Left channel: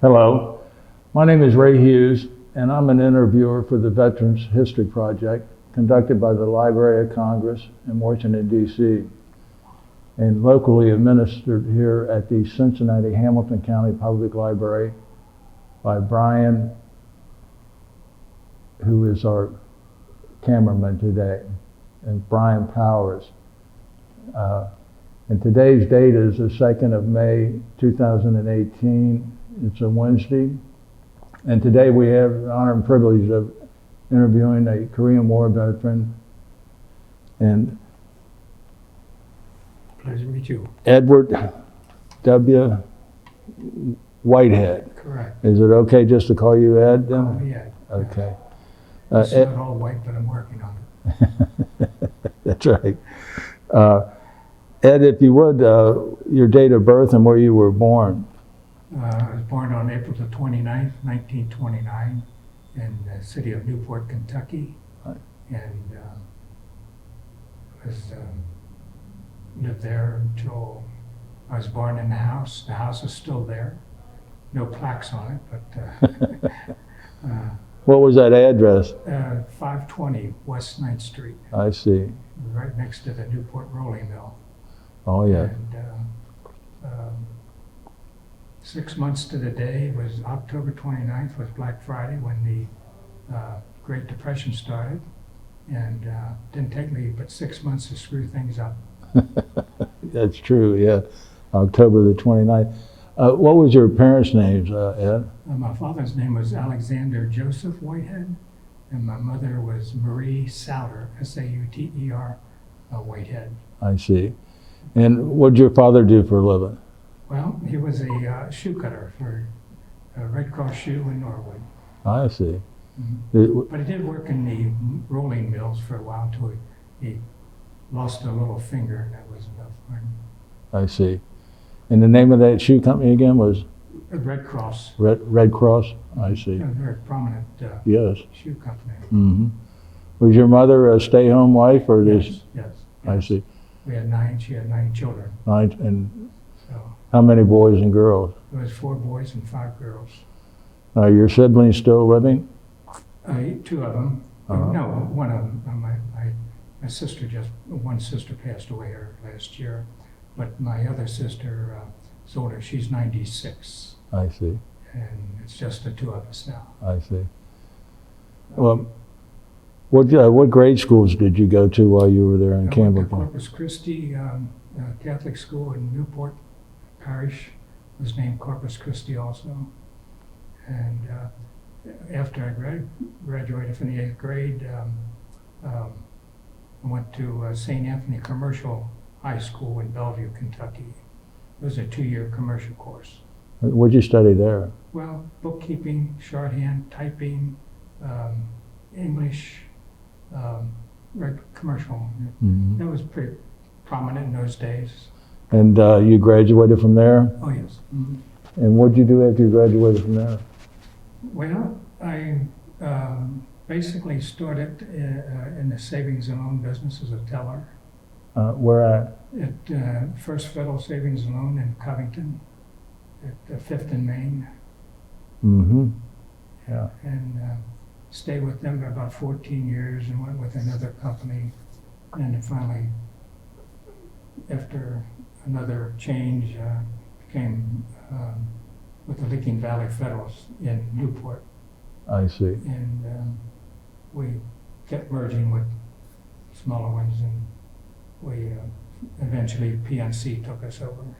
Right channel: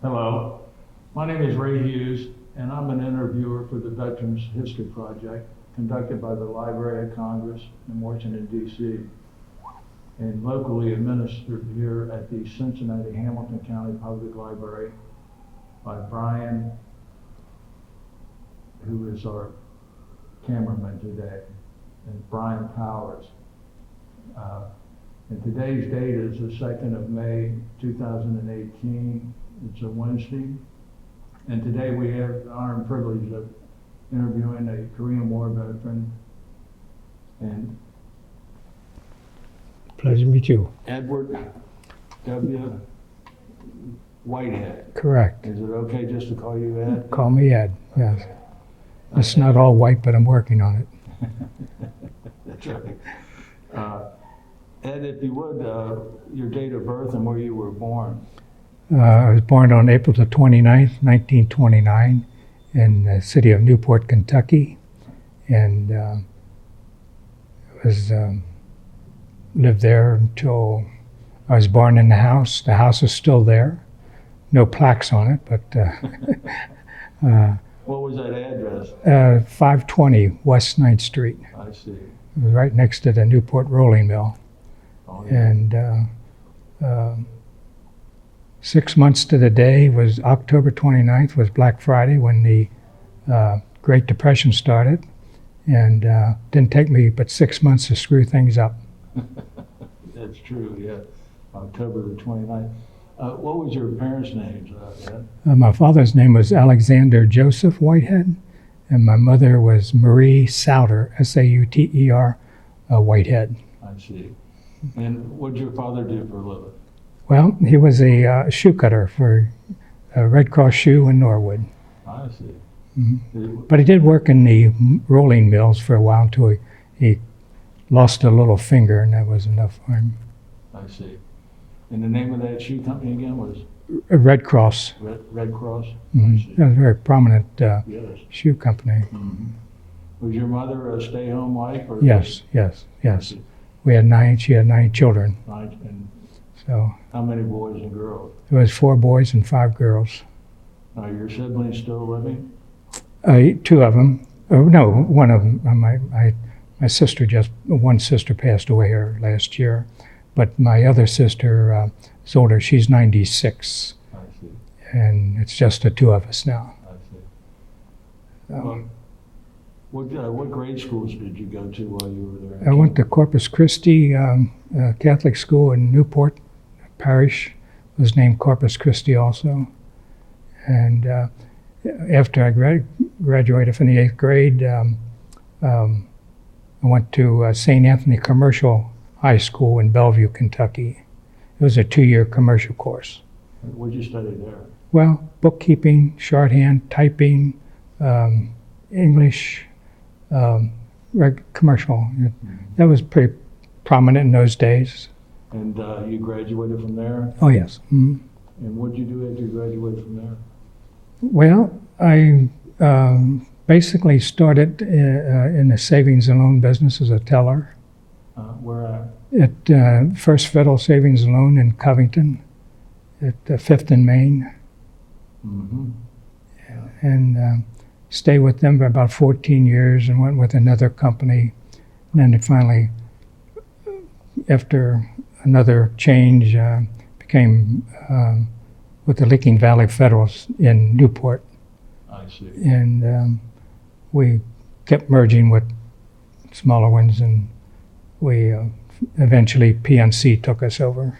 Hello, my name is Ray Hughes, and I'm an interviewer for the Veterans History Project conducted by the Library of Congress in Washington, D.C., and locally administered here at the Cincinnati Hamilton County Public Library by Brian, who is our cameraman today, and Brian Powers. And today's date is the 2nd of May, 2018. It's a Wednesday. And today we have the honor and privilege of interviewing a Korean War veteran. And Pleasure to meet you. Edward W. Whitehead. Correct. Is it okay just to call you Ed? Call me Ed. Okay. Yes. It's not all white, but I'm working on it. That's right. Ed, if you would, your date of birth and where you were born. I was born on April the 29th, 1929, in the city of Newport, Kentucky, and lived there until I was born in the house. The house is still there. No plaques on it, but What was that address? 520 West 9th Street. I see. It was right next to the Newport rolling mill. Oh, yeah. And 6 months to the day was October 29th, was Black Friday, when the Great Depression started. And didn't take me but 6 months to screw things up. That's true, yeah. October the 29th. What was your parents' names, Ed? My father's name was Alexander Joseph Whitehead, and my mother was Marie Sauter, S-A-U-T-E-R, Whitehead. I see. And what did your father do for a living? Well, he was a shoe cutter for Red Cross Shoe in Norwood. I see. Mm-hmm. But he did work in the rolling mills for a while until he lost a little finger, and that was enough for him. I see. And the name of that shoe company again was? Red Cross. Red Cross? Mm-hmm. I see. That was a very prominent yes. shoe company. Mm-hmm. Was your mother a stay-home wife? Or Yes. I see. She had 9 children. And So how many boys and girls? there was 4 boys and 5 girls. Are your siblings still living? 2 of them. No, one of them. My sister one sister passed away here last year, but my other sister is older. She's 96. I see. And it's just the 2 of us now. I see. Well, what grade schools did you go to while you were there in I Campbell? went to Corpus Christi Catholic School in Newport Parish. It was named Corpus Christi also. And after I graduated from the 8th grade, I went to St. Anthony Commercial High School in Bellevue, Kentucky. It was a 2-year commercial course. What did you study there? Well, bookkeeping, shorthand, typing, English, commercial. Mm-hmm. That was pretty prominent in those days. And you graduated from there? Oh, yes. Mm-hmm. And what did you do after you graduated from there? Well, I basically started in the savings and loan business as a teller. Where at? At First Federal Savings and Loan in Covington, at 5th and Main. Mm-hmm. Yeah. And stayed with them for about 14 years and went with another company. And then it finally, after another change, became with the Licking Valley Federals in Newport. I see. And we kept merging with smaller ones, and we eventually PNC took us over.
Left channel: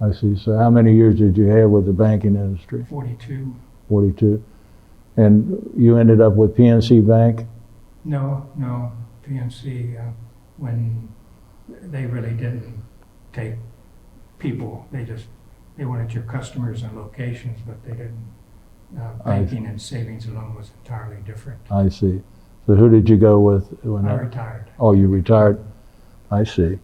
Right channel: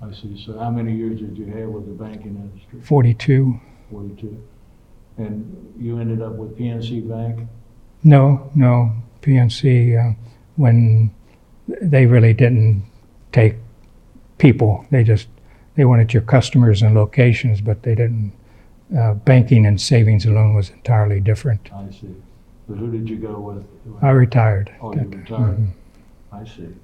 I see. So how many years did you have with the banking industry? 42. 42. And you ended up with PNC Bank? No, PNC, when they really didn't take people, they wanted your customers and locations, but they didn't. Banking and savings and loan was entirely different. I see. So who did you go with? I retired. Oh, you retired? Mm-hmm. I see.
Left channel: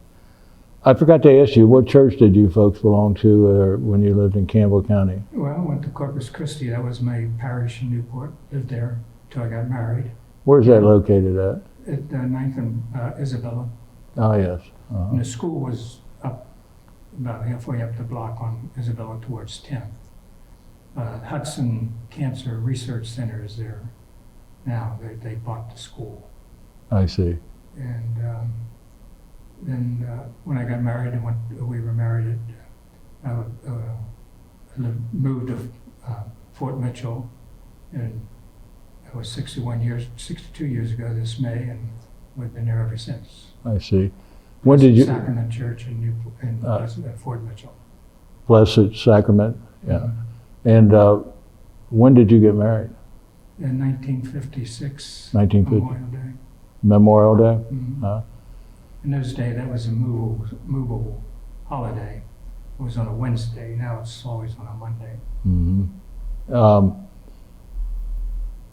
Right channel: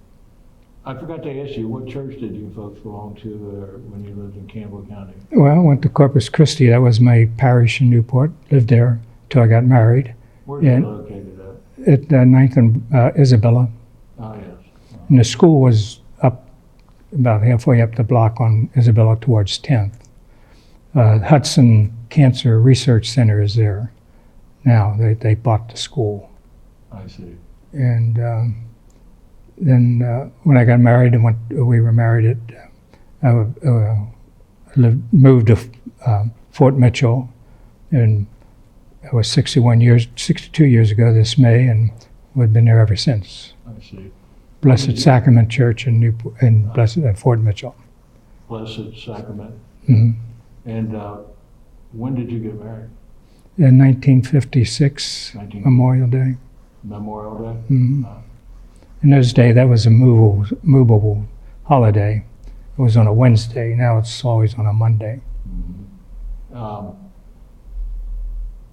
I forgot to ask you, what church did you folks belong to when you lived in Campbell County? Well, I went to Corpus Christi. That was my parish in Newport. Lived there till I got married. Where's that located at? At 9th and Isabella. Oh, yes. Uh-huh. And the school was up about halfway up the block on Isabella towards 10th. Hudson Cancer Research Center is there now. They bought the school. I see. And then when I got married and we were married I moved to Fort Mitchell, and I was 62 years ago this May, and we've been there ever since. I see. Blessed Sacrament Church in Fort Mitchell. Blessed Sacrament. Yeah. Mhm. And when did you get married? In 1956, 1950. Memorial Day. Memorial Day? Mhm. In those days, that was a movable holiday. It was on a Wednesday. Now it's always on a Monday. Mm-hmm.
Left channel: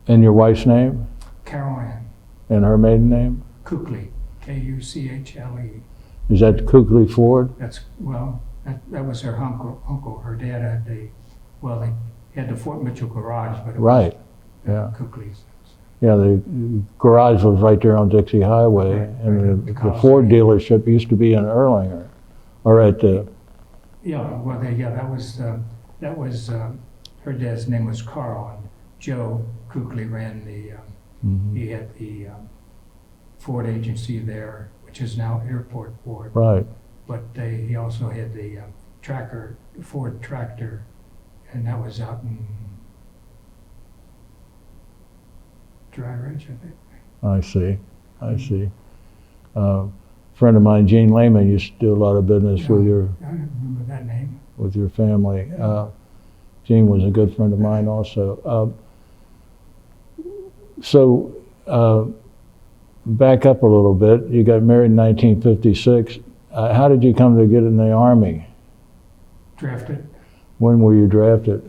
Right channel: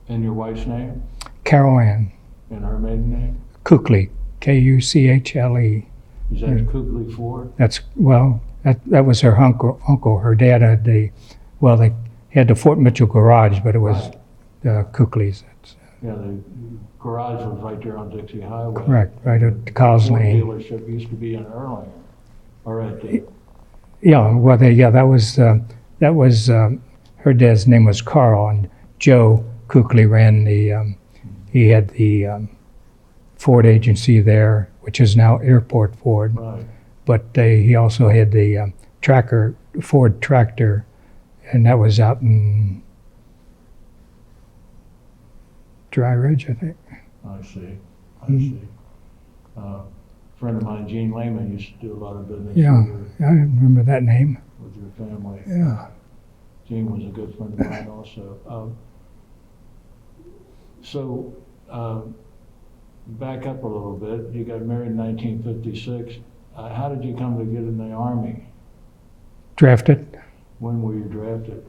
And your wife's name? Carol Ann And her maiden name? Kuchle, Kuchle. Is that Kuchle Ford? That was her uncle. Her dad had they had the Fort Mitchell garage, but it was Right. Kuchle's. Yeah, the garage was right there on Dixie Highway. Correct, right And at the Kyle's Ford Lane. dealership used to be in Erlanger, or at the. That was her dad's name was Carl, and Joe Kuchle ran the. He had the Ford agency there, which is now Airport Ford. Right. But he also had the Ford tractor, and that was out in Dry Ridge, I think. I see. I see. A friend of mine, Gene Lehman, used to do a lot of business Yeah. with I remember that name. your family. Yeah. Gene was a good friend of mine also. Back up a little bit. You got married in 1956. How did you come to get in the Army? Drafted. When were you drafted?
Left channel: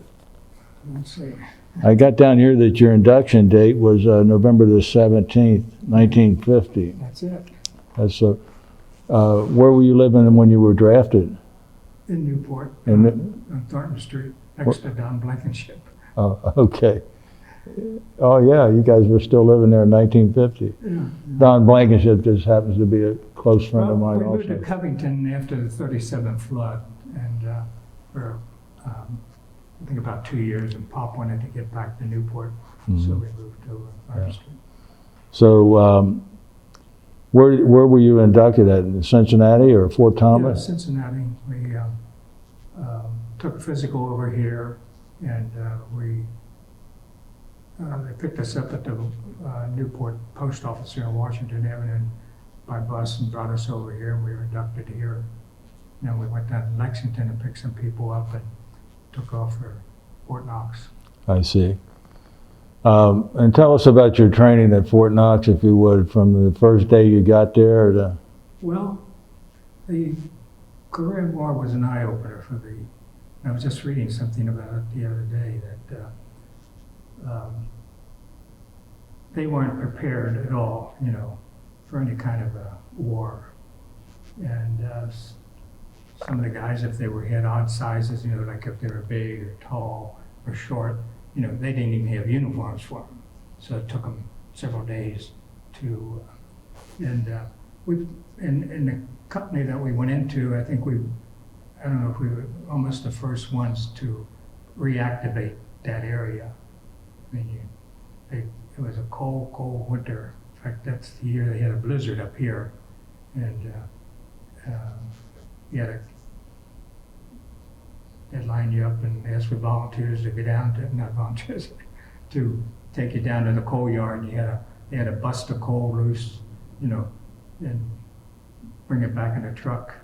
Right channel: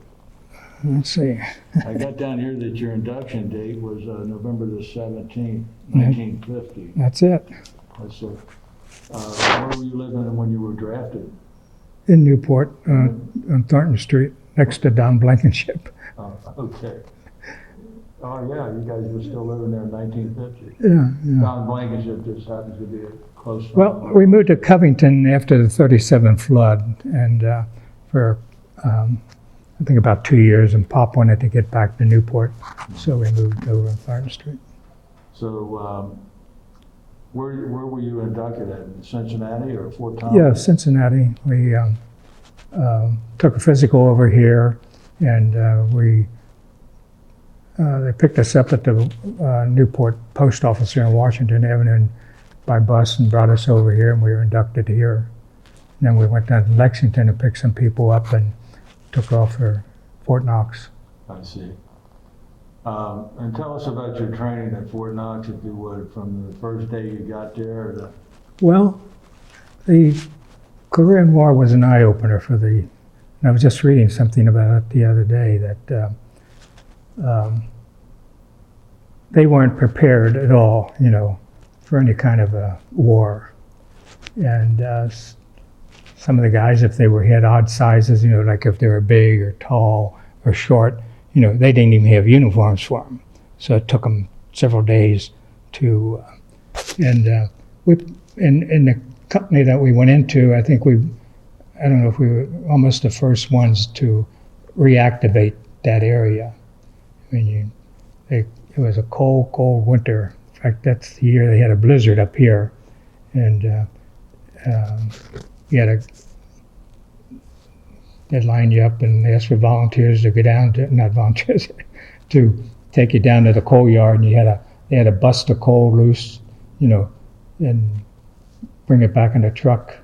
Let's see. I got down here that your induction date was November the 17th, 1950. That's it. That's where were you living when you were drafted? In Newport, And on Thornton Street, next to Don Blankenship. Oh, okay. Oh, yeah, you guys were still living there in 1950. Yeah. Don Blankenship just happens to be a close friend of Well, mine. we moved to also. Covington after the '37 flood, and for I think about 2 years, and Pop wanted to get back to Newport, so we moved over on Thornton Street. So, where were you inducted at? In Cincinnati or Fort Yeah, Thomas? Cincinnati. We took a physical over here, and they picked us up at the Newport Post Office here in Washington Avenue by bus and brought us over here, and we were inducted here. And then we went down to Lexington to pick some people up and took off for Fort Knox. I see. And tell us about your training at Fort Knox, if you would, from the first day you got there to. Well, the Korean War was an eye-opener for and I was just reading something about it the other day, that they weren't prepared at all, for any kind of a war. And some of the guys, if they had odd sizes, like if they were big or tall or short, they didn't even have uniforms for them. So it took them several days to, in the company that we went into, I think I don't know if we were almost the first ones to reactivate that area. I mean, it was a cold winter. In fact, that's the year they had a blizzard up here, and they'd line you up and ask for volunteers to go down to, not volunteers, to take you down to the coal yard, and they had to bust the coal loose, and bring it back in a truck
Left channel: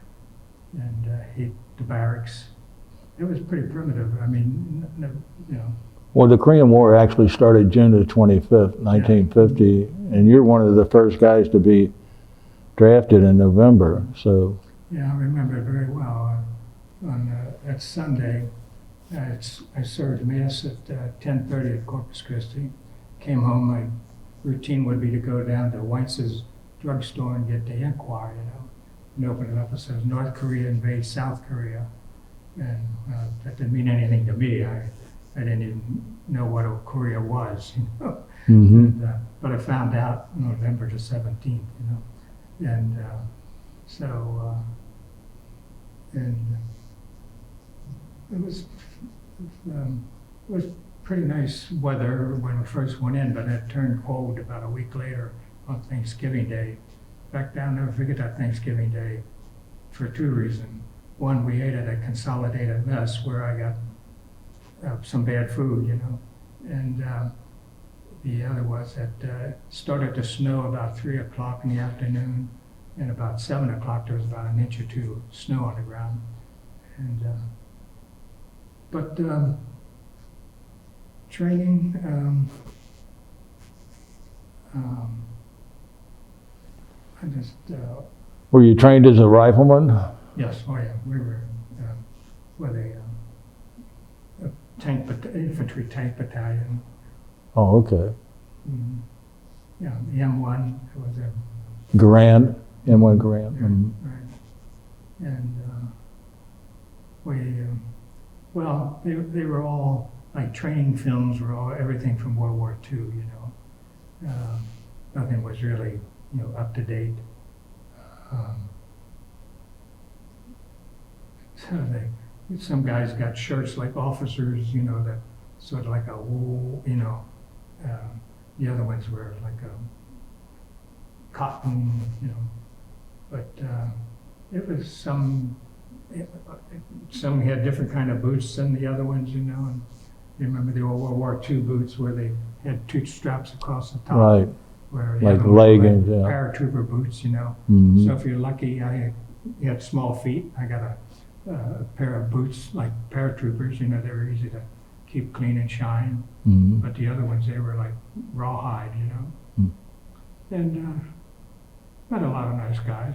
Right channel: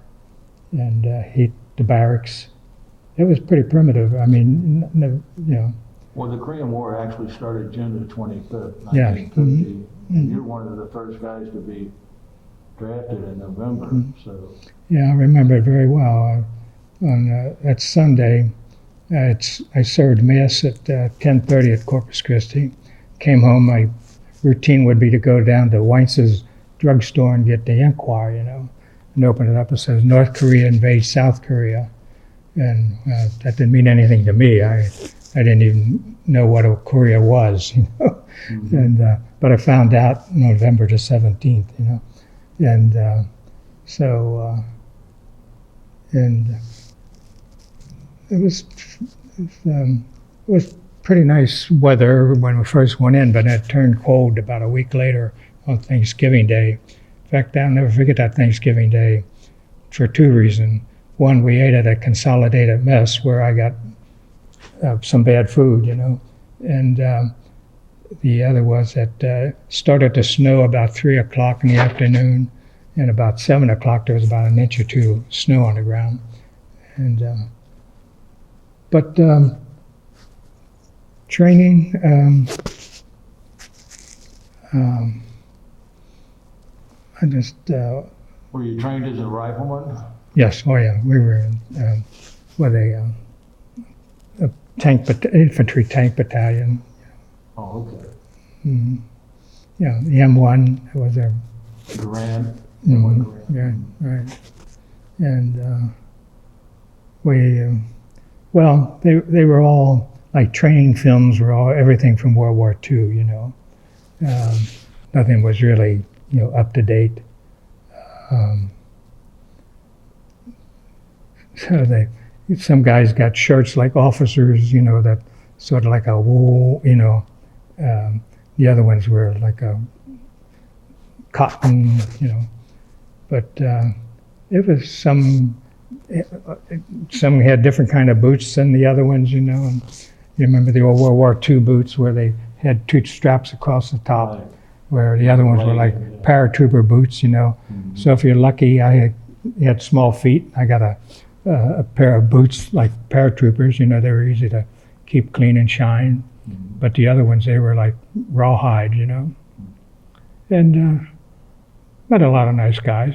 and heat the barracks. It was pretty primitive. I mean, Well, the Korean War actually started June the 25th, 1950, and you're one of the first guys to be drafted in November. So. Yeah, I remember it very well. On that Sunday, I served Mass at 10:30 at Corpus Christi. Came home, my routine would be to go down to Weinz's drugstore and get the Enquirer, and open it up. It says, North Korea invades South Korea. And that didn't mean anything to me. I didn't even know what Korea was, Mm-hmm. But I found out November the 17th, and and it was was pretty nice weather when we first went in, but it turned cold about a week later on Thanksgiving Day. In fact, I'll never forget that Thanksgiving Day for two reasons. One, we ate at a consolidated mess where I got some bad food, and the other was that started to snow about 3 o'clock in the afternoon, and about 7 o'clock there was about an inch or two of snow on the ground. And but training, I just Were you trained as a rifleman? yes, oh yeah, we were with a infantry tank battalion. Oh, okay. Mm-hmm. Yeah, the M1 was a Garand, M1 Garand. yeah, Mhm. right. And we, well, they were all like training films were all everything from World War II. Nothing was really up to date. So some guys got shirts like officers, that sort of like a wool, the other ones were like a cotton, but it was some had different kind of boots than the other ones, and you remember the old World War II boots where they had two straps across the top, Right. where the Like other ones were like leggings, yeah. paratrooper boots, Mhm. So if you're lucky, I had small feet. I got a pair of boots like paratroopers, they were easy to keep clean and shine. Mhm. But the other ones, they were like rawhide, And met a lot of nice guys,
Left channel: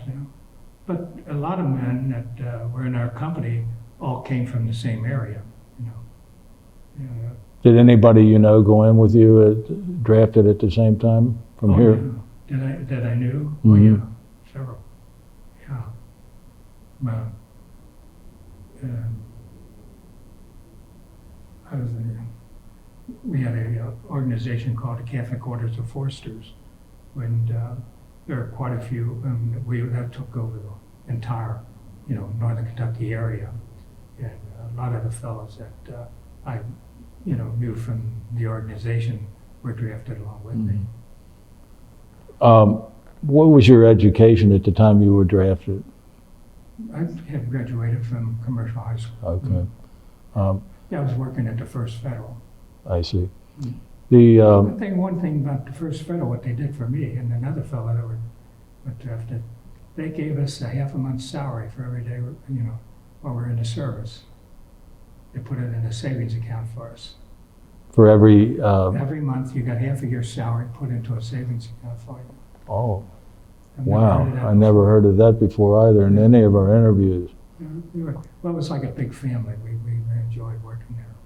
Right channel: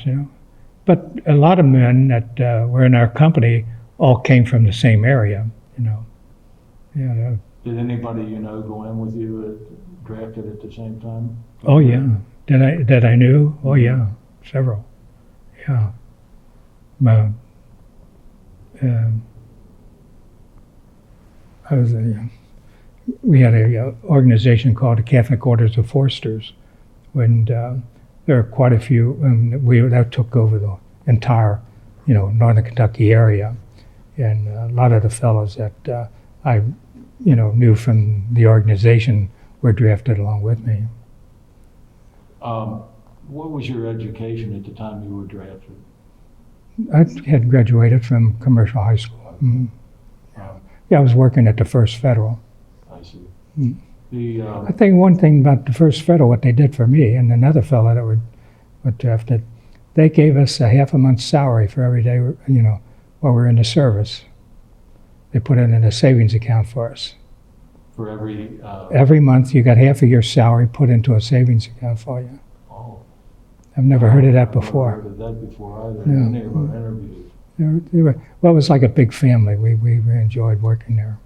But a lot of men that were in our company all came from the same area, Yeah. Did anybody go in with you drafted at the same time? from Oh here? yeah. That I knew. Oh Mhm. yeah, several. Yeah. Well, we had a organization called the Catholic Orders of Foresters, and there are quite a few. That took over the entire, northern Kentucky area, and a lot of the fellows that I, knew from the organization were drafted along with me. What was your education at the time you were drafted? I had graduated from commercial high school. Okay. Mhm. Yeah, I was working at the First Federal. I see. Mm. The I think one thing about the First Federal, what they did for me and another fellow that were drafted, they gave us a half a month's salary for every day, while we were in the service. They put it in a savings account for us. for every Every month, you got half of your salary put into a savings account for you. oh, I've never wow. heard of that I before. never heard of that before either in Yeah. any of our interviews. Well, it was like a big family. We enjoyed working there.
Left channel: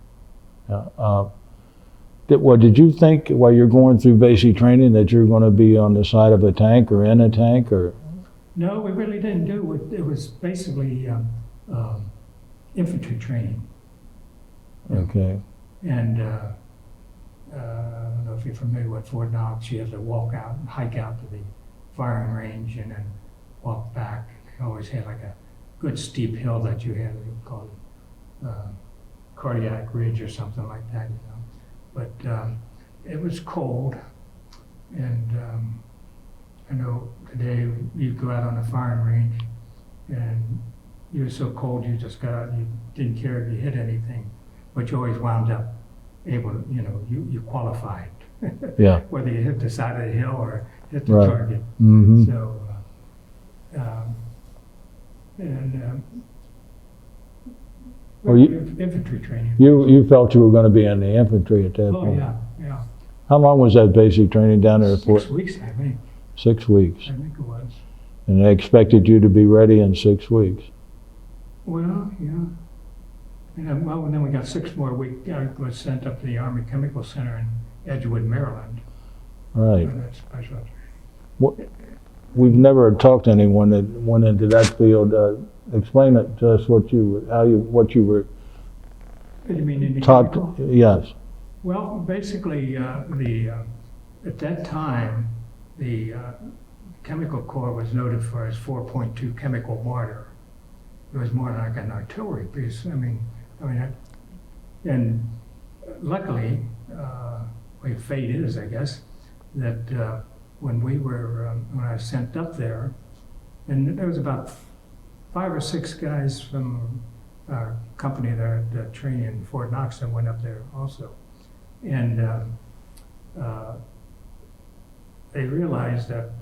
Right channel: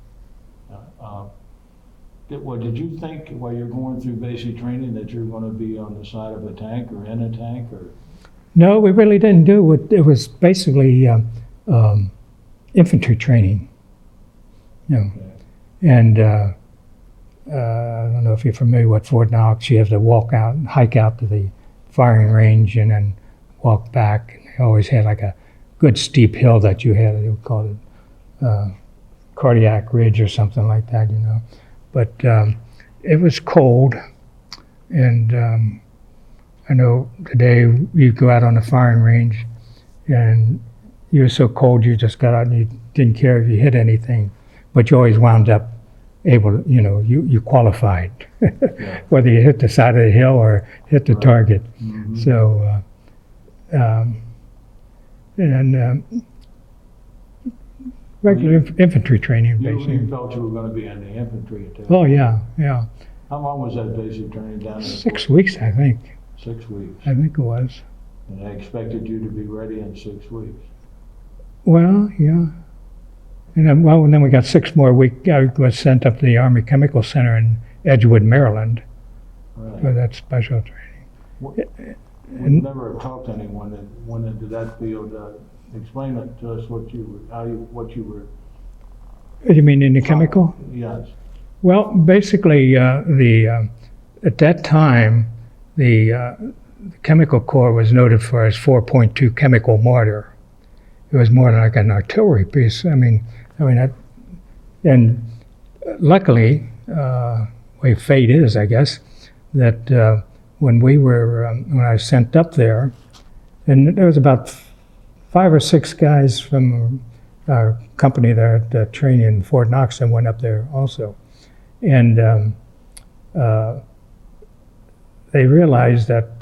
Did you think while you're going through basic training that you're going to be on the side of a tank or in a tank or? No, we really didn't do it. It was basically infantry training. Okay. And I don't know if you're familiar with Fort Knox. You have to walk out and hike out to the firing range and then walk back. And they always had like a good steep hill that you had. They would call it Cardiac Ridge or something like that, But it was cold, and I know today you go out on the firing range, and you were so cold you just got out and you didn't care if you hit anything, but you always wound up able to, you qualified, Yeah. whether you hit the side of the hill or hit the Right. target. Mhm. So, Well, you- regular infantry training. You basically. felt you were going to be in the infantry at that Oh point. yeah. How long was that basic training down there? 6 weeks, I think. 6 weeks. I think it was. And they expected you to be ready in 6 weeks. Well, yeah. And then we got 6 more weeks. I was sent up to the Army Chemical Center in Edgewood, Maryland, for Right. that special training. We've never talked to anyone that went into that field. Explain it to us what you were You mean in the taught. chemical? Yes. Well, basically, at that time, the chemical corps was noted for its 4.2 chemical mortar. It was more like an artillery piece. And luckily, way fate is, I guess, that when when I was sent up there, and there was about 5 or 6 guys from our company there at the training in Fort Knox that went up there also. And they realized that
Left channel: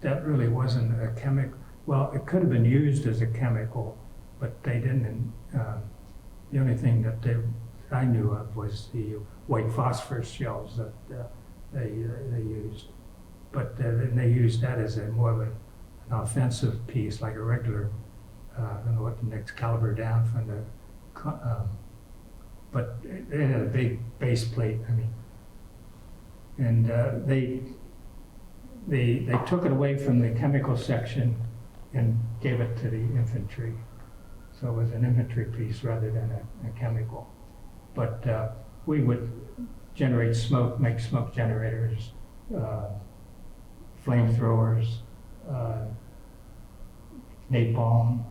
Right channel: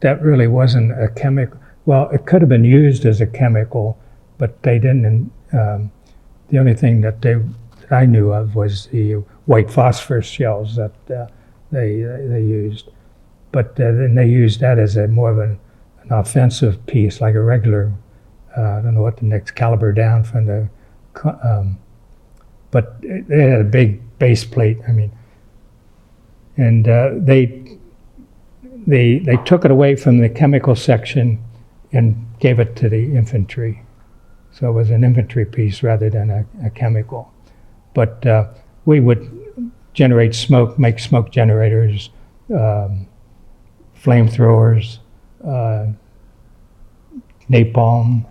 that really wasn't a chemical. Well, it could have been used as a chemical, but they didn't. The only thing that I knew of was the white phosphorus shells that they used. But then they used that as more of an offensive piece, like a regular, I don't know what the next caliber down from the, but they had a big base plate, I mean, and they took it away from the chemical section and gave it to the infantry. So it was an infantry piece rather than a chemical. But we would generate smoke, make smoke generators, flamethrowers, napalm.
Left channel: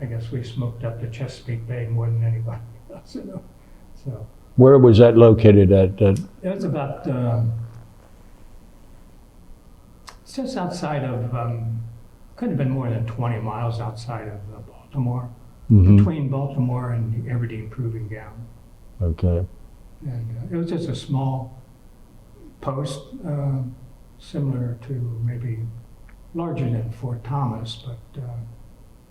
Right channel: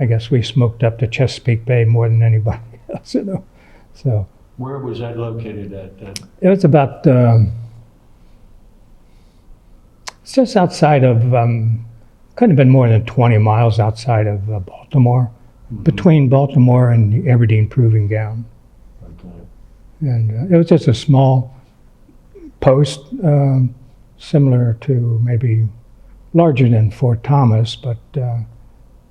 I guess we smoked up to Chesapeake Bay more than anybody else, you know. So Where was that located at? it was about it's just outside of couldn't have been more than 20 miles outside of Baltimore, between Baltimore and the Aberdeen Proving Ground. Okay. And it was just a small post, similar to maybe larger than Fort Thomas, but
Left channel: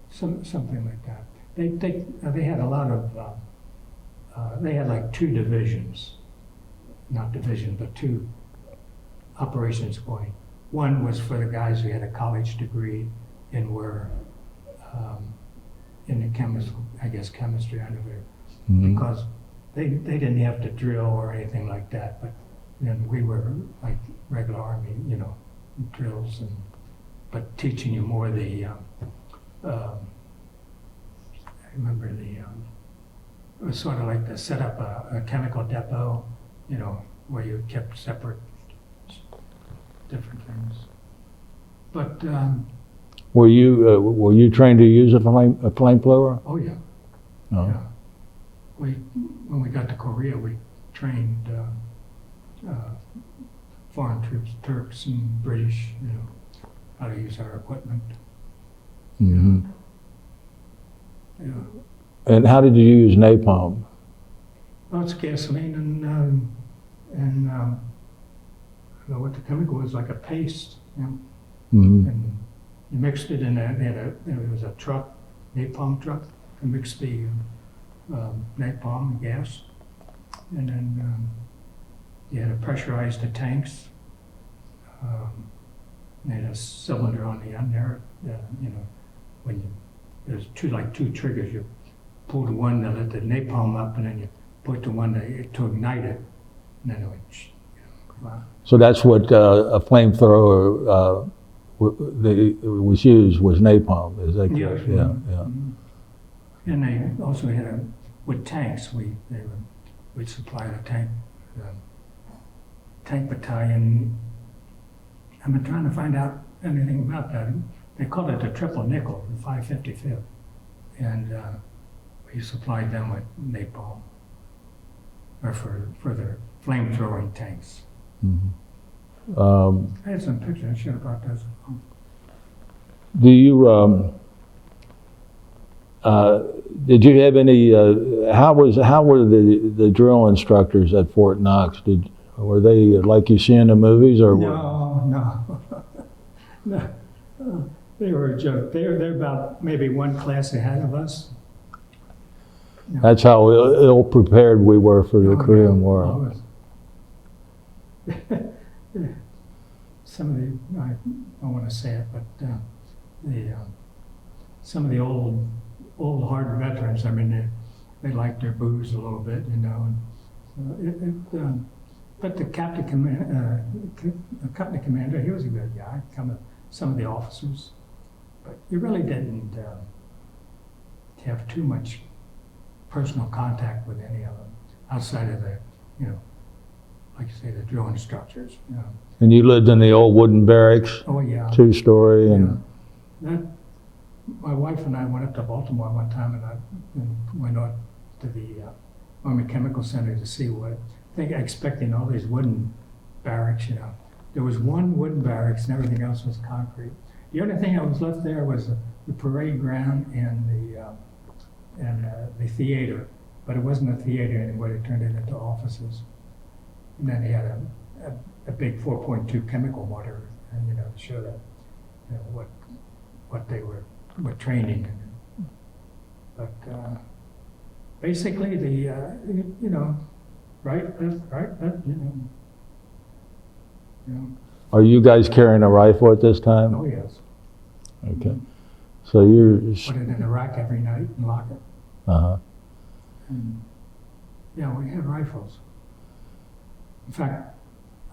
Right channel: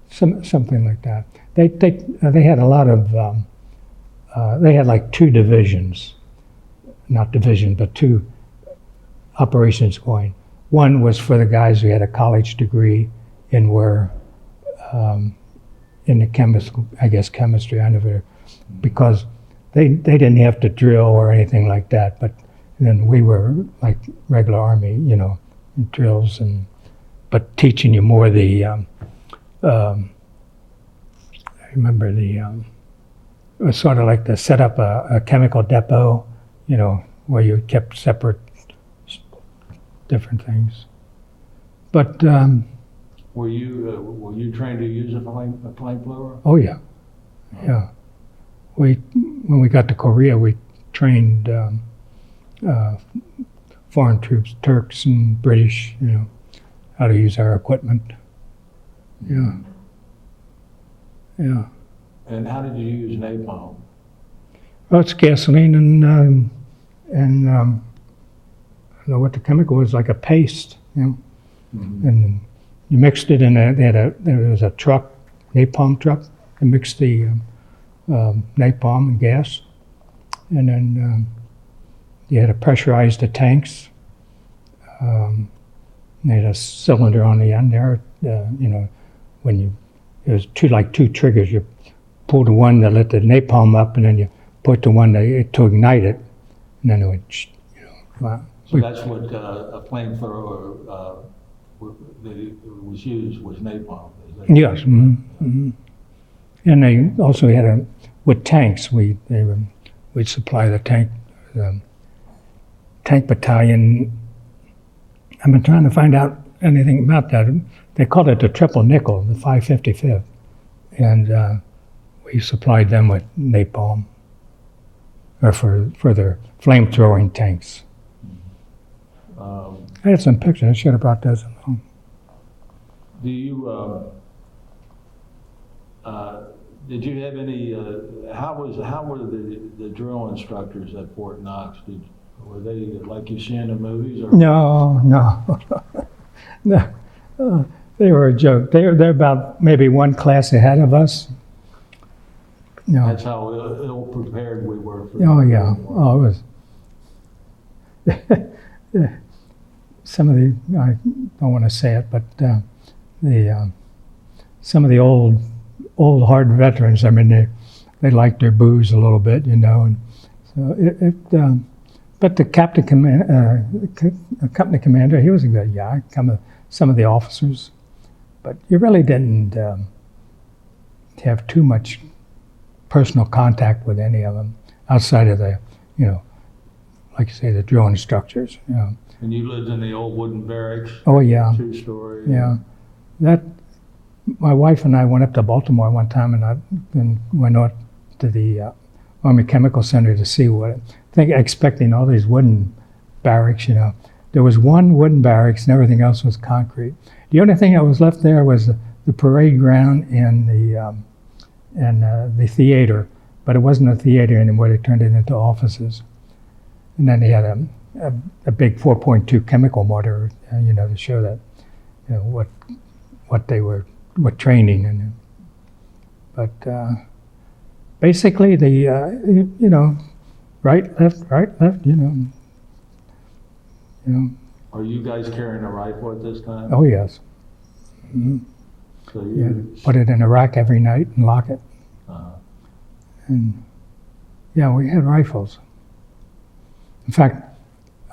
something like that. They had a lot of. They had like 2 divisions, not division, but 2 operations going. One was for the guys who had a college degree and were in the chemistry. I never, because they didn't have to drill or anything like that. But then we were like regular Army, you know, drills but teaching you more the. I remember it was sort of like to set up a chemical depot, you know, where you kept separate different things. But Were you trained to use a flamethrower? oh yeah, Oh. yeah. When we got to Korea, we trained foreign troops, Turks and British, you know, how to use our equipment. Mhm. Yeah. And how did you use napalm? Well, it's gasoline and I don't know what the chemical was, like a paste, you know. And you mixed it in there was a truck, napalm truck, and mixed the napalm and gas, and then you had to pressurize the tanks. They had a cylinder on the end there, you know, it was two triggers. You pulled the one that lit the napalm up, and then you put the one to ignite it, and then it would, you know, wow. So that's what a flamethrower was used, was napalm. Is that Yes. correct? Yeah. And they also had with tanks. We'd supply the tank battalion. I've been trying to find out anything about that. They called it the triple nickel, the 555th, and we supplied them with napalm, or for their flamethrowing tanks. I had some pictures. I should have brought those along. Do you did you have any? How were the drill instructors at Fort Knox? Were they like you see in the movies, or No. No. They were a joke. They're about maybe one class ahead of us. No. That's how ill prepared we were for the Korean War. Oh, it was. Some of the, I don't want to say it, but some of the old hard veterans, I mean, they liked their booze a little bit, you know. And so but the company commander, he was a good guy. Some of the officers, but you really didn't have too much personal contact with any of them outside of the, you know, like you say, the drill instructors. You know. And you lived in the old wooden barracks? Oh yeah. 2-story? Yeah. My wife and I went up to Baltimore one time and went out to the Army Chemical Center to see expecting all these wooden barracks, you know. There was one wooden barracks and everything else was concrete. The only thing that was left there was the parade ground and the theater, but it wasn't a theater anymore. They turned it into offices. And then they had a big 4.2 chemical mortar, you know, to show that, you know, what training and. But basically, you know, right, left, you know. Are you guys carrying a rifle at this time? Oh yes. Okay. Mm-hmm. So you put it in a rack every night and lock it. Uh-huh. And yeah, we had rifles. In fact,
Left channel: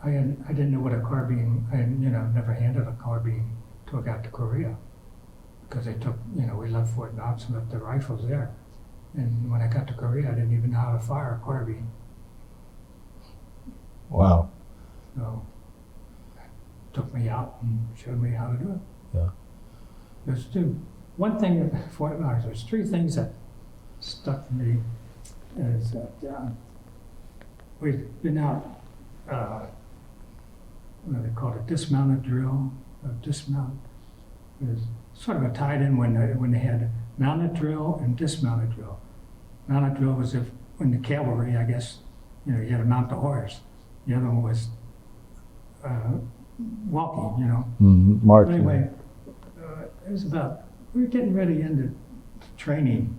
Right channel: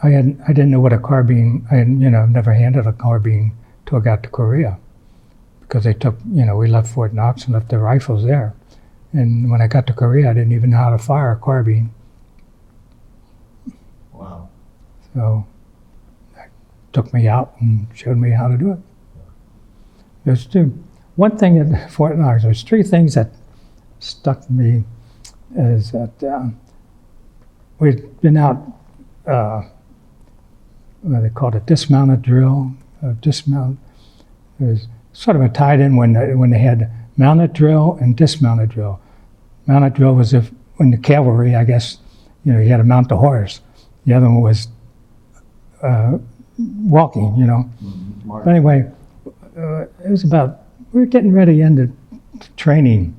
I didn't know what a carbine. I had, you know, never handled a carbine till I got to Korea, because they took, you know, we left Fort Knox and left the rifles there. And when I got to Korea, I didn't even know how to fire a carbine. Wow. So that took me out and showed me how to do it. Yeah. There's one thing at Fort Knox, there's three things that stuck to me, is that we'd been out, what they called a dismounted drill, dismount. It was sort of a tied in when they had mounted drill and dismounted drill. Mounted drill was when the cavalry, I guess, you know, you had to mount the horse. The other one was walking, you know. Mm-hmm. But anyway, it was we were getting ready into training.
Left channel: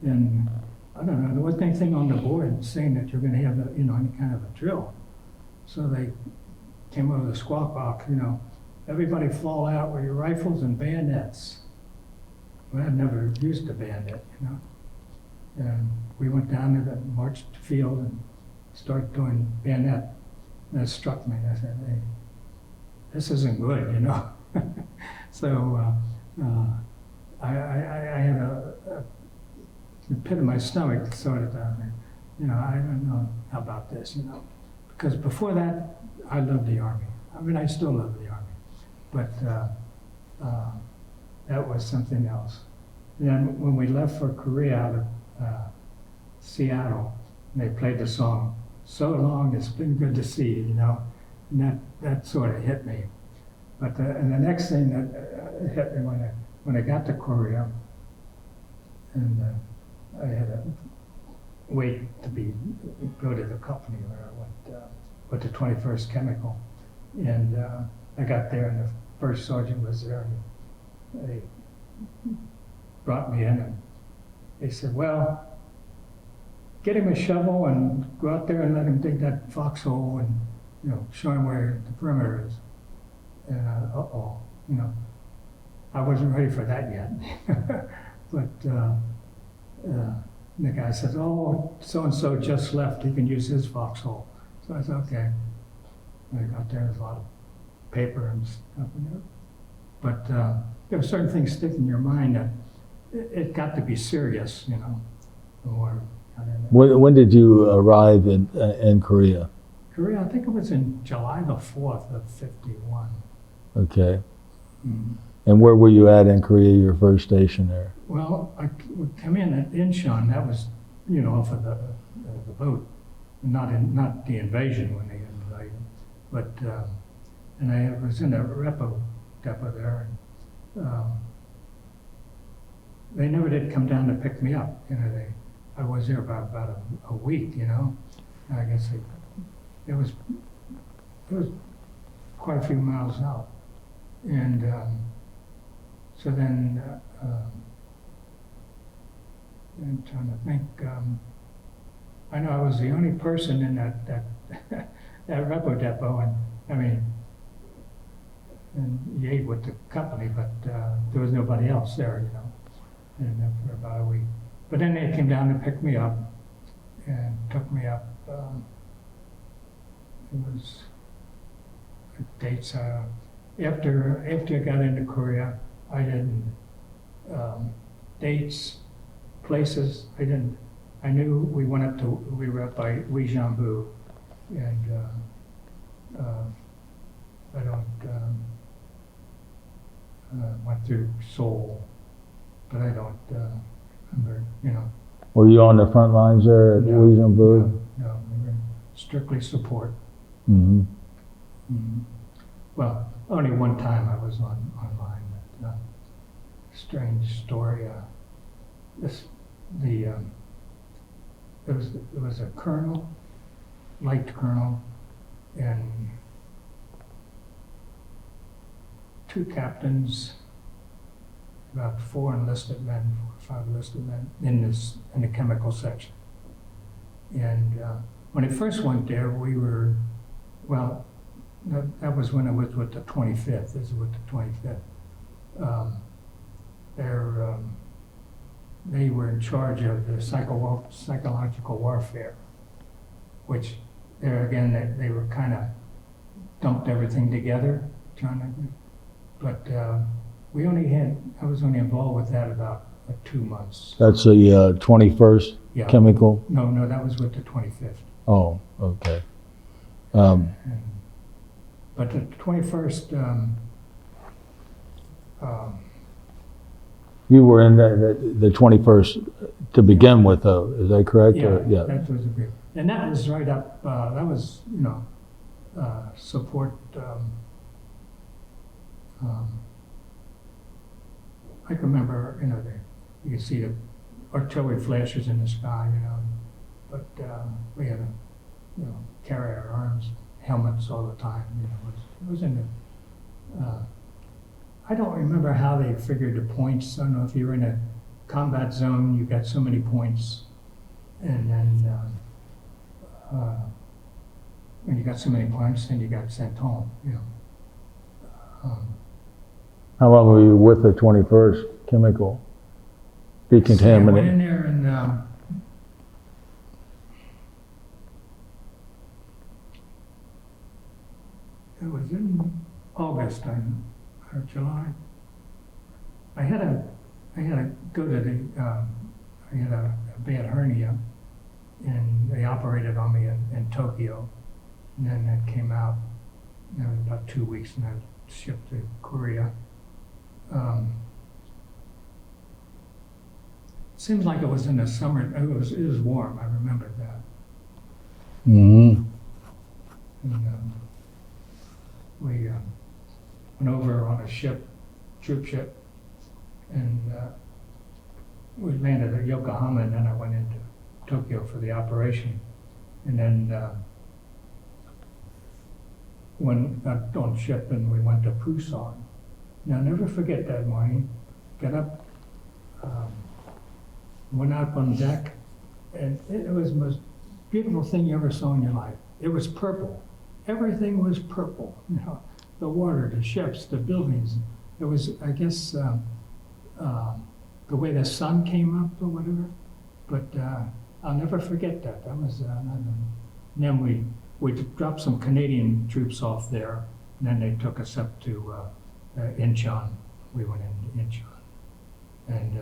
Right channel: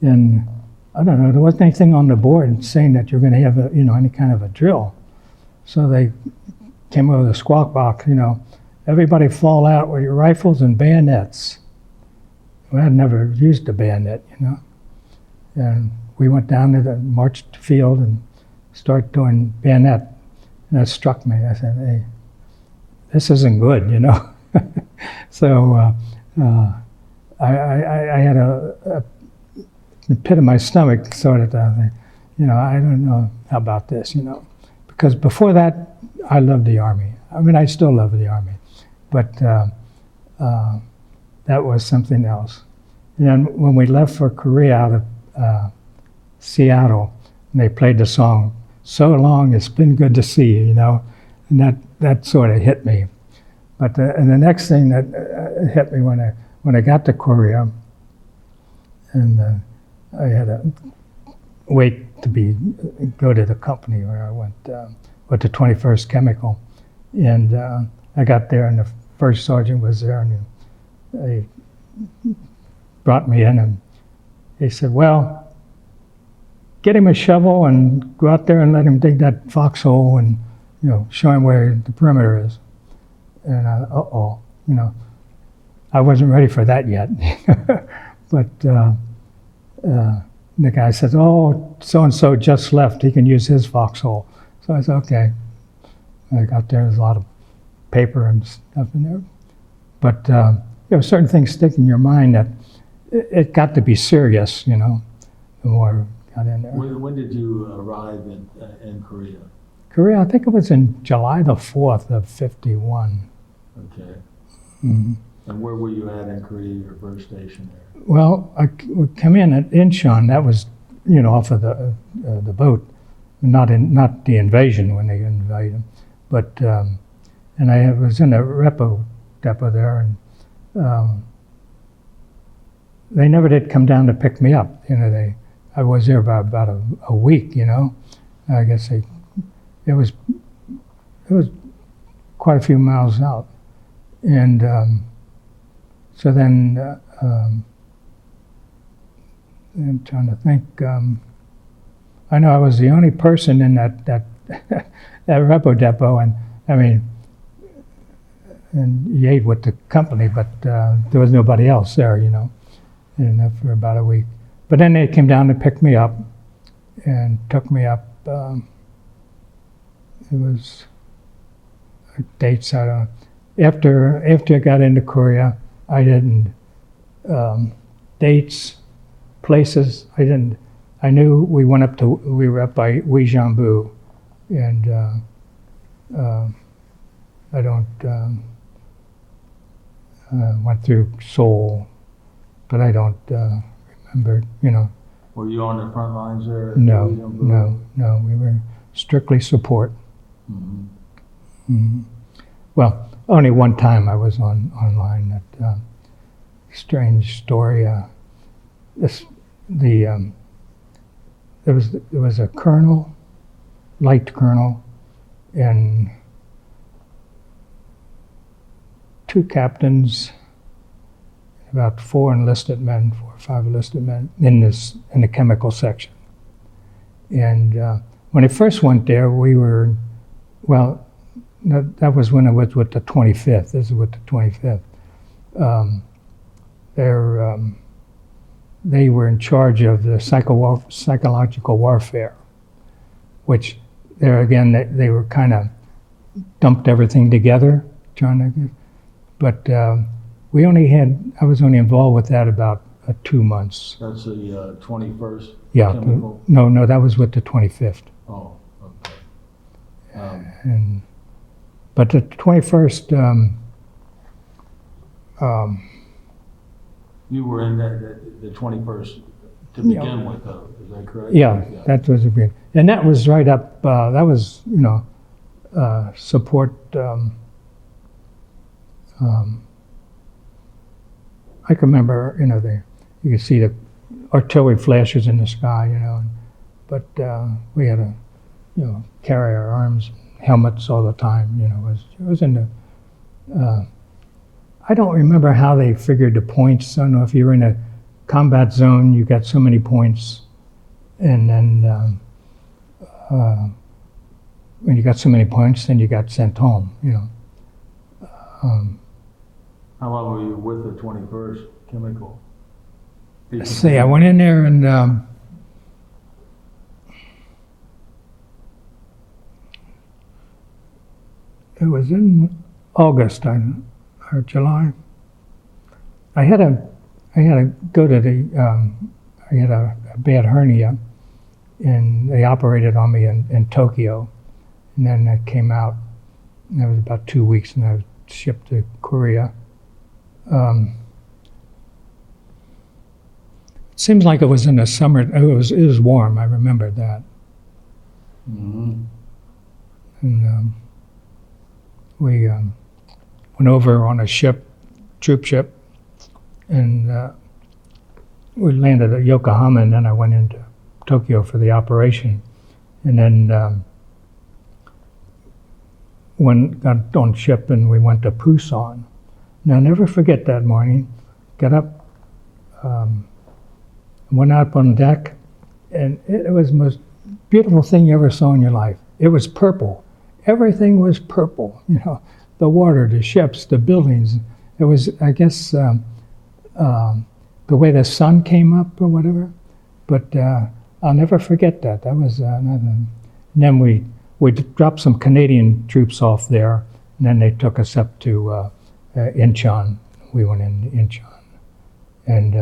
And I don't know, there wasn't anything on the board saying that you're going to have any kind of a drill. So they came over the squawk box, you know, everybody fall out with your rifles and bayonets. Well, I'd never used a bayonet, you know. And we went down to the marched field and started doing bayonet. And that struck me. I said, hey, this isn't good, you know. So I had the pit of my stomach sort of, you know, I don't know how about this, you know. Because before that, I loved the Army. I mean, I still love the Army. But that was something else. And then when we left for Korea out of Seattle, and they played the song, "So Long, It's Been Good to See You," you know, and that sort of hit me. But and the next thing that hit me when I got to Korea, and I had to wait to go to the company where I went to 21st Chemical, and I got there, and the first sergeant was there, and they brought me in, and he said, "Well, get him a shovel and go out there and let him dig that foxhole, and you know, show him where the perimeter is." And you know, I wasn't ready for that yet. But the guy said, "Oh, so and so just left. He can use his foxhole." So I said, "Okay." I got there. There's a lot of paper and stuff in there, but there were certain things stick in your mind that it got to be serious, you know. The more I got in there. When did you arrive in Korea? Korea, I think it was in July the 4th of '51. Okay. Mm-hmm. And where were you at in Korea, your first station there? Well, I would come in at Incheon. That was, you know, off of the boat, not the invasion when they invaded, but and I was in a repo depot there, and they never did come down to pick me up. You know, I was there about a week. You know, I guess it was quite a few miles out, and so then I'm trying to think. I know I was the only person in that that repo depot, and I mean, and you ate with the company, but there was nobody else there, you know, and for about a week. But then they came down to pick me up and took me up. It was dates I don't. After I got into Korea, I didn't dates, places. I didn't. I knew we were up by Uijeonbu, and I don't. Went through Seoul, but I don't remember. You know, Were you on the front lines there at No, Louisiana Blue? no, we were strictly support. Mm-hmm. Mhm. Well, only one time I was online. That strange story. This the there was a colonel, light colonel, and two captains, about 4 or 5 enlisted men in the chemical section. And when I first went there, we were, well, that was when I was with the 25th. This is with the 25th. They were in charge of the psychological warfare, which there again, they were kind of dumped everything together, trying to, but I was only involved with that about 2 months. That's the 21st Yeah. chemical? No, that was with the 25th. Oh, okay. But the 21st, you were in the 21st to begin with, though. Is that correct? yeah, that was a big, and that was right up. That was support. I can remember, you could see the artillery flashes in the sky, but we had to, carry our arms, helmets all the time. It was in the. I don't remember how they figured the points. I don't know if you're in a combat zone, you got so many points, and then when you got so many points, then you got sent home. How long were you with the 21st chemical? See, I went in there and it was in August or July. I had to go to I had a bad hernia, and they operated on me in Tokyo, and then I came out. And that was about 2 weeks, and I was shipped to Korea. Seems like it was in the summer. It was warm. I remember that. Mm-hmm. And we went over on a troop ship, and we landed at Yokohama, and then I went into Tokyo for the operation, and then got on ship, and we went to Busan. Now, I'll never forget that morning. Got up, went out on deck, and it was the most beautiful thing you ever saw in your life. It was purple. Everything was purple. The water, the ships, the buildings. It was, I guess, the way the sun came up or whatever. But I'll never forget that. That was and then we dropped some Canadian troops off there, and then they took us up to Incheon. We went into Incheon, and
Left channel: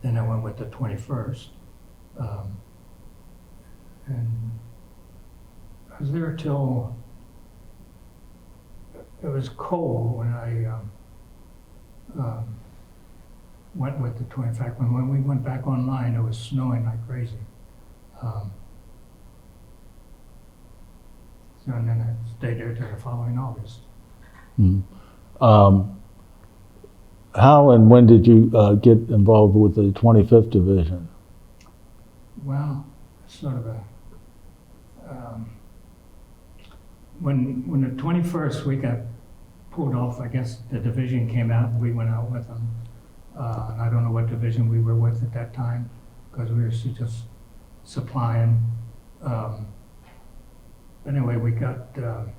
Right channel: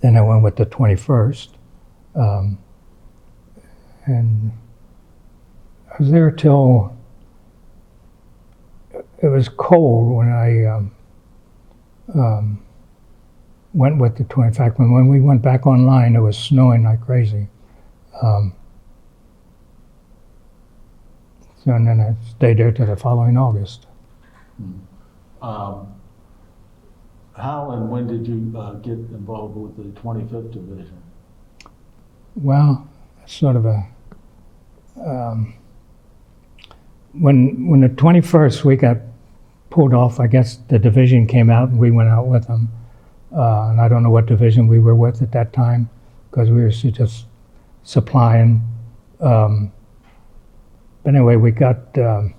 then I went with the 21st, and I was there till it was cold when I went with the 20. In fact, when we went back online, it was snowing like crazy. And then I stayed there till the following August. Mm-hmm. How and when did you get involved with the 25th Division? Well, sort of a when the 21st we got pulled off. I guess the division came out, and we went out with them. And I don't know what division we were with at that time, because we were just supplying. But anyway, we got down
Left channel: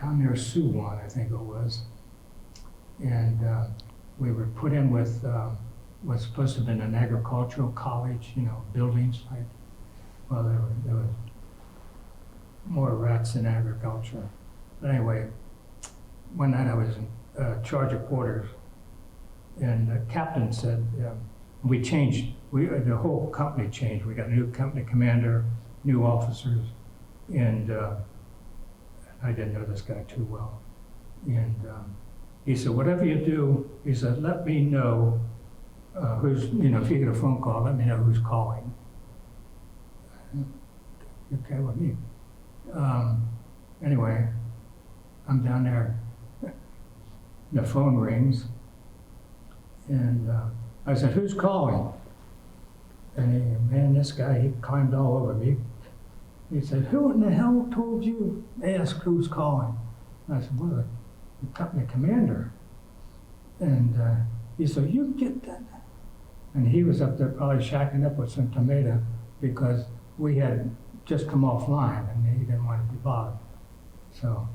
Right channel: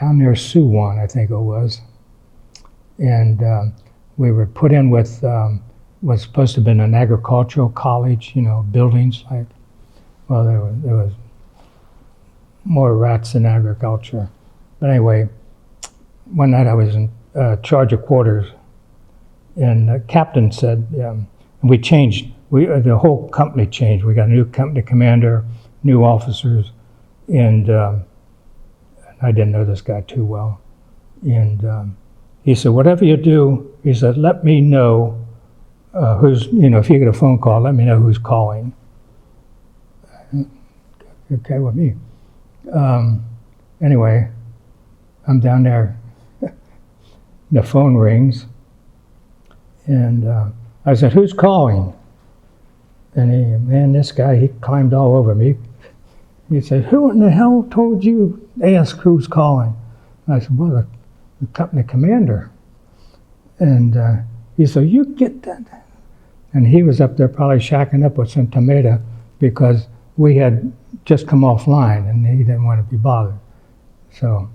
near Suwon, I think it was, and we were put in with was supposed to have been an agricultural college, buildings. Well, there was more rats in agriculture. But anyway, one night I was in charge of quarters, and the captain said, we changed. The whole company changed. We got a new company commander, new officers, and I didn't know this guy too well. And he said, whatever you do, he said, let me know if you get a phone call, let me know who's calling. Okay with me. Anyway, I'm down there. The phone rings, and I said, "Who's calling?" And this guy, he climbed all over me. He said, "Who in the hell told you to ask who's calling?" And I said, "Well, the company commander." And he said, "You get that?" And he was up there probably shacking up with some tomato because we had just come offline and he didn't want to be bothered. So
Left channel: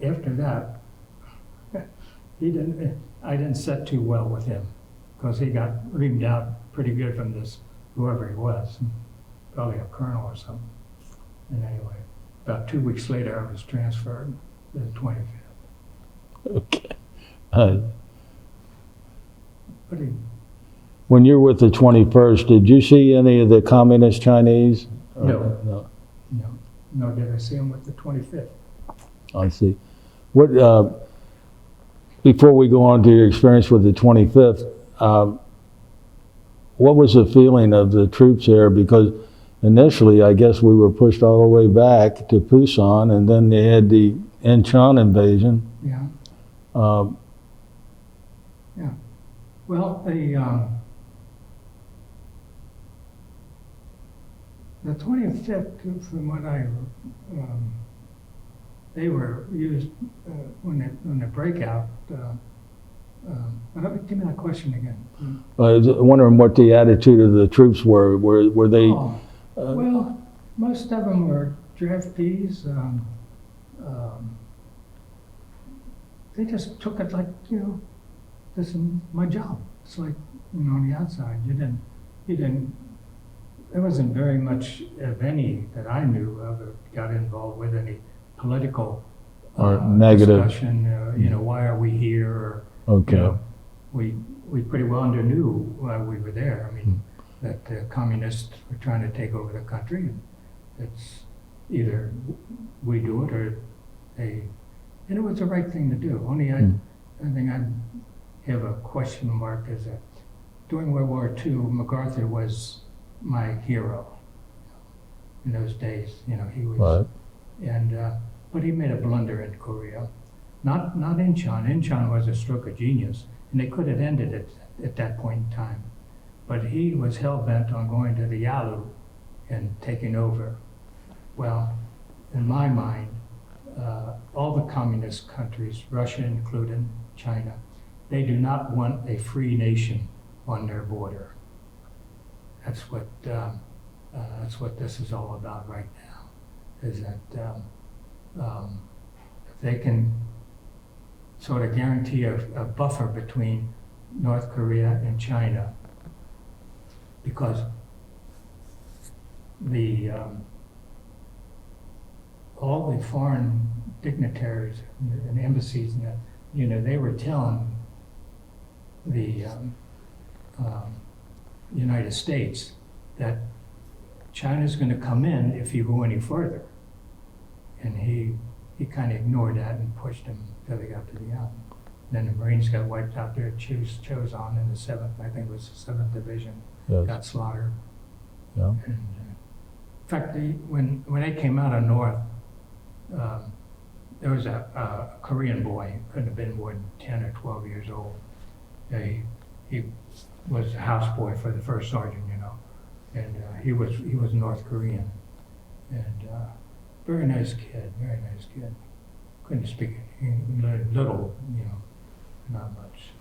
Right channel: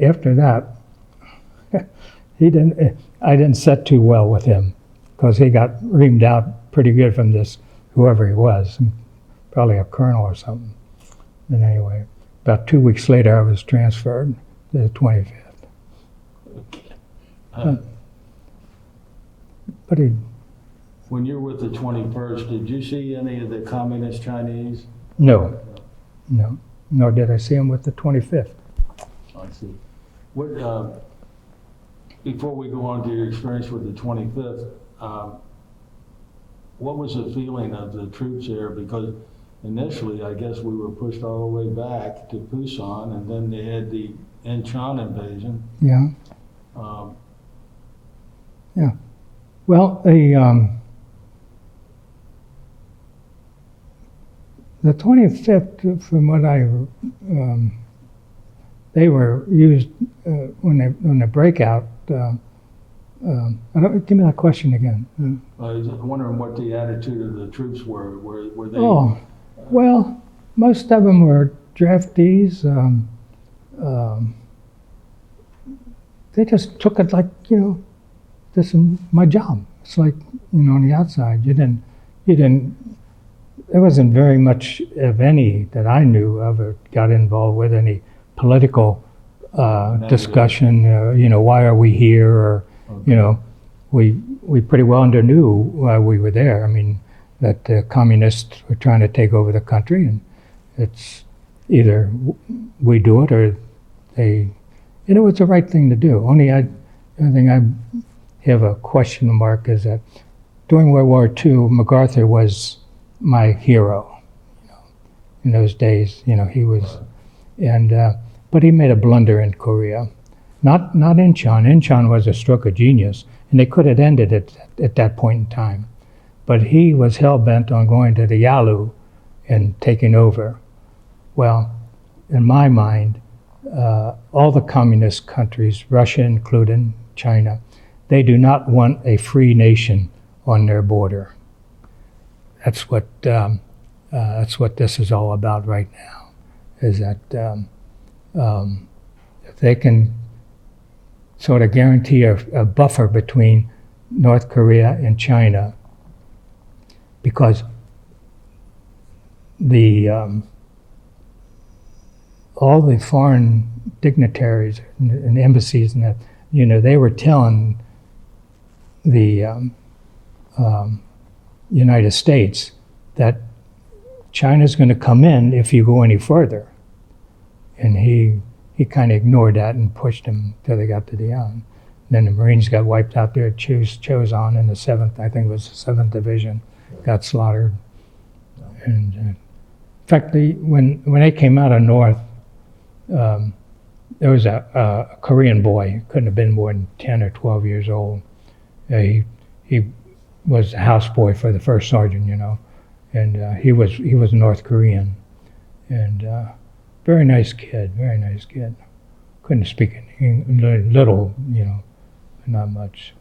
after that, I didn't set too well with him because he got reamed out pretty good from this, whoever he was, probably a colonel or something. And anyway, about 2 weeks later, I was transferred to the 25th. Okay. But he, When you were with the 21st, did you see any of the communist Chinese? No. No. no, nor did I see him with the 25th. I see. What, before we go on to your experience with the 25th, what was the feeling of the troops there? Because initially, I guess we were pushed all the way back to Pusan, and then they had the Incheon invasion. Yeah. Um, Yeah. Well, the 25th, from what they were used when the breakout. Give me that question again. I was wondering what the attitude of the troops were. Were they? Well, most of them were draftees. They just took it like, this is my job. It's like, on the outside, you didn't. There wasn't very much of any that I knew of or got involved with any political discussion. Why are we here? Or Okay. we pretty well knew why we were there. I mean, that the communists were trying to take over the country, and it's either we do it or they. And it was the right thing to do. Only the only thing I have a question mark is that during World War II, MacArthur was my hero. In those days, he was, Right. but he made a blunder in Korea. Not Incheon. Incheon was a stroke of genius, and they could have ended it at that point in time. But he was hell-bent on going to the Yalu and taking over. Well, in my mind, all the communist countries, Russia included, China, they do not want a free nation on their border. That's what this is all about right now, is that if they can sort of guarantee a buffer between North Korea and China, because all the foreign dignitaries and embassies and that, they were telling the United States that China's going to come in if you go any further. And he kind of ignored that and pushed them till they got to the end. Then the Marines got wiped out there at Choson in the 7th, I think it was the 7th Division, Yeah. got slaughtered. Yeah. And in fact, when they came out of North, there was a Korean boy, couldn't have been more than 10 or 12 years old. He was a houseboy for the first sergeant, and he was North Korean, and very nice kid. Couldn't speak any, little, not much.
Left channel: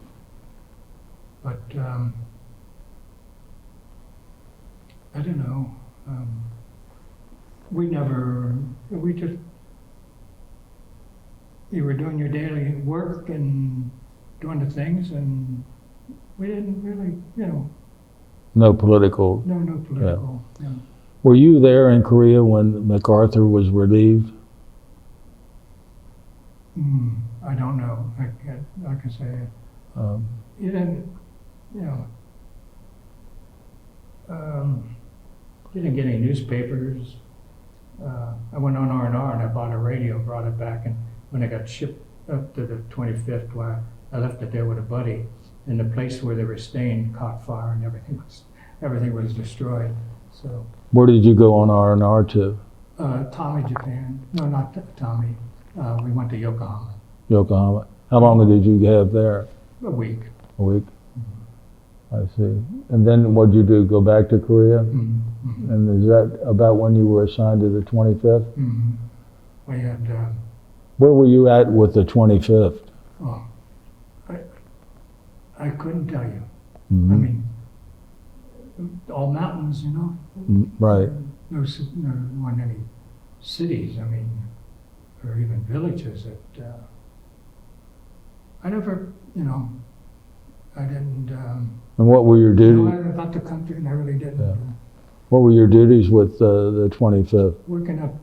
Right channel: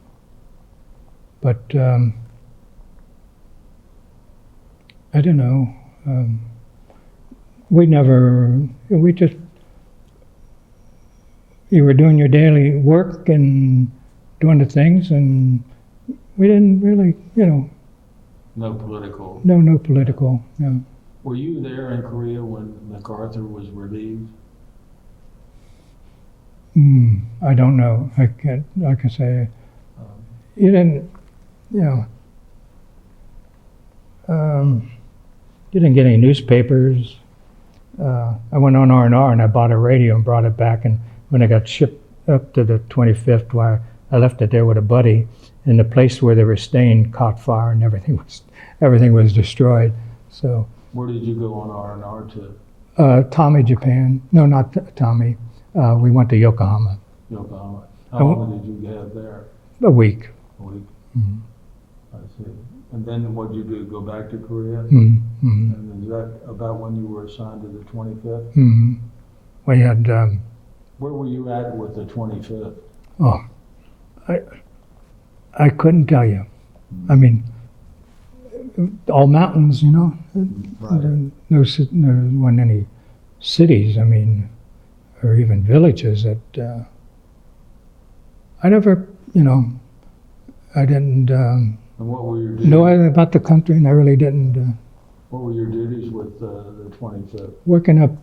But I don't know. You were doing your daily work and doing the things, and we didn't really, No political. no political, no. Were you there in Korea when MacArthur was relieved? I don't know. I can say you didn't, you didn't get any newspapers. I went on R&R and I bought a radio and brought it back, and when I got shipped up to the 25th, where I left it there with a buddy, and the place where they were staying caught fire, and everything was destroyed. So Where did you go on R&R to? Tommy, Japan. No, not Tommy. We went to Yokohama. Yokohama. How long did you have there? A week. A week. Mhm. I see. And then what did you do? Go back to Korea? Mm-hmm. And is that about when you were assigned to the 25th? Mm-hmm. We had. Where were you at with the 25th? Oh, I couldn't tell you. Mhm. I mean, all mountains, you know. Right. No, there weren't any cities. I mean, or even villages that. I never, you know, I didn't And what were your duties? know anything about the country, and I really didn't. Yeah. What were your duties with the 25th? Working up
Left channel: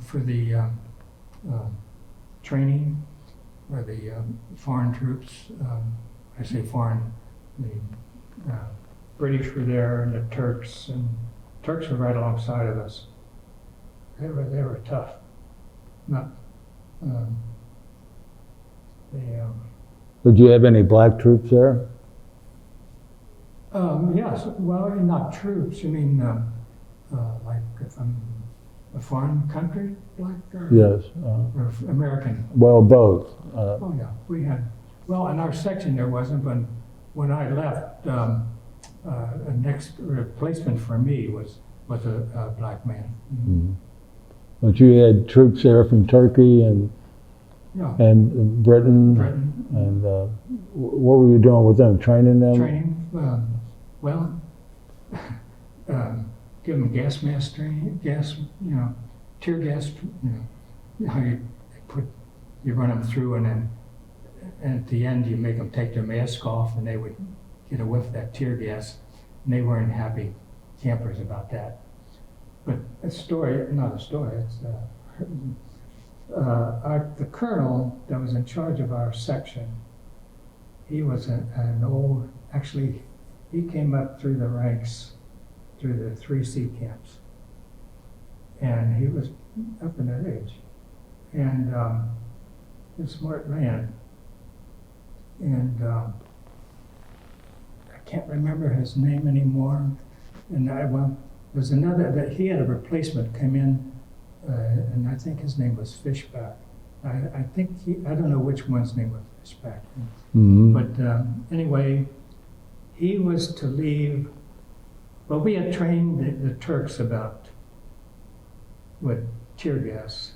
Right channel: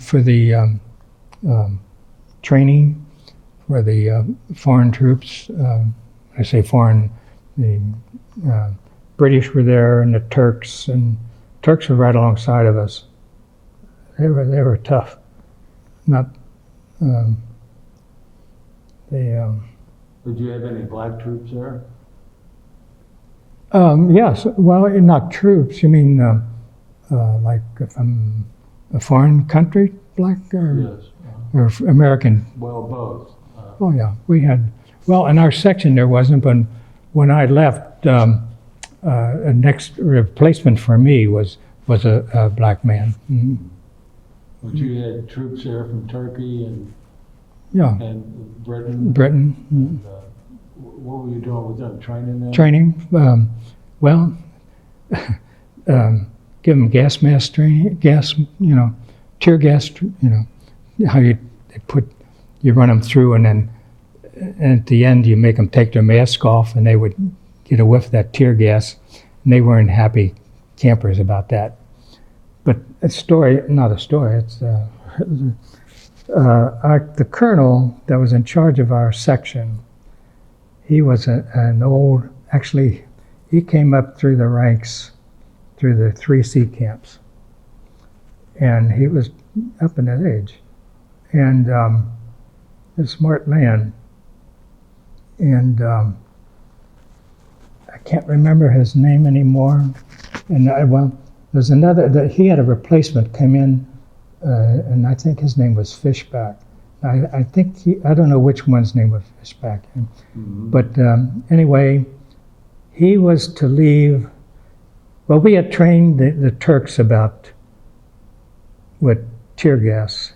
for the training for the foreign troops. I say foreign, the British were there, and the Turks were right alongside of us. They were tough. Not Did you have any black troops there? Yes, well, not troops. You mean like from a foreign country, black or, Yes. or American? Well, both. Oh yeah, we had. Well, in our section there wasn't, but when I left, a next replacement for me was a black man. Mm-hmm. But you had troops there from Turkey and Yeah, Britain. Britain. And what were you doing with them? Training them? Training. Well, give them gas mask training, tear gas. How you run them through, and then at the end you make them take their mask off, and they would get a whiff of that tear gas, and they weren't happy campers about that. But a story, not a story. It's the colonel that was in charge of our section. He was an old. Actually, he came up through the ranks, through the 3C camps, and he was up in that age, and a smart man. And I can't remember his name anymore. And there's another that he had a replacement come in, and I think his name was Fishback. I think I don't know which one's name was Fishback, Mm-hmm. but anyway, he was to leave. Well, we had trained the Turks about with tear gas,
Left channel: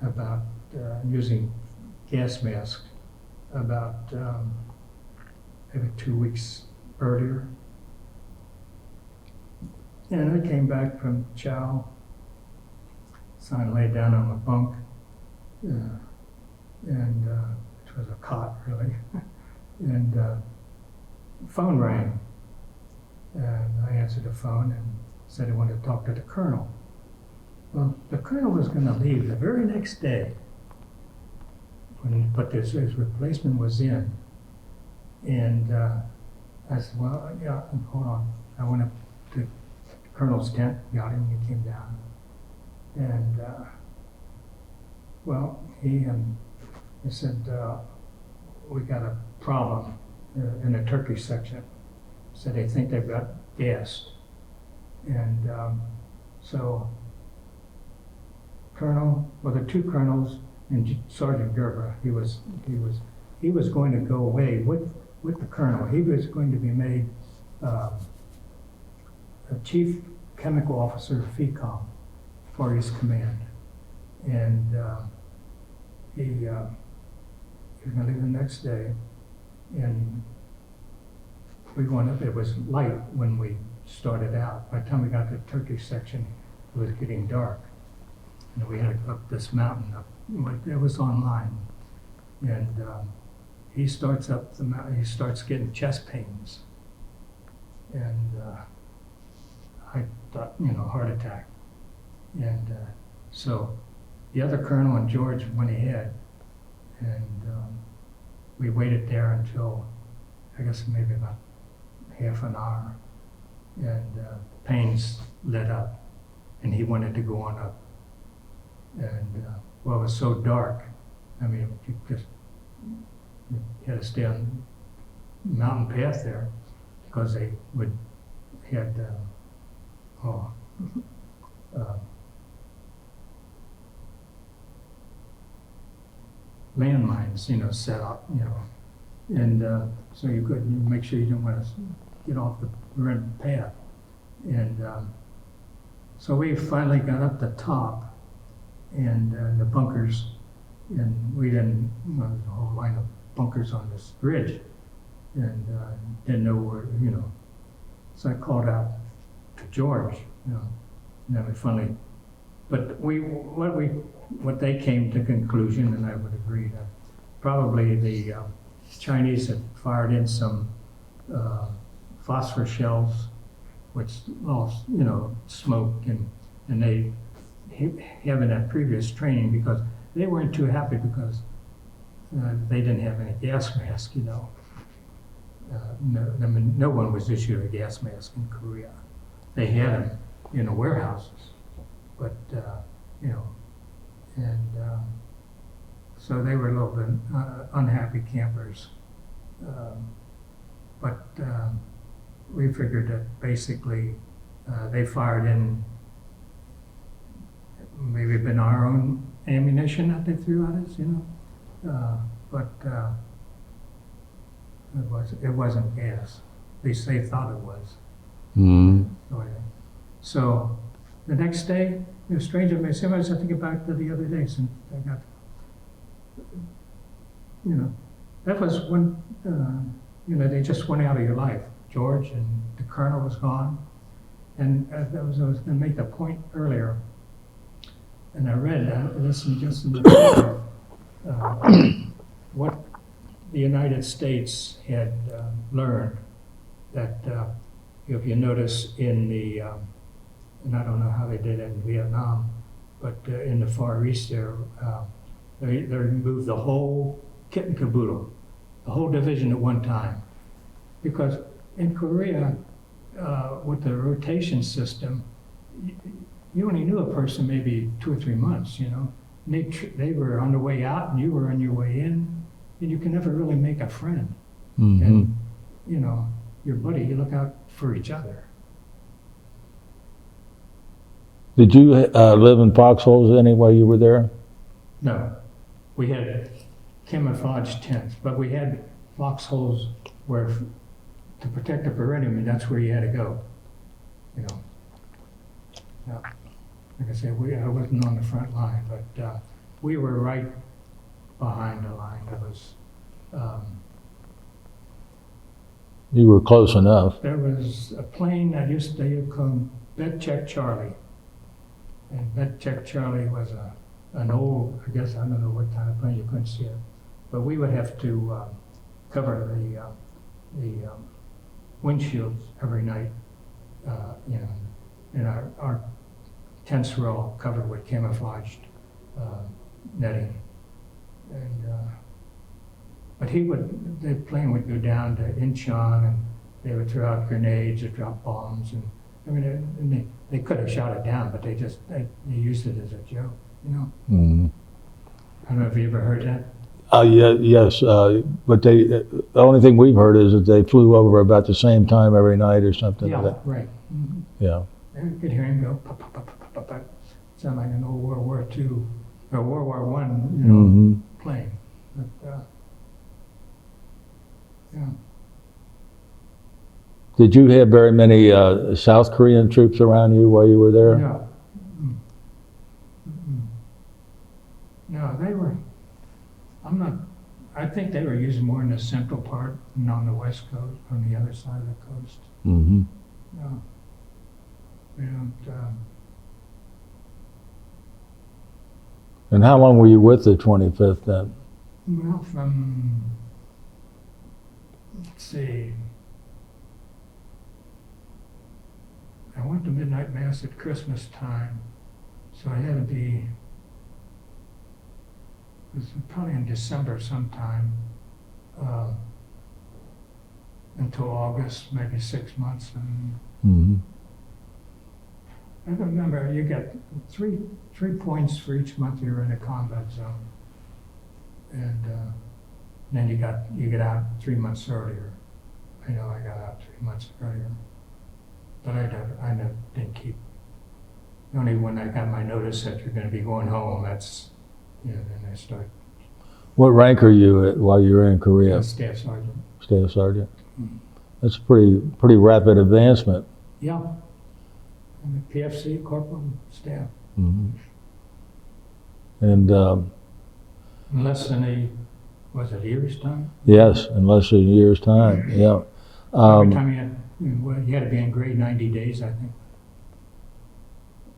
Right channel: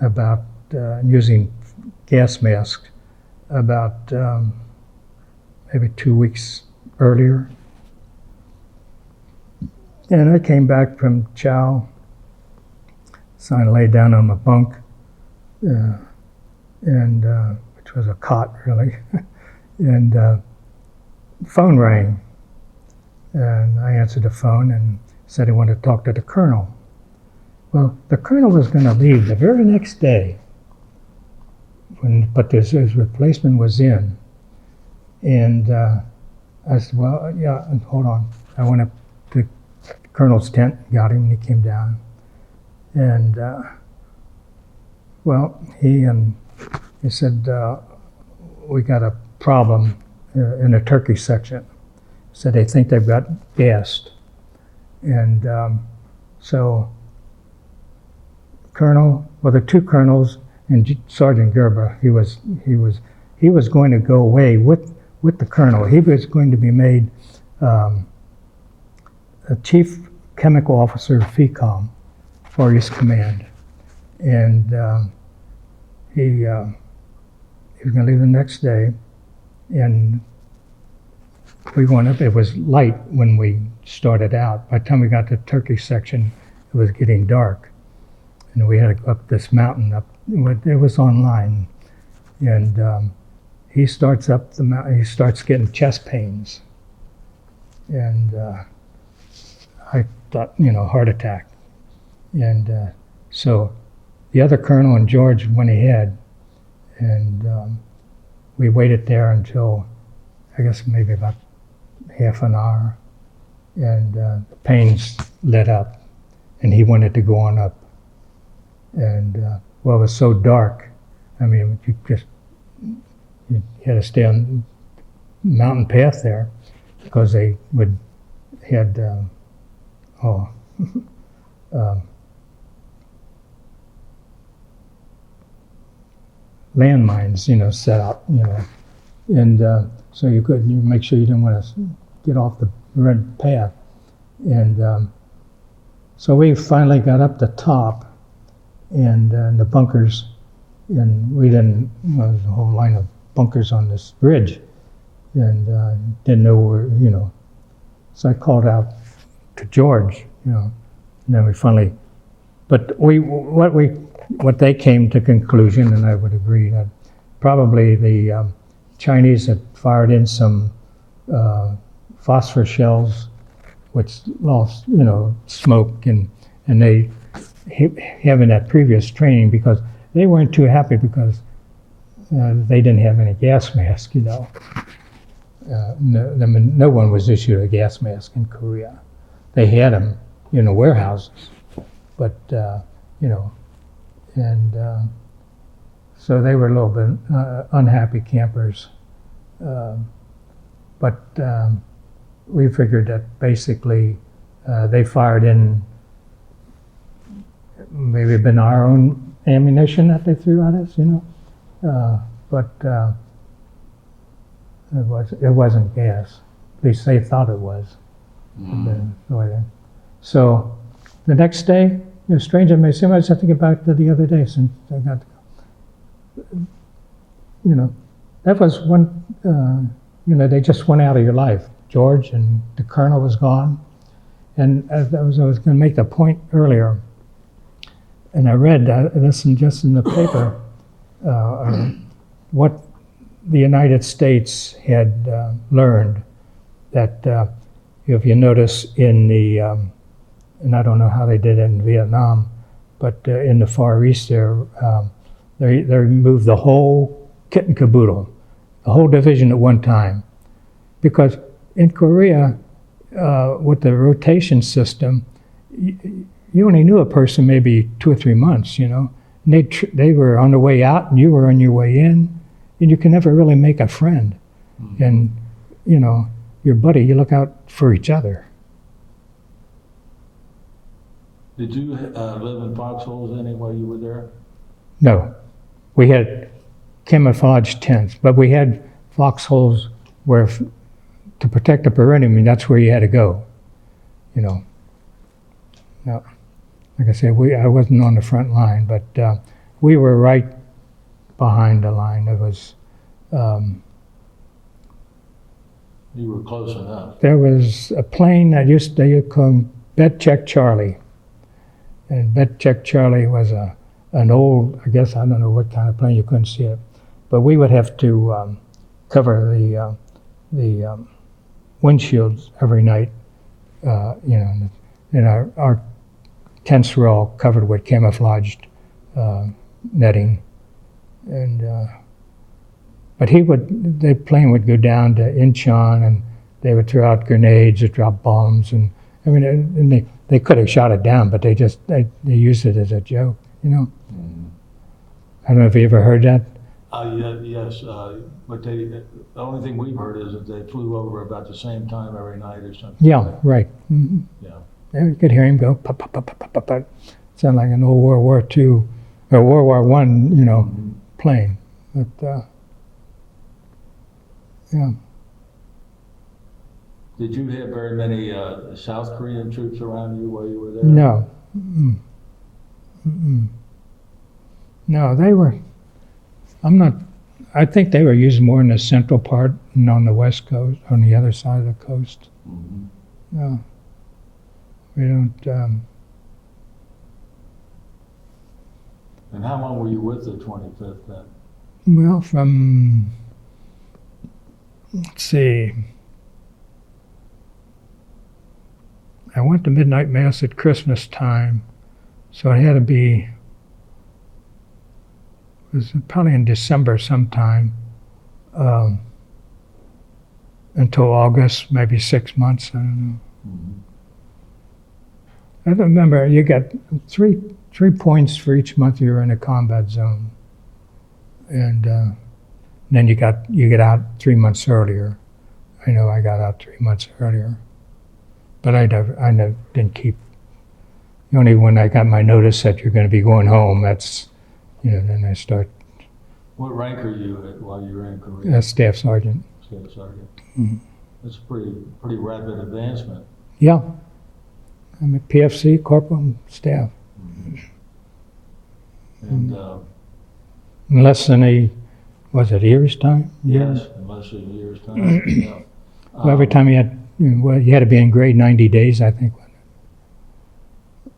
about using gas masks, about maybe 2 weeks earlier. And I came back from Chow, so I lay down on my bunk, and which was a cot really, and phone rang, and I answered the phone and said he wanted to talk to the colonel. Well, the colonel was going to leave the very next day, but his replacement was in, and I said, well, yeah, hold on. I went up to the colonel's tent, got him, and he came down, and well, he said, we got a problem in the Turkey section. Said they think they've got gassed, and so the two colonels and Sergeant Gerber, he was going to go away with the colonel. He was going to be made a chief chemical officer of FECOM, Far East Command, and he was going to leave the next day, and we went up. It was light when we started out. By the time we got to the Turkish section, it was getting dark, and we had to go up this mountain. It was online, and he starts up the mountain. He starts getting chest pains, and I thought, heart attack. And so the other colonel and George went ahead, and we waited there until, I guess, maybe about half an hour, and the pains let up, and he wanted to go on up. And well, it was so dark. I mean, you had to stay on mountain path there because they had landmines, set up, and so you make sure you didn't want to get off the red path. And so we finally got up the top and the bunkers, and we didn't, there's a whole line of bunkers on this ridge, and didn't know where, So I called out to George, and then we finally, but what they came to conclusion, and I would agree, that probably the Chinese had fired in some phosphor shells, which lost, smoke, and they having that previous training, because they weren't too happy because they didn't have any gas mask, No one was issued a gas mask in Korea. They had them in the warehouses, but and so they were a little bit unhappy campers. But we figured that basically they fired in maybe been our own ammunition that they threw at us, but it wasn't gas. At least they thought it was. So the next day, strange it may seem, I was thinking about it the other day since I got, that was one, they just went out of your life. George and the colonel was gone. And I was going to make the point earlier, and I read this just in the paper, what the United States had learned, that if you notice in the, and I don't know how they did it in Vietnam, but in the Far East there, they removed the whole kit and caboodle, the whole division at one time. Because in Korea, with the rotation system, you only knew a person maybe 2 or 3 months, And they were on the way out and you were on your way in, and you can never really make a friend. Mm-hmm. And, your buddy, you look out for each other. Did you live in foxholes any while you were there? No. We had camouflage tents, but we had foxholes where, to protect the perimeter, that's where you had to go. Now, like I said, I wasn't on the front line, but we were right behind the line. It was. You were close enough. There was a plane that they called Bet Check Charlie, and Bet Check Charlie was an old, I guess, I don't know what kind of plane, you couldn't see it, but we would have to cover the windshields every night, and our tents were all covered with camouflaged netting, and but the plane would go down to Incheon, and they would throw out grenades or drop bombs, and they could have shot it down, but they used it as a joke, Mm-hmm. I don't know if you ever heard that. Yes, but the only thing we've heard is that they flew over about the same time every night or something. Yeah, like that. Right. Mm-hmm. Yeah. And you could hear him go, pop, pop, pop, pop, pop, pop. Sound like an old World War II or World War I, Mm-hmm. plane. But, yeah. Did you have very many South Korean troops around you while you were there? No. Mm-mm. Mm-mm. No, they were, I think they were used more in the central part and on the west coast, on the other side of the coast. Mm-hmm. No. We don't, And how long were you with the 25th then? well, from, let's see, I went to midnight mass at Christmas time, so it had to be, it was probably in December sometime, until August, maybe 6 months, I don't know. Mm-hmm. I remember you got three points for each month you were in a combat zone, and then you get out 3 months earlier. I know I got out 3 months earlier, but I never didn't keep. Only when I got my notice that you're going to be going home, that's, then I start. What rank are you at while you were in Korea? Staff sergeant. Staff sergeant. Mhm. That's a pretty rapid advancement. Yeah, I'm at PFC, corporal staff. Mm-hmm. And In less than a year's time? yes, in less than a year's time. Yeah. Every time you had, you had to be in grade 90 days, I think.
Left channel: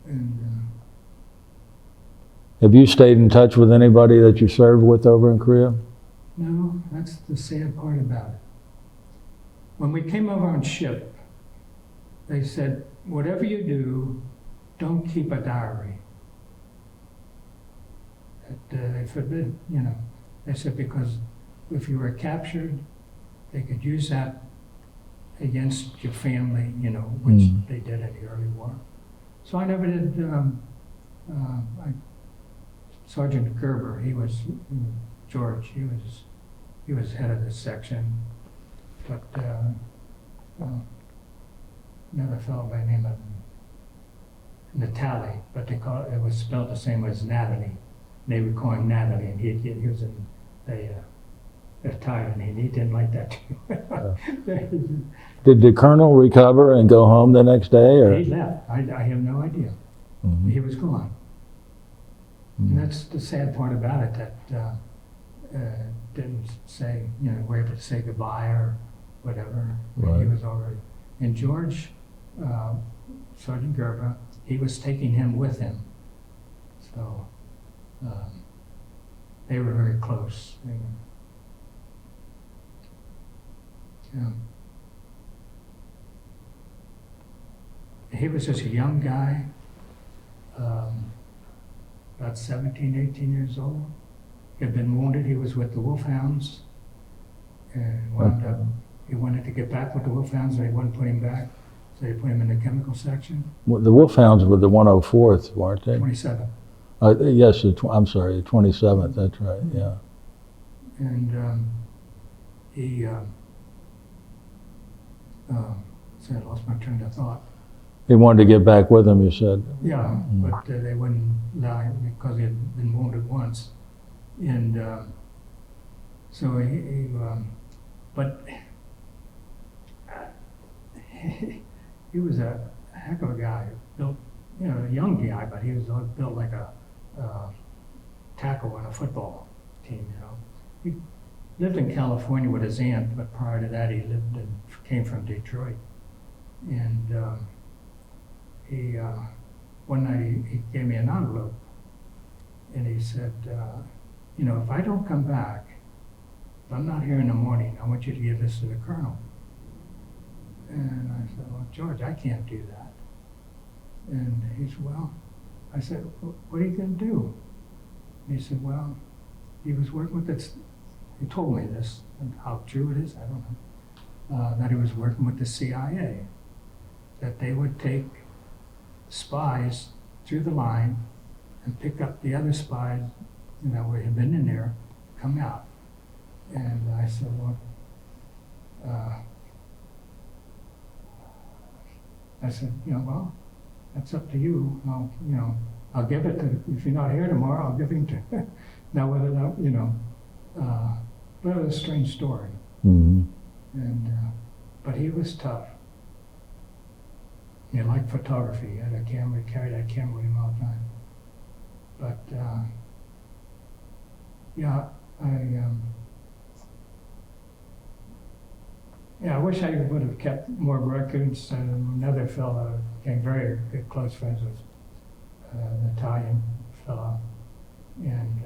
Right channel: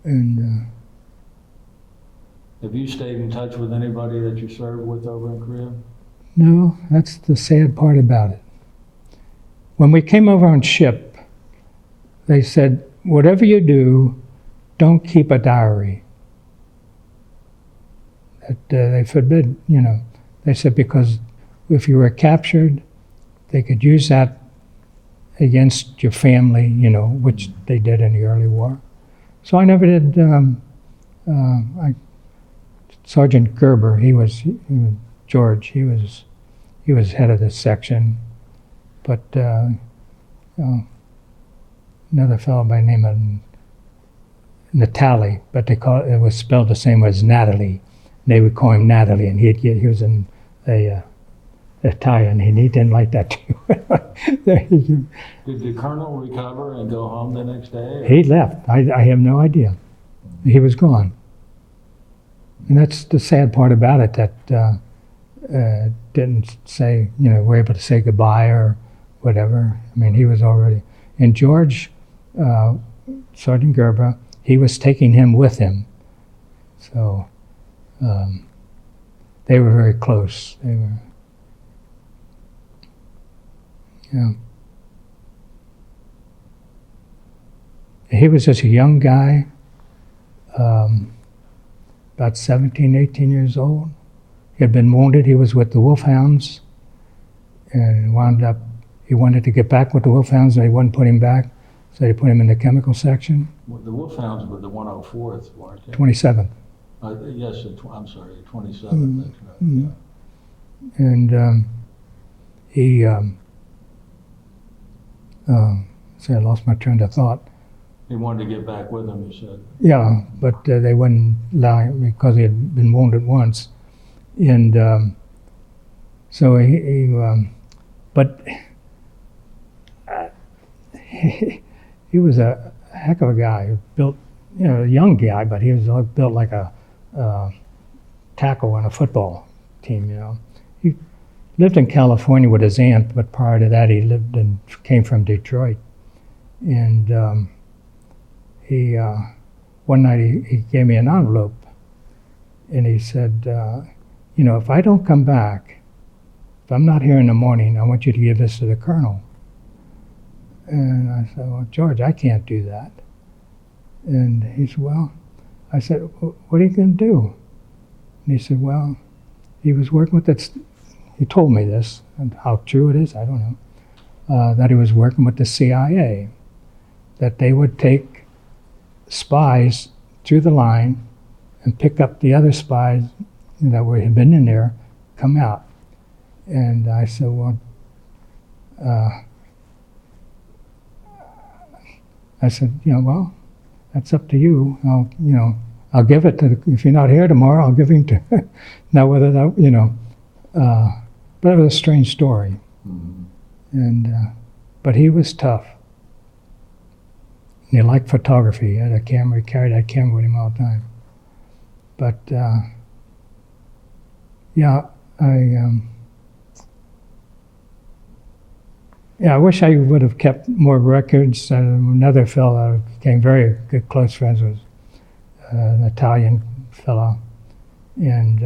And have you stayed in touch with anybody that you served with over in Korea? no, that's the sad part about it. When we came over on ship, they said, whatever you do, don't keep a diary. They forbid, they said, because if you were captured, they could use that against your family, which they did in the early war. So I never did. Sergeant Gerber, George. He was head of this section, but another fellow by the name of Natali, but it was spelled the same as Natalie. They would call him Natalie, and he was in Italian, and he didn't like that too. Did the colonel recover and go home the next day? Or? He left. I have no idea. Mm-hmm. He was gone. Mm-hmm. And that's the sad part about it, that didn't say, we're able to say goodbye or whatever. I mean, He was already. And George, Sergeant Gerber, he was taking him with him. So they were very close. They were. Yeah. He was just a young guy, about 17, 18 years old. He had been wounded. He was with the Wolfhounds, and he wanted to get back with the Wolfhounds, and they wouldn't put him back, so they put him in the chemical section. Well, the Wolfhounds were the 104th, weren't they? 27th. Yes, I'm sorry, the 27th, that's right, yeah. And he, I lost my train of thought. He wanted to get back with him, you said. Yeah, but they wouldn't allow him because he had been wounded once. And so but he was a heck of a guy. He built, a young guy, but he was built like a tackle on a football team, He lived in California with his aunt, but prior to that he came from Detroit. And one night he gave me an envelope, and he said, if I don't come back, if I'm not here in the morning, I want you to give this to the colonel. And I said, well, George, I can't do that. And he said, well, I said, what are you going to do? And he said, well, he was working with it. He told me this, and how true it is, I don't know, that he was working with the CIA, that they would take spies through the line and pick up the other spies that had been in there, come out. And I said, well, well, that's up to you. I'll give it to, if you're not here tomorrow, I'll give him to, now whether that, but it was a strange story. Mm-hmm. And, but he was tough. And he liked photography. He had a camera, he carried that camera with him all the time. But, I wish I would have kept more records. Another fellow I became very good close friends with, an Italian fellow, and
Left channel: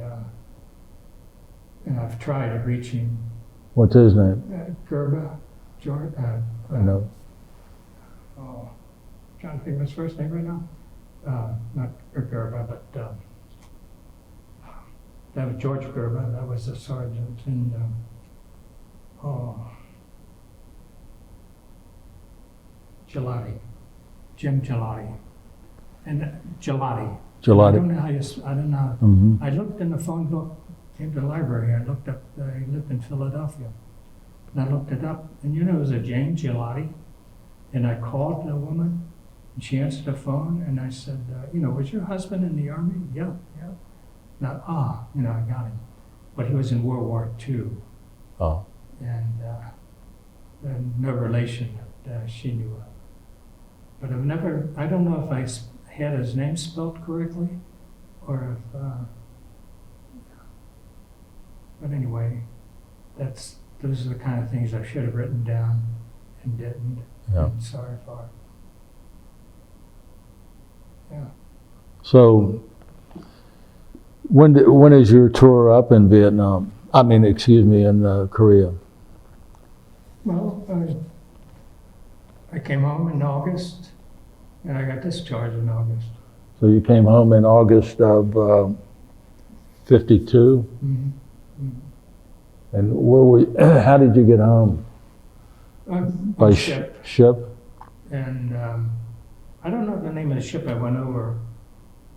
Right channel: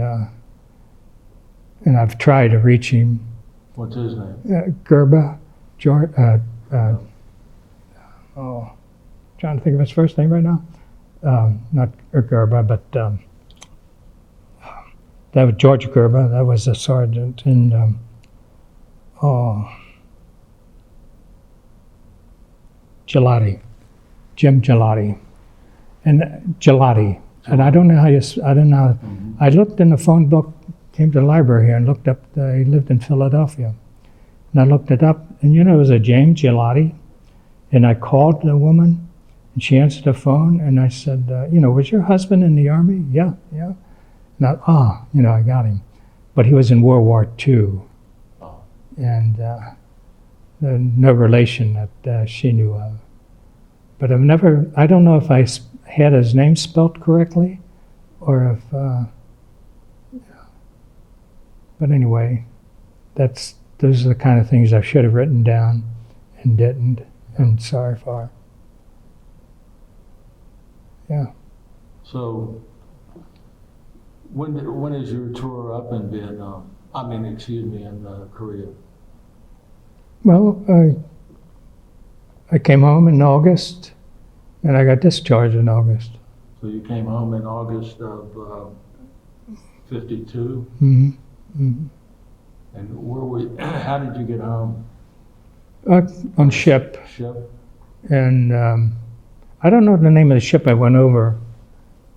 I've tried to reach him. What's his name? Gerber, George. Trying to think of his first name right now. Not Gerber, but that was George Gerber. That was a sergeant in. Gelati, Jim Gelati, and Gelati. And I don't know how I don't know. I looked in the phone book, came to the library here and looked up, he lived in Philadelphia. And I looked it up, and it was a James Gelati. And I called the woman, and she answered the phone, and I said, was your husband in the Army? Yeah, yeah. Now, I got him. But he was in World War II. Oh. And no relation that she knew of. But I don't know if I had his name spelt correctly, or if, but anyway, those are the kind of things I should have written down and didn't, and sorry for. Yeah. So, when is your tour up in Vietnam? In Korea. Well, I came home in August, and I got discharged in August. So you came home in August of 52? Mm-hmm. Mm-hmm. And how did you get home? On ship. Ship? And I don't know the name of the ship I went over,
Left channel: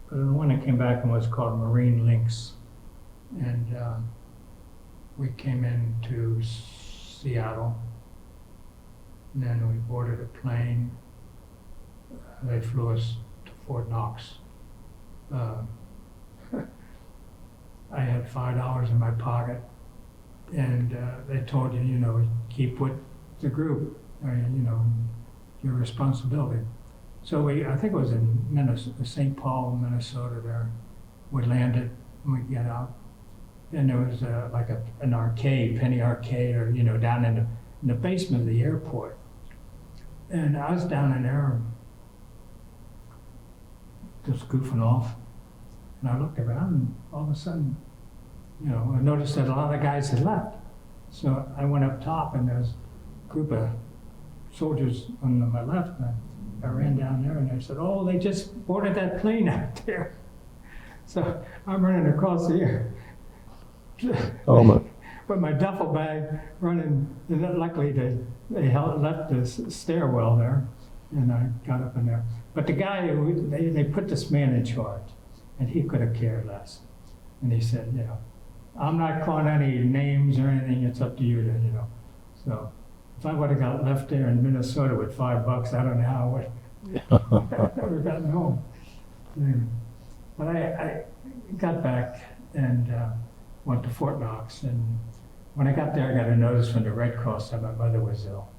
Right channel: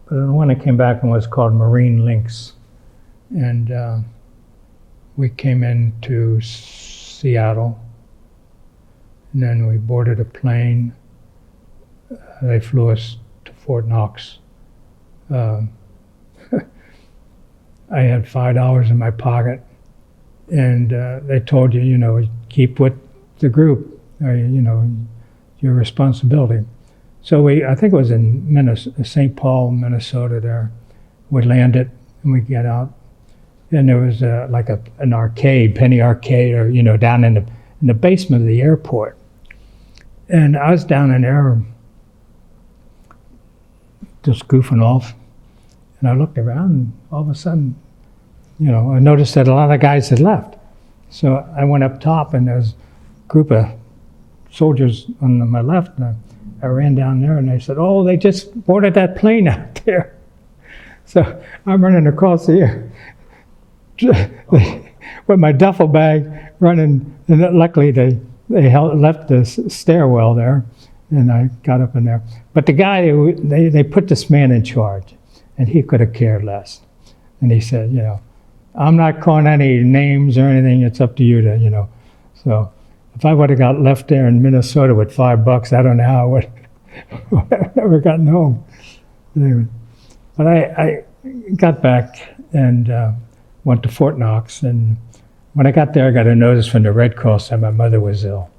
but the one that came back and was called Marine Lynx. And we came into Seattle, and then we boarded a plane. They flew us to Fort Knox. I had $5 in my pocket, and they told you, keep with the group, your responsibility. So I think it was in St. Paul, Minnesota there. We landed, and we get out, and there was an arcade, penny arcade, or, down in the basement of the airport. And I was down in there just goofing off, and I looked around, and all of a sudden, I noticed that a lot of guys had left. So I went up top, and there was a group of soldiers on my left, and I ran down there, and they said, "Oh, they just boarded that plane out there." So I'm running across the air with my duffel bag, running, and luckily they left the stairwell there, and I got up in there. But the guy, they put this man in charge, and he could have cared less. And he said, I'm not calling any names or anything. It's up to you to, So if I would have got left there in Minnesota with $5, I don't know how I would have never gotten home. Anyway, but I got back and went to Fort Knox. And when I got there, I got a notice from the Red Cross that my mother was ill.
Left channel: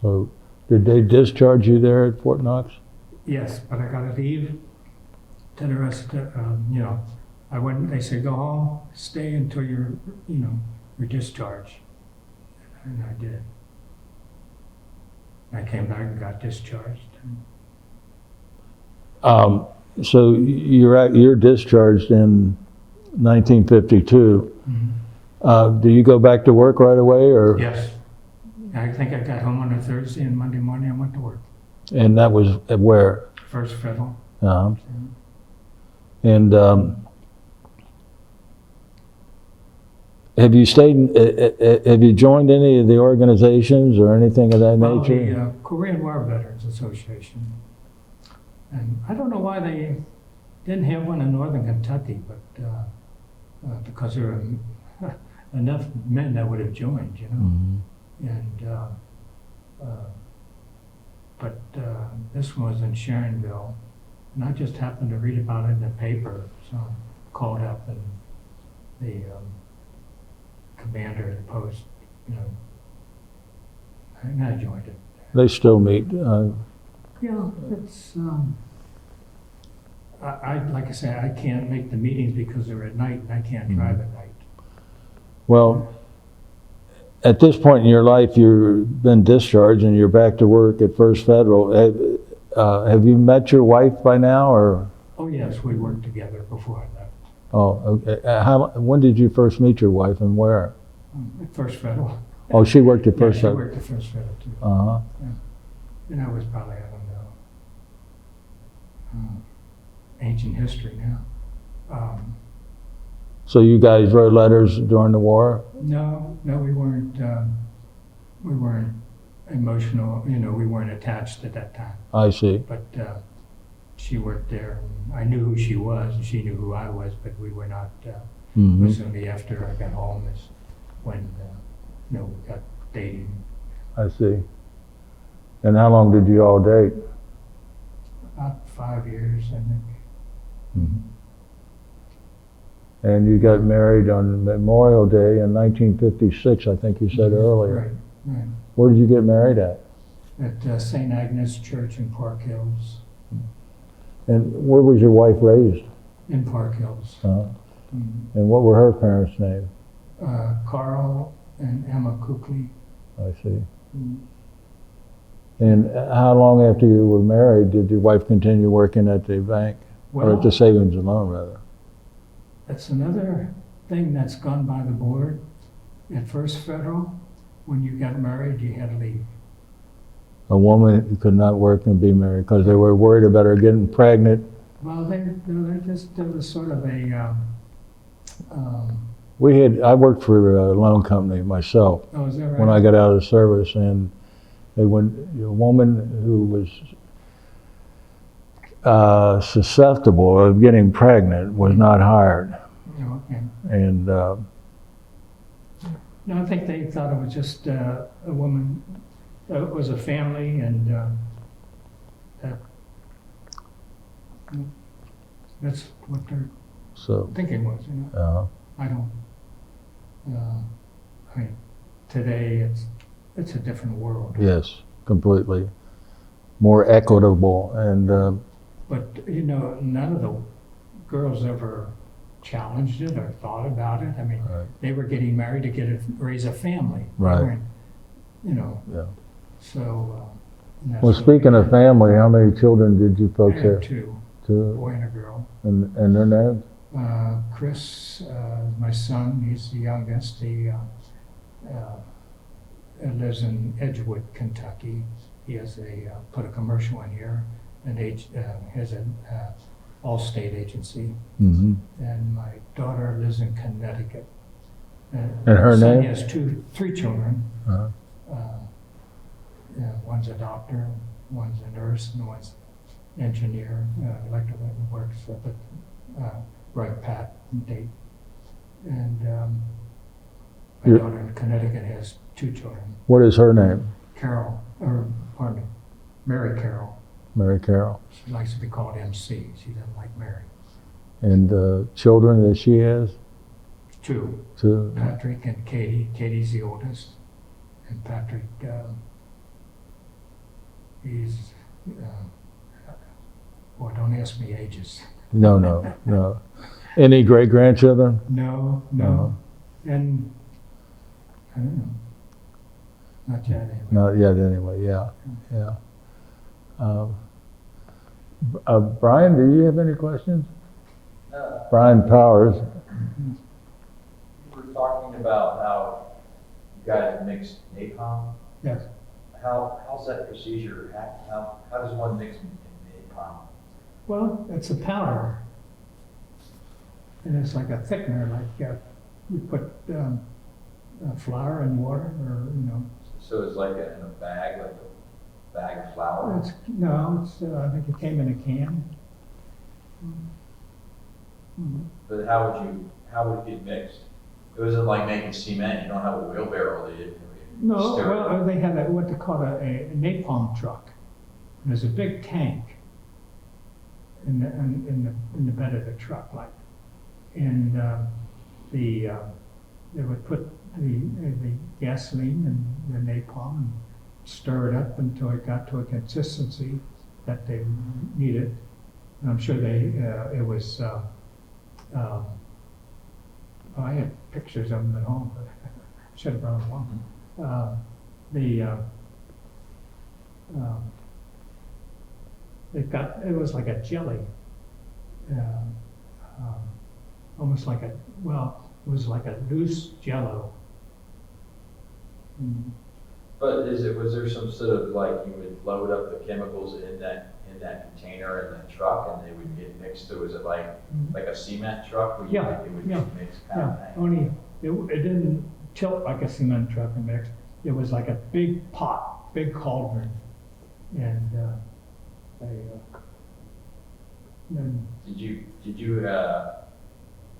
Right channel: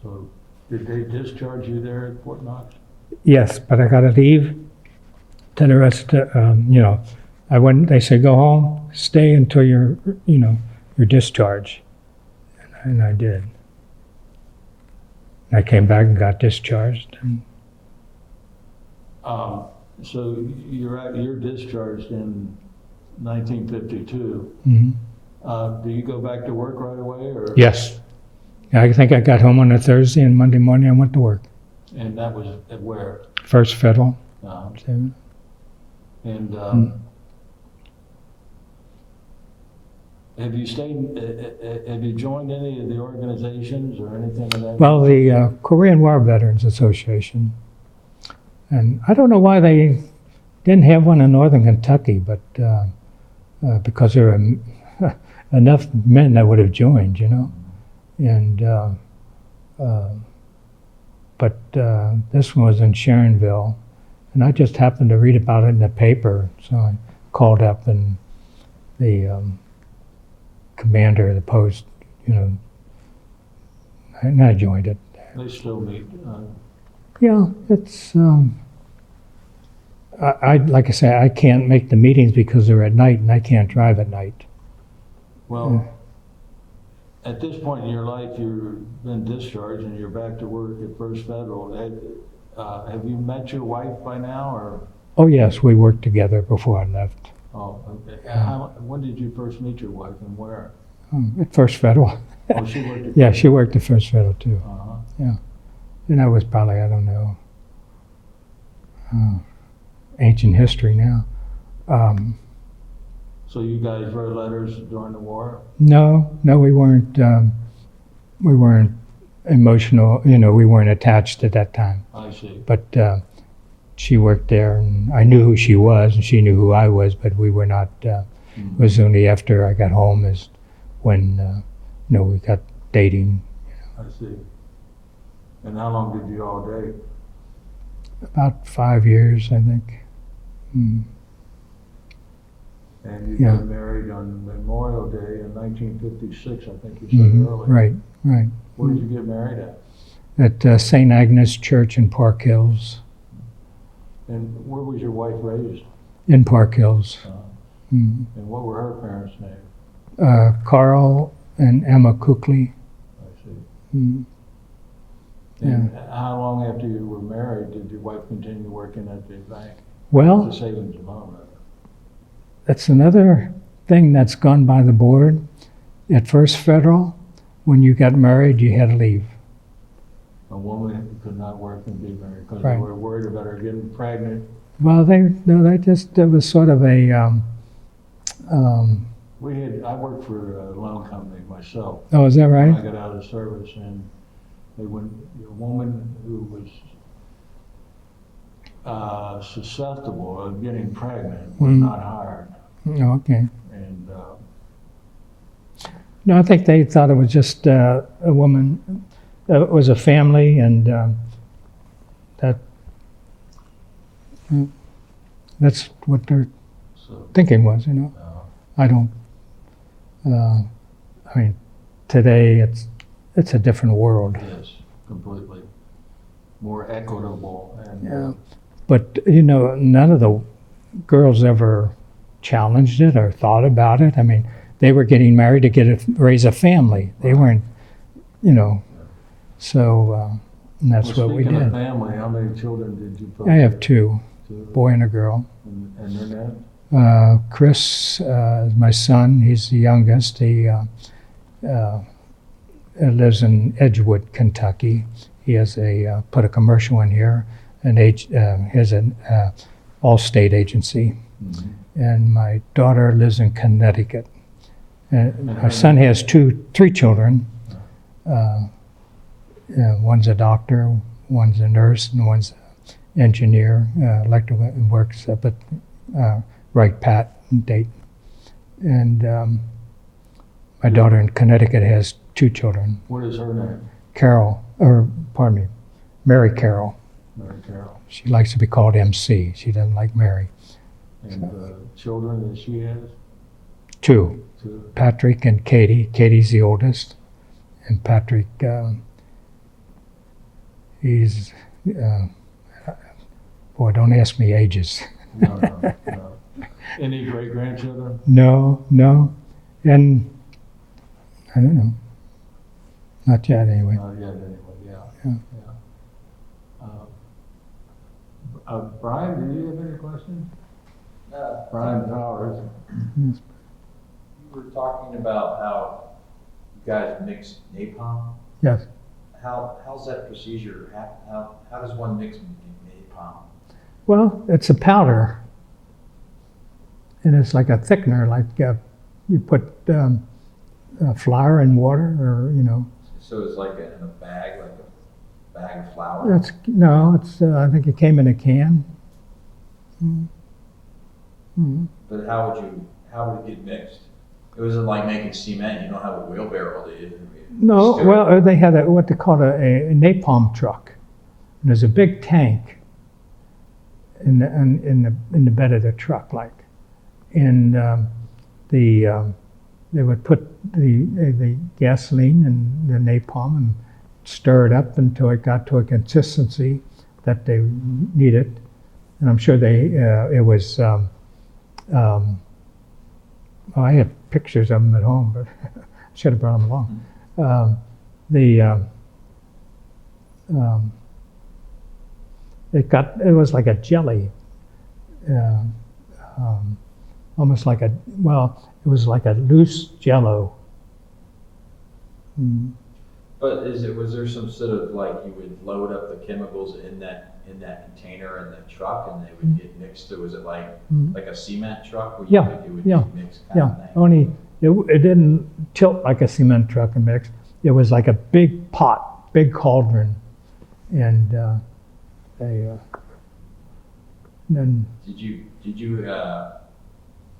So did they discharge you there at Fort Knox? Yes, but I got to leave to the rest. I went. They said go home, stay until your discharge, and I did. I came back and got discharged. So you're discharged in 1952. Mm-hmm. Do you go back to work right away, or? Yes. I think I got home on a Thursday, and Monday morning I went to work. And that was at where? First Federal. And have you have you joined any of the organizations or anything of that nature? Well, the Korean War Veterans Association. And I don't know why they didn't have one in Northern Kentucky, but because there were enough men that would have joined, Mm-hmm. And but this one was in Sharonville, and I just happened to read about it in the paper, so I called up, and the commander of the post, and I joined it. They still meet. Yeah, it's. I like I say, I can't make the meetings because they're at night, and I can't drive at night. Well. At this point in your life, you've been discharged and you're back to work at First Federal. Have you met your wife by now, or? Oh yes, we worked together before I left. Oh, okay. When did you first meet your wife, and where? At First Federal. Oh, she worked at First Yeah, Federal. she worked at First Federal too. Uh-huh. Yeah, and that was probably, I don't know, ancient history now. So you guys wrote letters during the war? No, we weren't. We weren't emotional, you know, we weren't attached at that time. I see. But she worked there, and I knew who she was, and she knew who I was, but we were not, it was only after I got home is when, you know, we got dating. I see. And how long did you all date? About 5 years, I think. Mm. And you got married on Memorial Day in 1956, I think you said earlier. Right, right. Where did you get married at? At St. Agnes Church in Park Hills. And where was your wife raised? In Park Hills. And what were her parents' names? Carl and Emma Cookley. I see. Mm. And how long after you were married did your wife continue working at the bank? Or Well, at the Savings and Loan, rather. that's another thing that's gone by the board. At First Federal, when you got married, you had to leave. A woman who could not work and be married because they Right. were worried about her getting pregnant. Well, they just, it was sort of a, I worked for a loan company myself oh, is that when I right? got out of the service, and a woman who was susceptible of getting pregnant was not hired. Oh, okay. And No, I think they thought it was just a woman, it was a family, and that's what their so, thinking was, you know. I don't, I mean, today it's a different world. yes, completely. More equitable and But, you know, none of the girls ever challenged it or thought about it. I mean, they were getting married to raise a family. They Right. weren't, you know, Yeah. so and that's Well, what we speaking of did. family, how many children did you folks I have? have two, Two. boy and a girl. And their names? Chris is my son. He's the youngest. He lives in Edgewood, Kentucky. He has put a commercial in here, has an all-state agency. Mm-hmm. And my daughter lives in Connecticut. And her my son name? has three children. Uh-huh. One's a doctor, one's a nurse, and one's an engineer, electrical, and works up at Wright Pat in Dayton. And my Yeah. daughter in Connecticut has two children, What is her name? Mary Carroll. Mary Carroll. She likes to be called MC. She doesn't like Mary. And children that she has? Two, Two. Patrick and Katie. Katie's the oldest. And Patrick, he's, boy, don't ask me ages. No. Any great-grandchildren? No. And I don't know. Not yet, anyway. Not yet, anyway, yeah. Brian, do you have any questions? Brian Powers. You were talking about how you guys mix napalm. Yes. How's that procedure? How does one mix napalm? Well, it's a powder. And it's like a thickener, like you put flour in water, or, you know. So it's like in a bag, like a bag of flour? I think it came in a can. But how would it get mixed? It wasn't like making cement. You don't have a wheelbarrow. No, stir it. well, they had what they call a napalm truck. And there's a big tank in the bed of the truck, like, and they would put the gasoline and the napalm and stir it up until it got to a consistency that they needed. And I'm sure it was. Well, I have pictures of them at home, but I should have brought them along. It was like a jelly, almost like it was like a loose jello. But was there some sort of, like, you would load up the chemicals in that container in that truck and they would get mixed? Or was it like a cement truck where you would mix kind of that? Only it didn't tilt like a cement truck and mix. It was like a big pot big cauldron, and then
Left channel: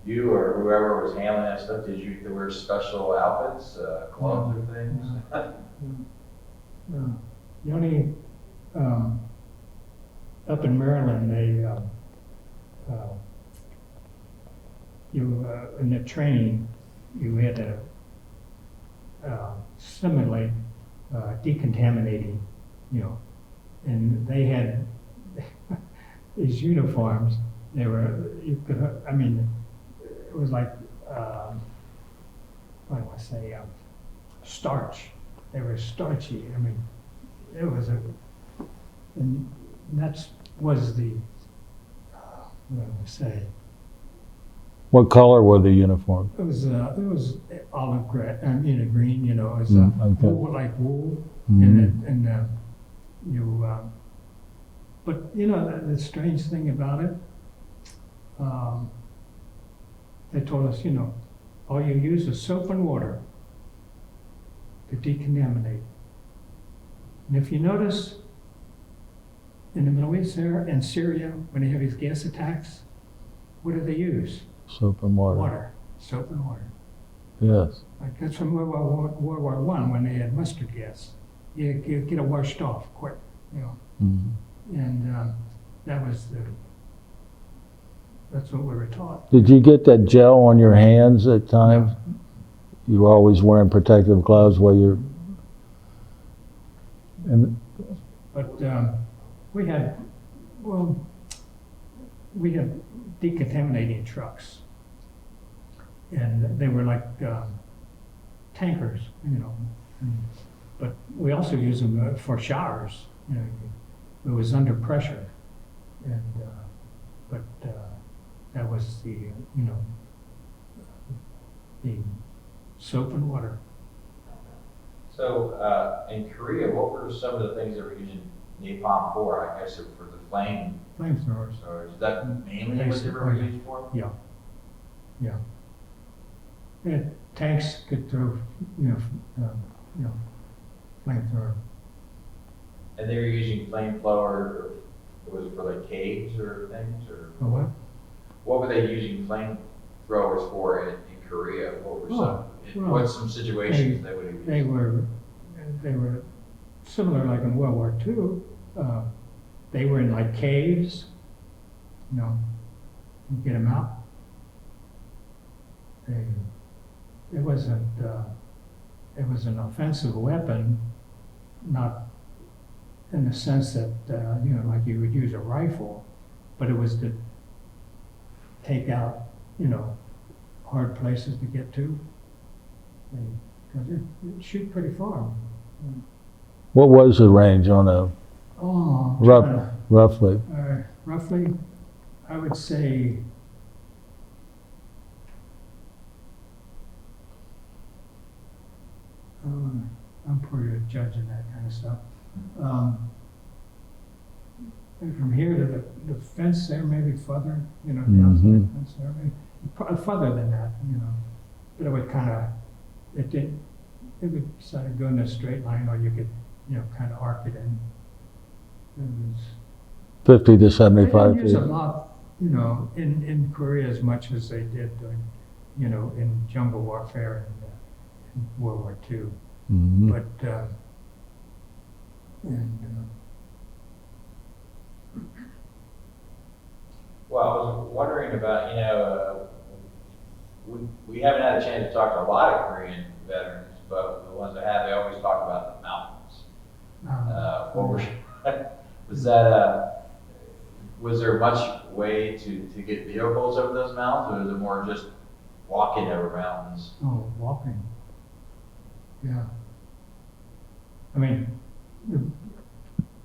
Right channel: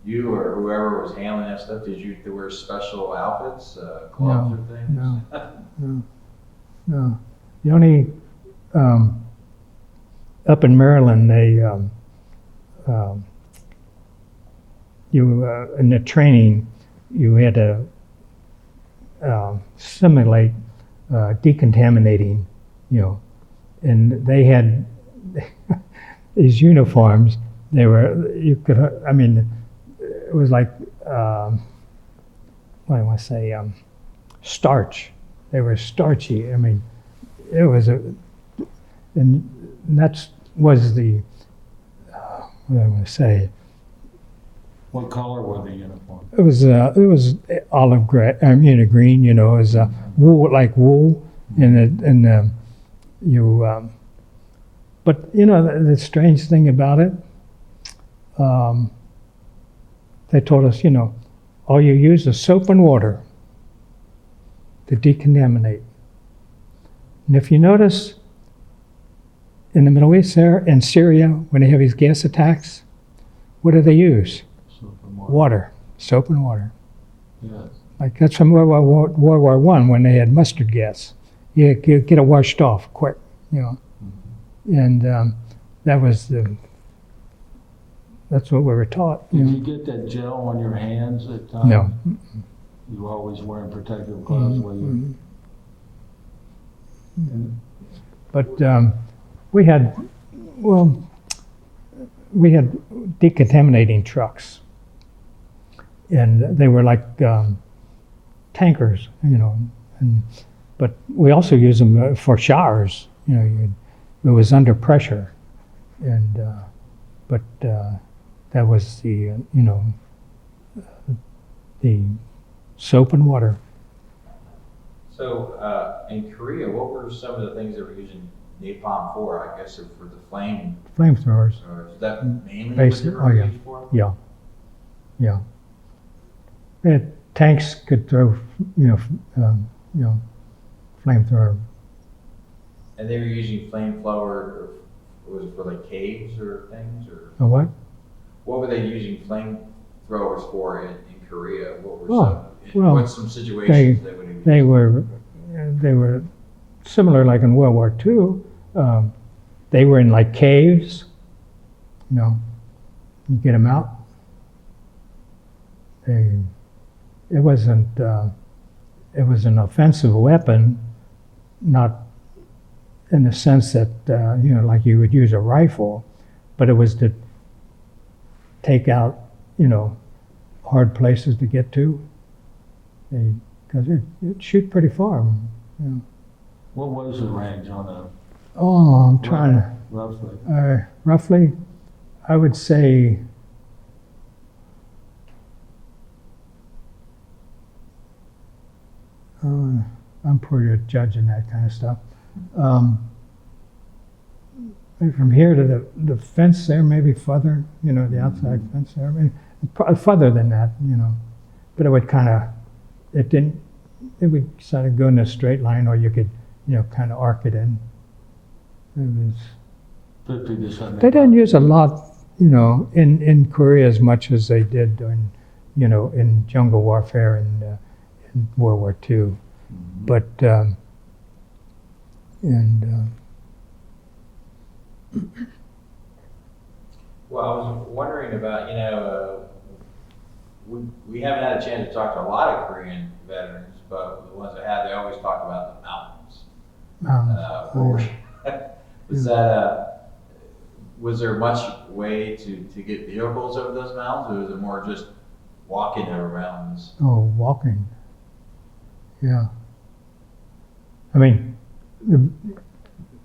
you or whoever was handling that stuff, did you wear special outfits, gloves or things? no. The only up in Maryland, they in the training you had to simulate decontaminating, and they had these uniforms. They were it was like what do I want to say, starch. They were starchy. I mean, it was and that was the what do I want to say. What color were the uniforms? It was olive gray. Green. It was Okay. wool, like wool, Mhm. But the strange thing about it, they told us, all you use is soap and water to decontaminate. And if you notice, in the Middle East there, in Syria, when they have these gas attacks, what do they use? Soap and water. Water, soap and water. Yes. Like that's from World War I when they had mustard gas. You get it washed off quick, Mhm. And that was that's what we were taught. Did you get that gel on your hands at times? No. You were always wearing protective gloves while you're. And But we had decontaminating trucks, and they were like tankers, but we also used them for showers. It was under pressure, and but that was the soap and water. So in Korea, what were some of the things they were using napalm for? I guess for the Flamethrowers. or is that mainly Basic- what they were oh, yeah. used for? Yeah. Tanks could throw, flamethrower. And they were using flamethrower, was it for like caves or things, or Oh, what? what were they using flamethrowers for in Korea? What were Oh, well, what's some situations they would use? They were similar, like in World War II. They were in like caves. You get them out. It was an offensive weapon, not in the sense that like you would use a rifle, but it was to take out hard places to get to, because it shoot pretty far. what was the range on a Oh, I'm trying. roughly? Roughly, I would say I'm pretty good judging that kind of stuff. Maybe from here to the fence there, maybe further, the outside fence there, maybe further than that, But it would it would sort of go in a straight line, or you could, kind of arc it in. It was. 50 to 75 They didn't use a feet. lot, in Korea as much as they did in jungle warfare and in World War II. Mhm. But Well, I was wondering about, we haven't had a chance to talk to a lot of Korean veterans, but the ones that have, they always talk about the mountains. What were- was that, was there much way to get vehicles over those mountains, or is it more just walking over mountains? walking. Yeah. I mean,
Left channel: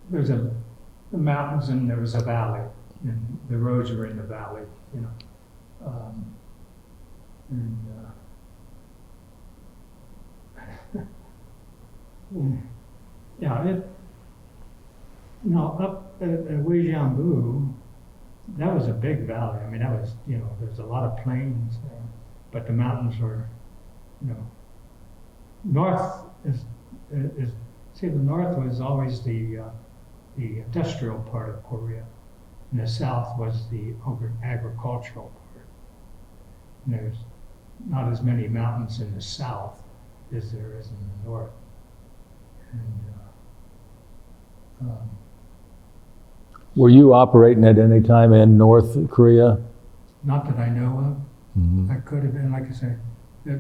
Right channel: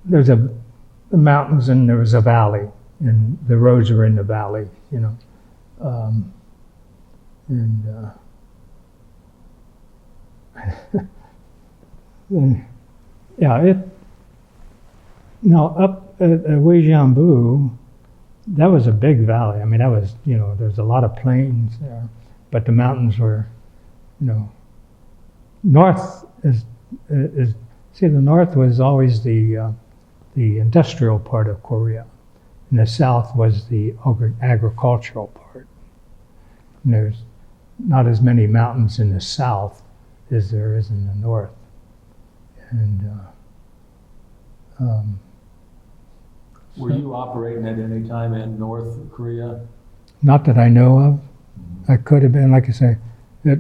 there's the mountains and there was a valley, and the roads are in the valley, and yeah, up at Weijianbu, that was a big valley. I mean, that was, there's a lot of plains there, but the mountains were, north is See, the north was always the industrial part of Korea, and the south was the agricultural part. And there's not as many mountains in the south as there is in the north. And Were you operating at any time in North Korea? not that I know of. Mhm. I could have been, like I say, that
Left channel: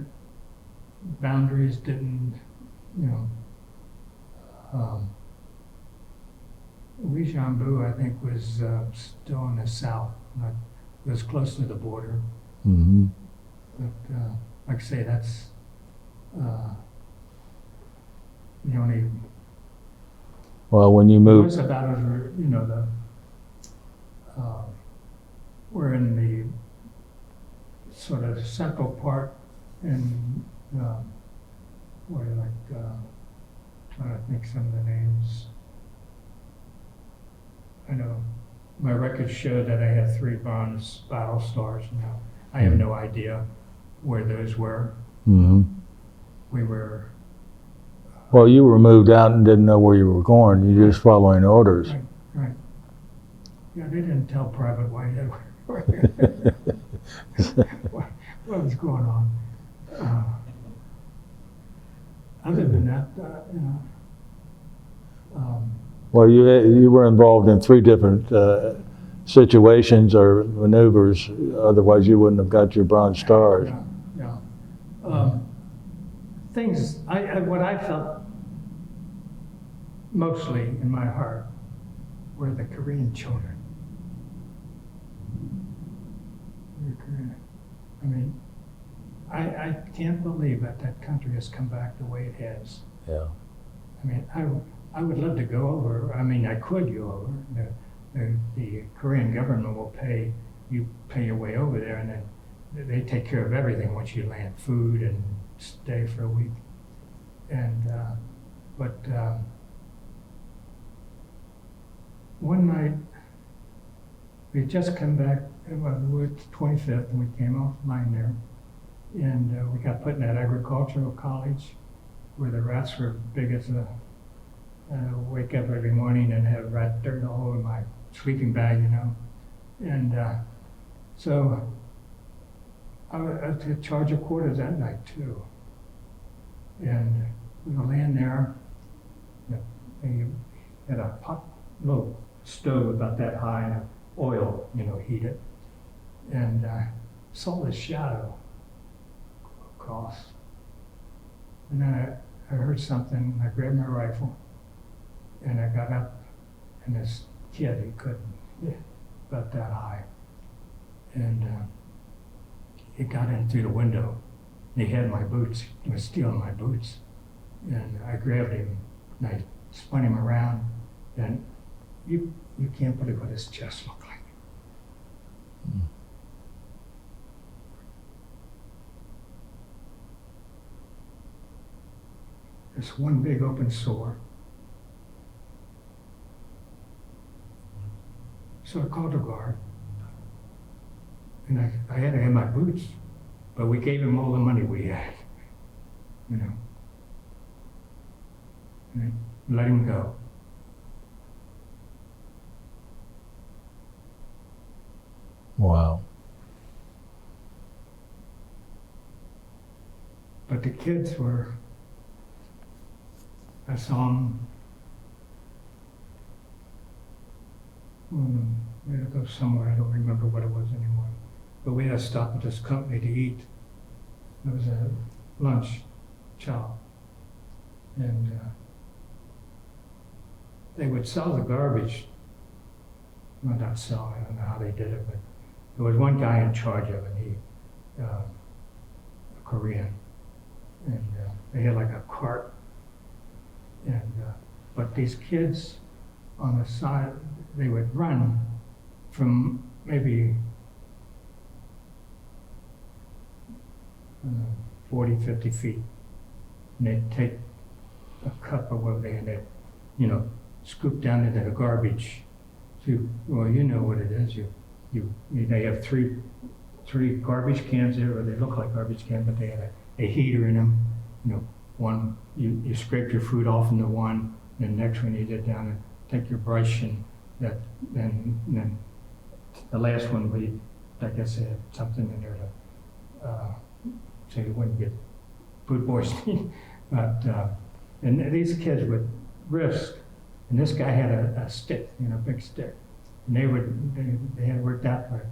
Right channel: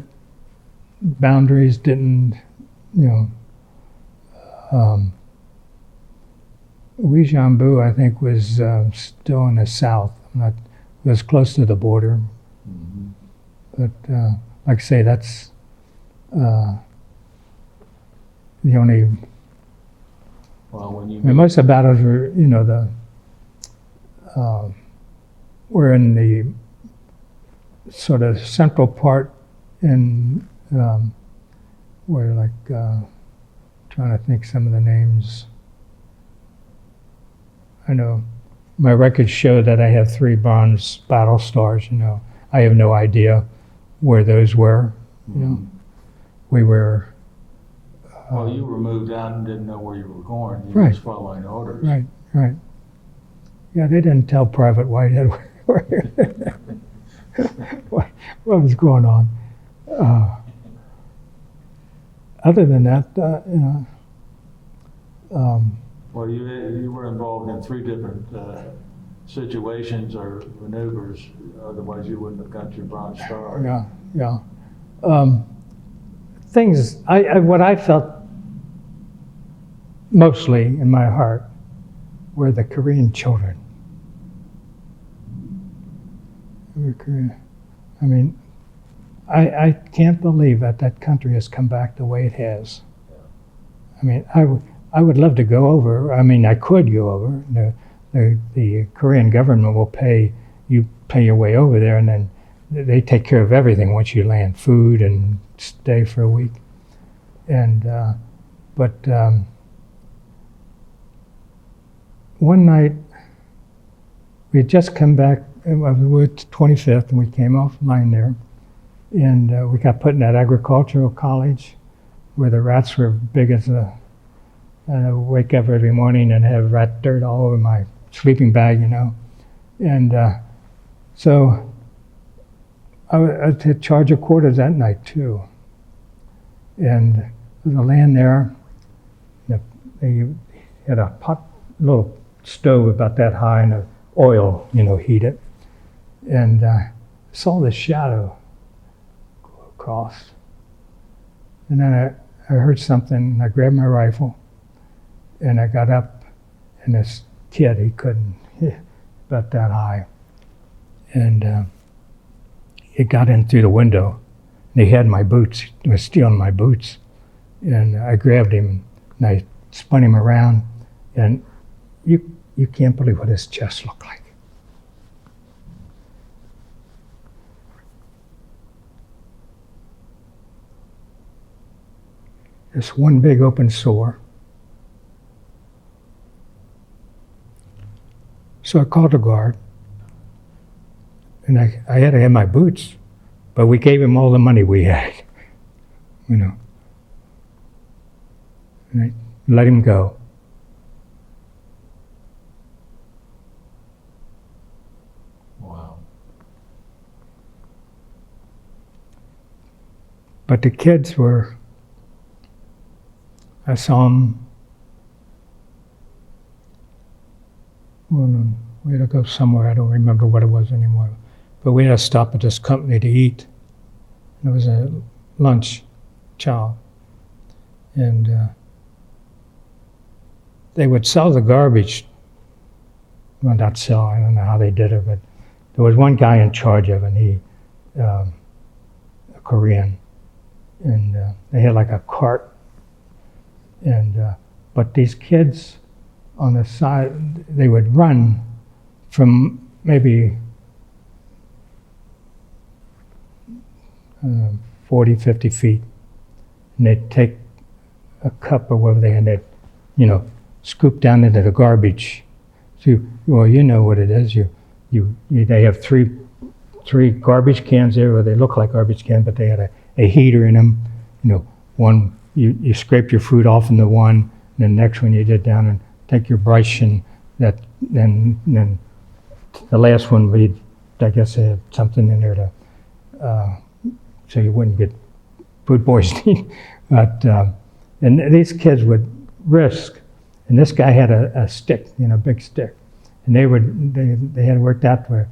boundaries didn't, you know. Uijeonbu, I think, was still in the south. Not, it was close to the border. Mhm. But like I say, that's the only. Well, when you I mean, moved, most of the battles were, you know, were in the sort of central part in where, like, trying to think some of the names. I know my records show that I have 3 bronze battle stars. You know, I have no idea where those were. You know, Mhm. we were. Well, you were moved out and didn't know where you were going. You were Right. just following orders. Right, right. Yeah, they didn't tell Private Whitehead what was going on. Other than that, you know, Well, you were involved in 3 different situations or maneuvers. Otherwise, you wouldn't have got your Bronze Stars. yeah, yeah. Things, what I felt mostly in my heart were the Korean children. I mean, I can't believe that that country has come back the way it has. Yeah. I mean, I would love to go over. I mean, I could go over. The Korean government will pay your way over there, and then they take care of everything once you land, food and stay for a week. And but one night we had just come back. We were at 25th, and we came offline there, and we got put in that agricultural college where the rats were big as a. And I would wake up every morning and have rat dirt all over my sleeping bag, you know. And so I had charge of quarters that night too. And the land there, they had a little stove about that high, and the oil, you know, heated. And saw the shadow go across. And then I heard something, I grabbed my rifle, and I got up, and this kid, he couldn't, about that high. And he got in through the window, and he had my boots, he was stealing my boots. And I grabbed him, and I spun him around, and you can't believe what his chest looked like. Just one big open sore. So I called the guard, and I had to have my boots, but we gave him all the money we had, you know. And I let him go. Wow. But the kids were, I saw them, we had to go somewhere, I don't remember what it was anymore. But we had to stop at this company to eat. It was a lunch, chow. And they would sell the garbage. Well, not sell, I don't know how they did it, but there was one guy in charge of it, he, a Korean. And they had like a cart. And but these kids on the side, they would run from maybe 40, 50 feet, and they'd take a cup or whatever they had, they'd, you know, scoop down into the garbage. So, well, you know what it is. They have three garbage cans there, or they look like garbage cans, but they had a heater in them. You know, one you scrape your food off in the one, and the next one you did down and take your brush and then the last one we, I guess, had something in there to so you wouldn't get food poisoning. But and these kids would risk, and this guy had a stick, big stick, and they had it worked out where,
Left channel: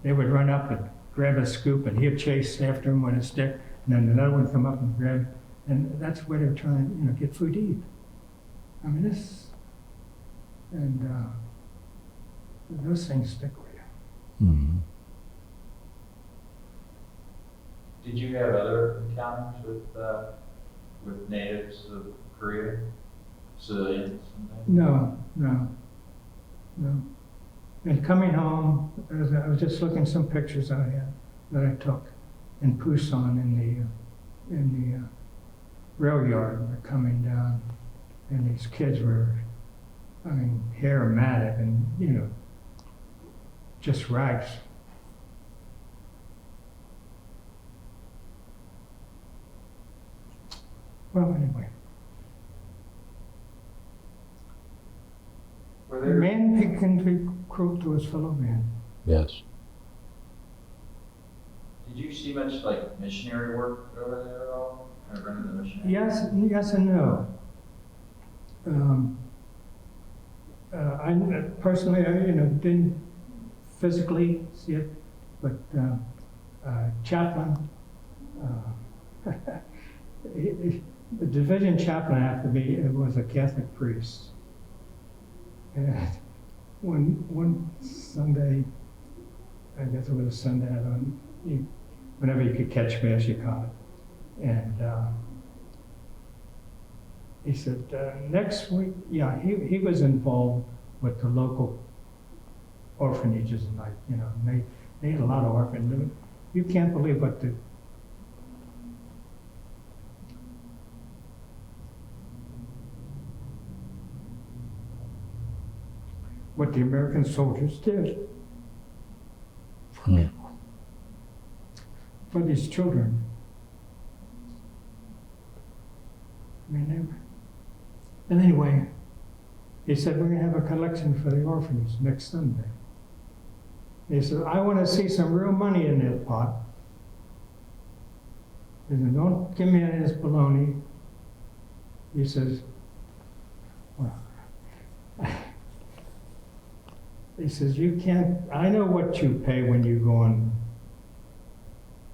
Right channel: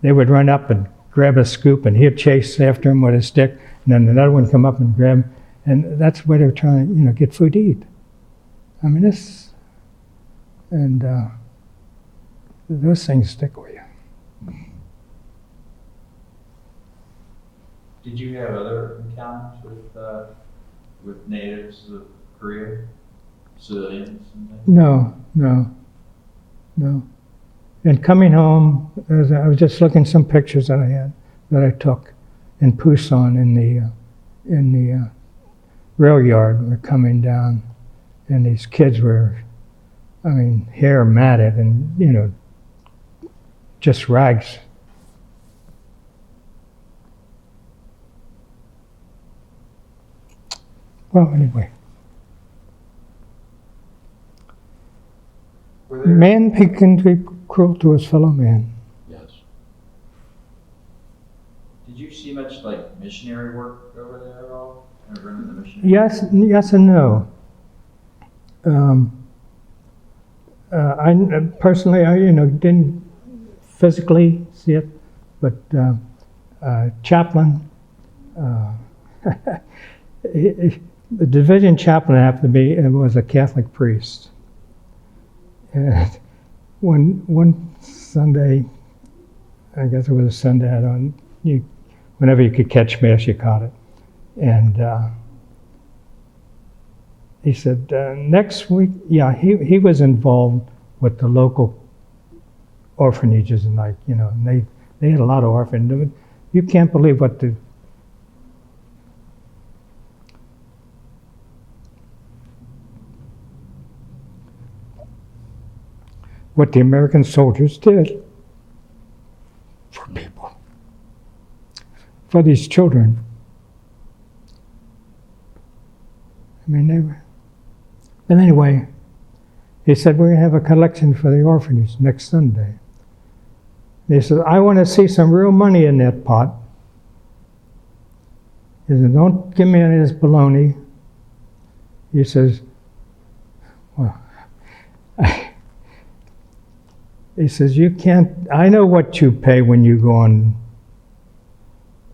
they would run up and grab a scoop, and he'd chase after him with a stick, and then another one come up and grab him, and that's where they're trying to, get food to eat. I mean, those things stick with you. Mhm. Did you have other encounters with natives of Korea, civilians? And things? No. And coming home, I was just looking at some pictures that I took in Pusan in the rail yard. We're coming down, and these kids were, hair matted and just rags. Well, anyway. Man can be cruel to his fellow man. Yes. Did you see much like missionary work over there at all? Or in the missionary? Yes and no. I personally, didn't physically see it, but chaplain, the division chaplain happened to be was a Catholic priest. And one Sunday, I guess it was a Sunday, whenever you could catch Mass, you caught it. And he said, next week, he was involved with the local orphanages, and and they had a lot of orphans. You can't believe what the American soldiers did for people, for these children. They were. And anyway, he said, we're going to have a collection for the orphanage next Sunday. He said, I want to see some real money in that pot. He said, don't give me any of this baloney. He says, well, he says, you can't, I know what you pay when you go on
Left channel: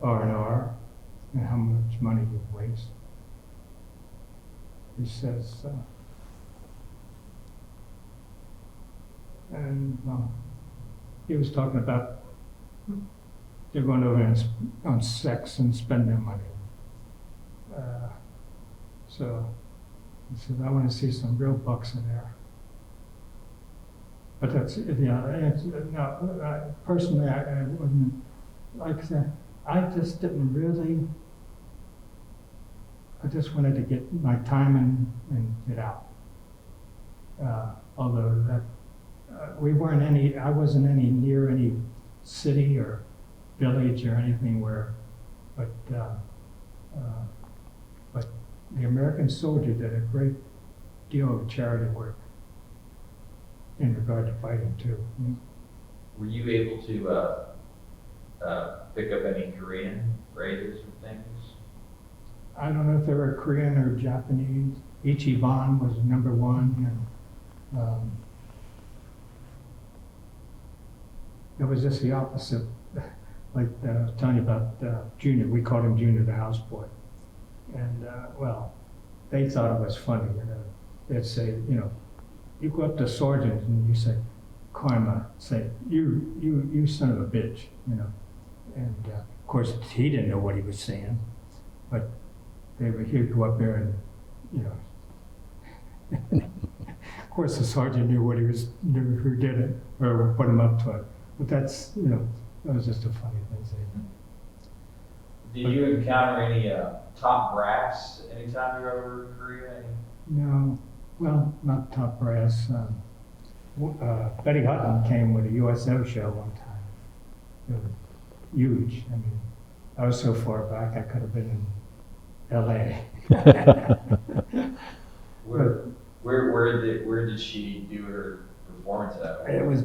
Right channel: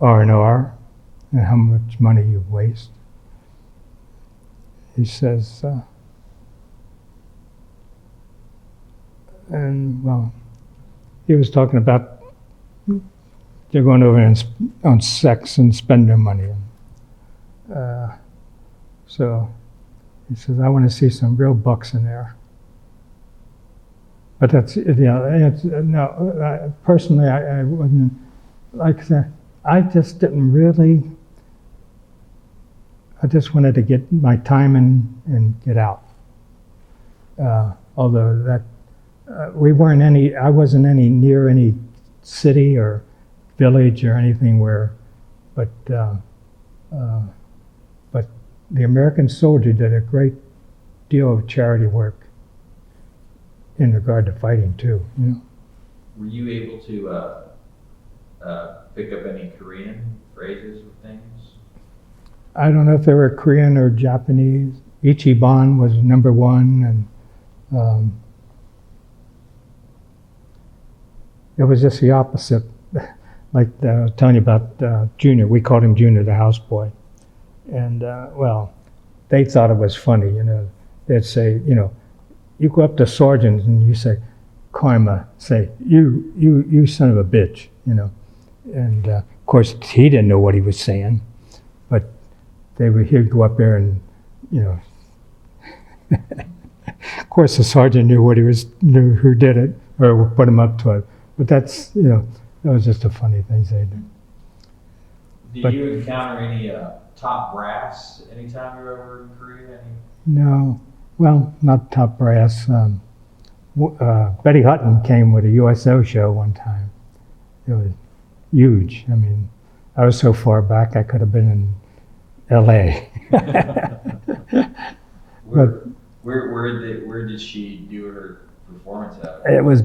R&R and how much money you waste. He says, he was talking about they're going over on sex and spend their money. So he says, I want to see some real bucks in there. But that's, no, personally, I wouldn't, like I said, I just didn't really, I just wanted to get my time and get out. Although that, I wasn't near any city or village or anything but the American soldier did a great deal of charity work in regard to fighting too. Were you able to pick up any Korean phrases or things? I don't know if they were Korean or Japanese. Ichiban was number one, and it was just the opposite. Like I was telling you about Junior, we called him Junior, the houseboy. And they thought it was funny, They'd say, you go up to sergeants and you say, Karma, say, you son of a bitch, And of course, he didn't know what he was saying, but he'd go up there and, of course, the sergeant knew knew who did it or put him up to it. But that's, that was just a funny thing they did. Did you encounter any top brass anytime you were over in Korea? No, well, not top brass. Betty Hutton came with a USO show one time. It was huge. I was so far back I could have been L.A. Where did she do her performance at? It was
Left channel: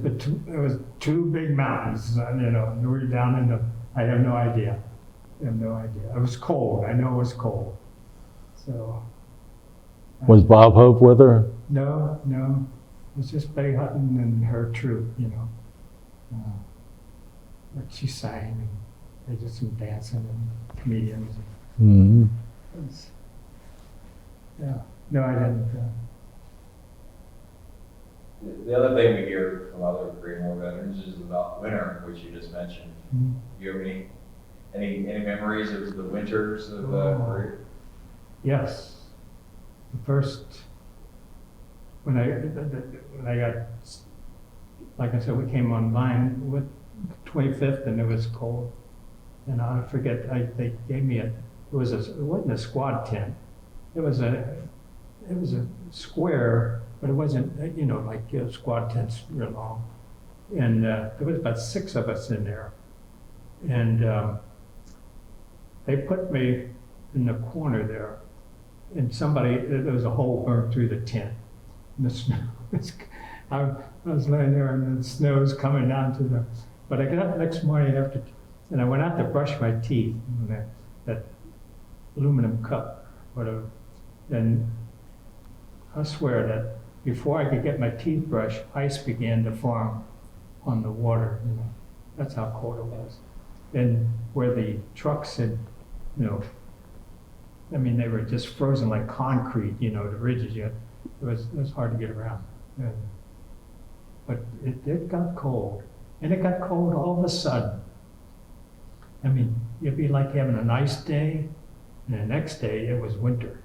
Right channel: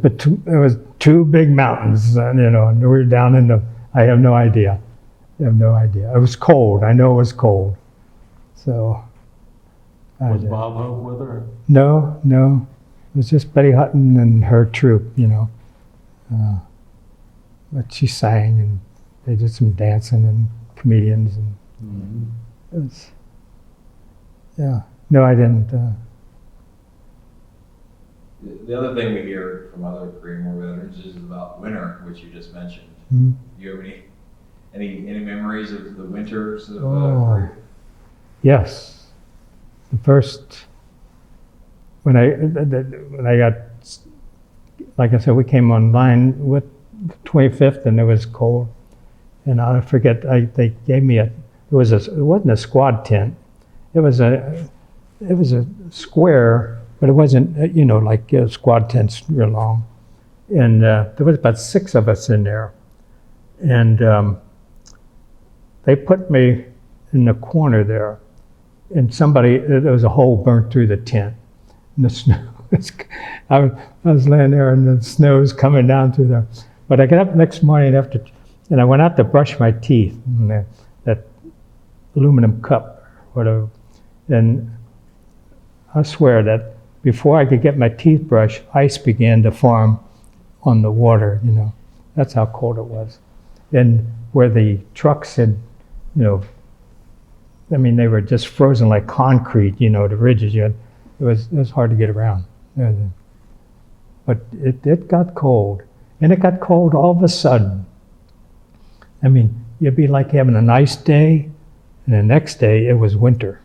two big mountains, you know, and we were down in the. I have no idea. I have no idea. It was cold. I know it was cold. So. Was Bob Hope with her? No, no. It was just Betty Hutton and her troupe, you know. But she sang and they did some dancing and comedians. And it was, yeah. No, I didn't. The other thing we hear from other Korean War veterans is about winter, which you just mentioned. Mm-hmm. Do you have any memories of the winters of Oh. Yes. The first, when I got, like I said, we came online with 25th and it was cold. And I forget, they gave me it wasn't a squad tent. It was a square, but it wasn't, you know, like squad tents real long. And there was about 6 of us in there. And they put me in the corner there. And there was a hole burnt through the tent. And the snow I was laying there and the snow's coming down through there. But I got up next morning and I went out to brush my teeth in that aluminum cup, whatever. And I swear that before I could get my teeth brushed, ice began to form on the water, you know. That's how cold it was. And where the trucks had, you know, I mean, they were just frozen like concrete, you know, the ridges. It was hard to get around. But it got cold. And it got cold all of a sudden. I mean, it'd be like having a nice day, and the next day it was winter.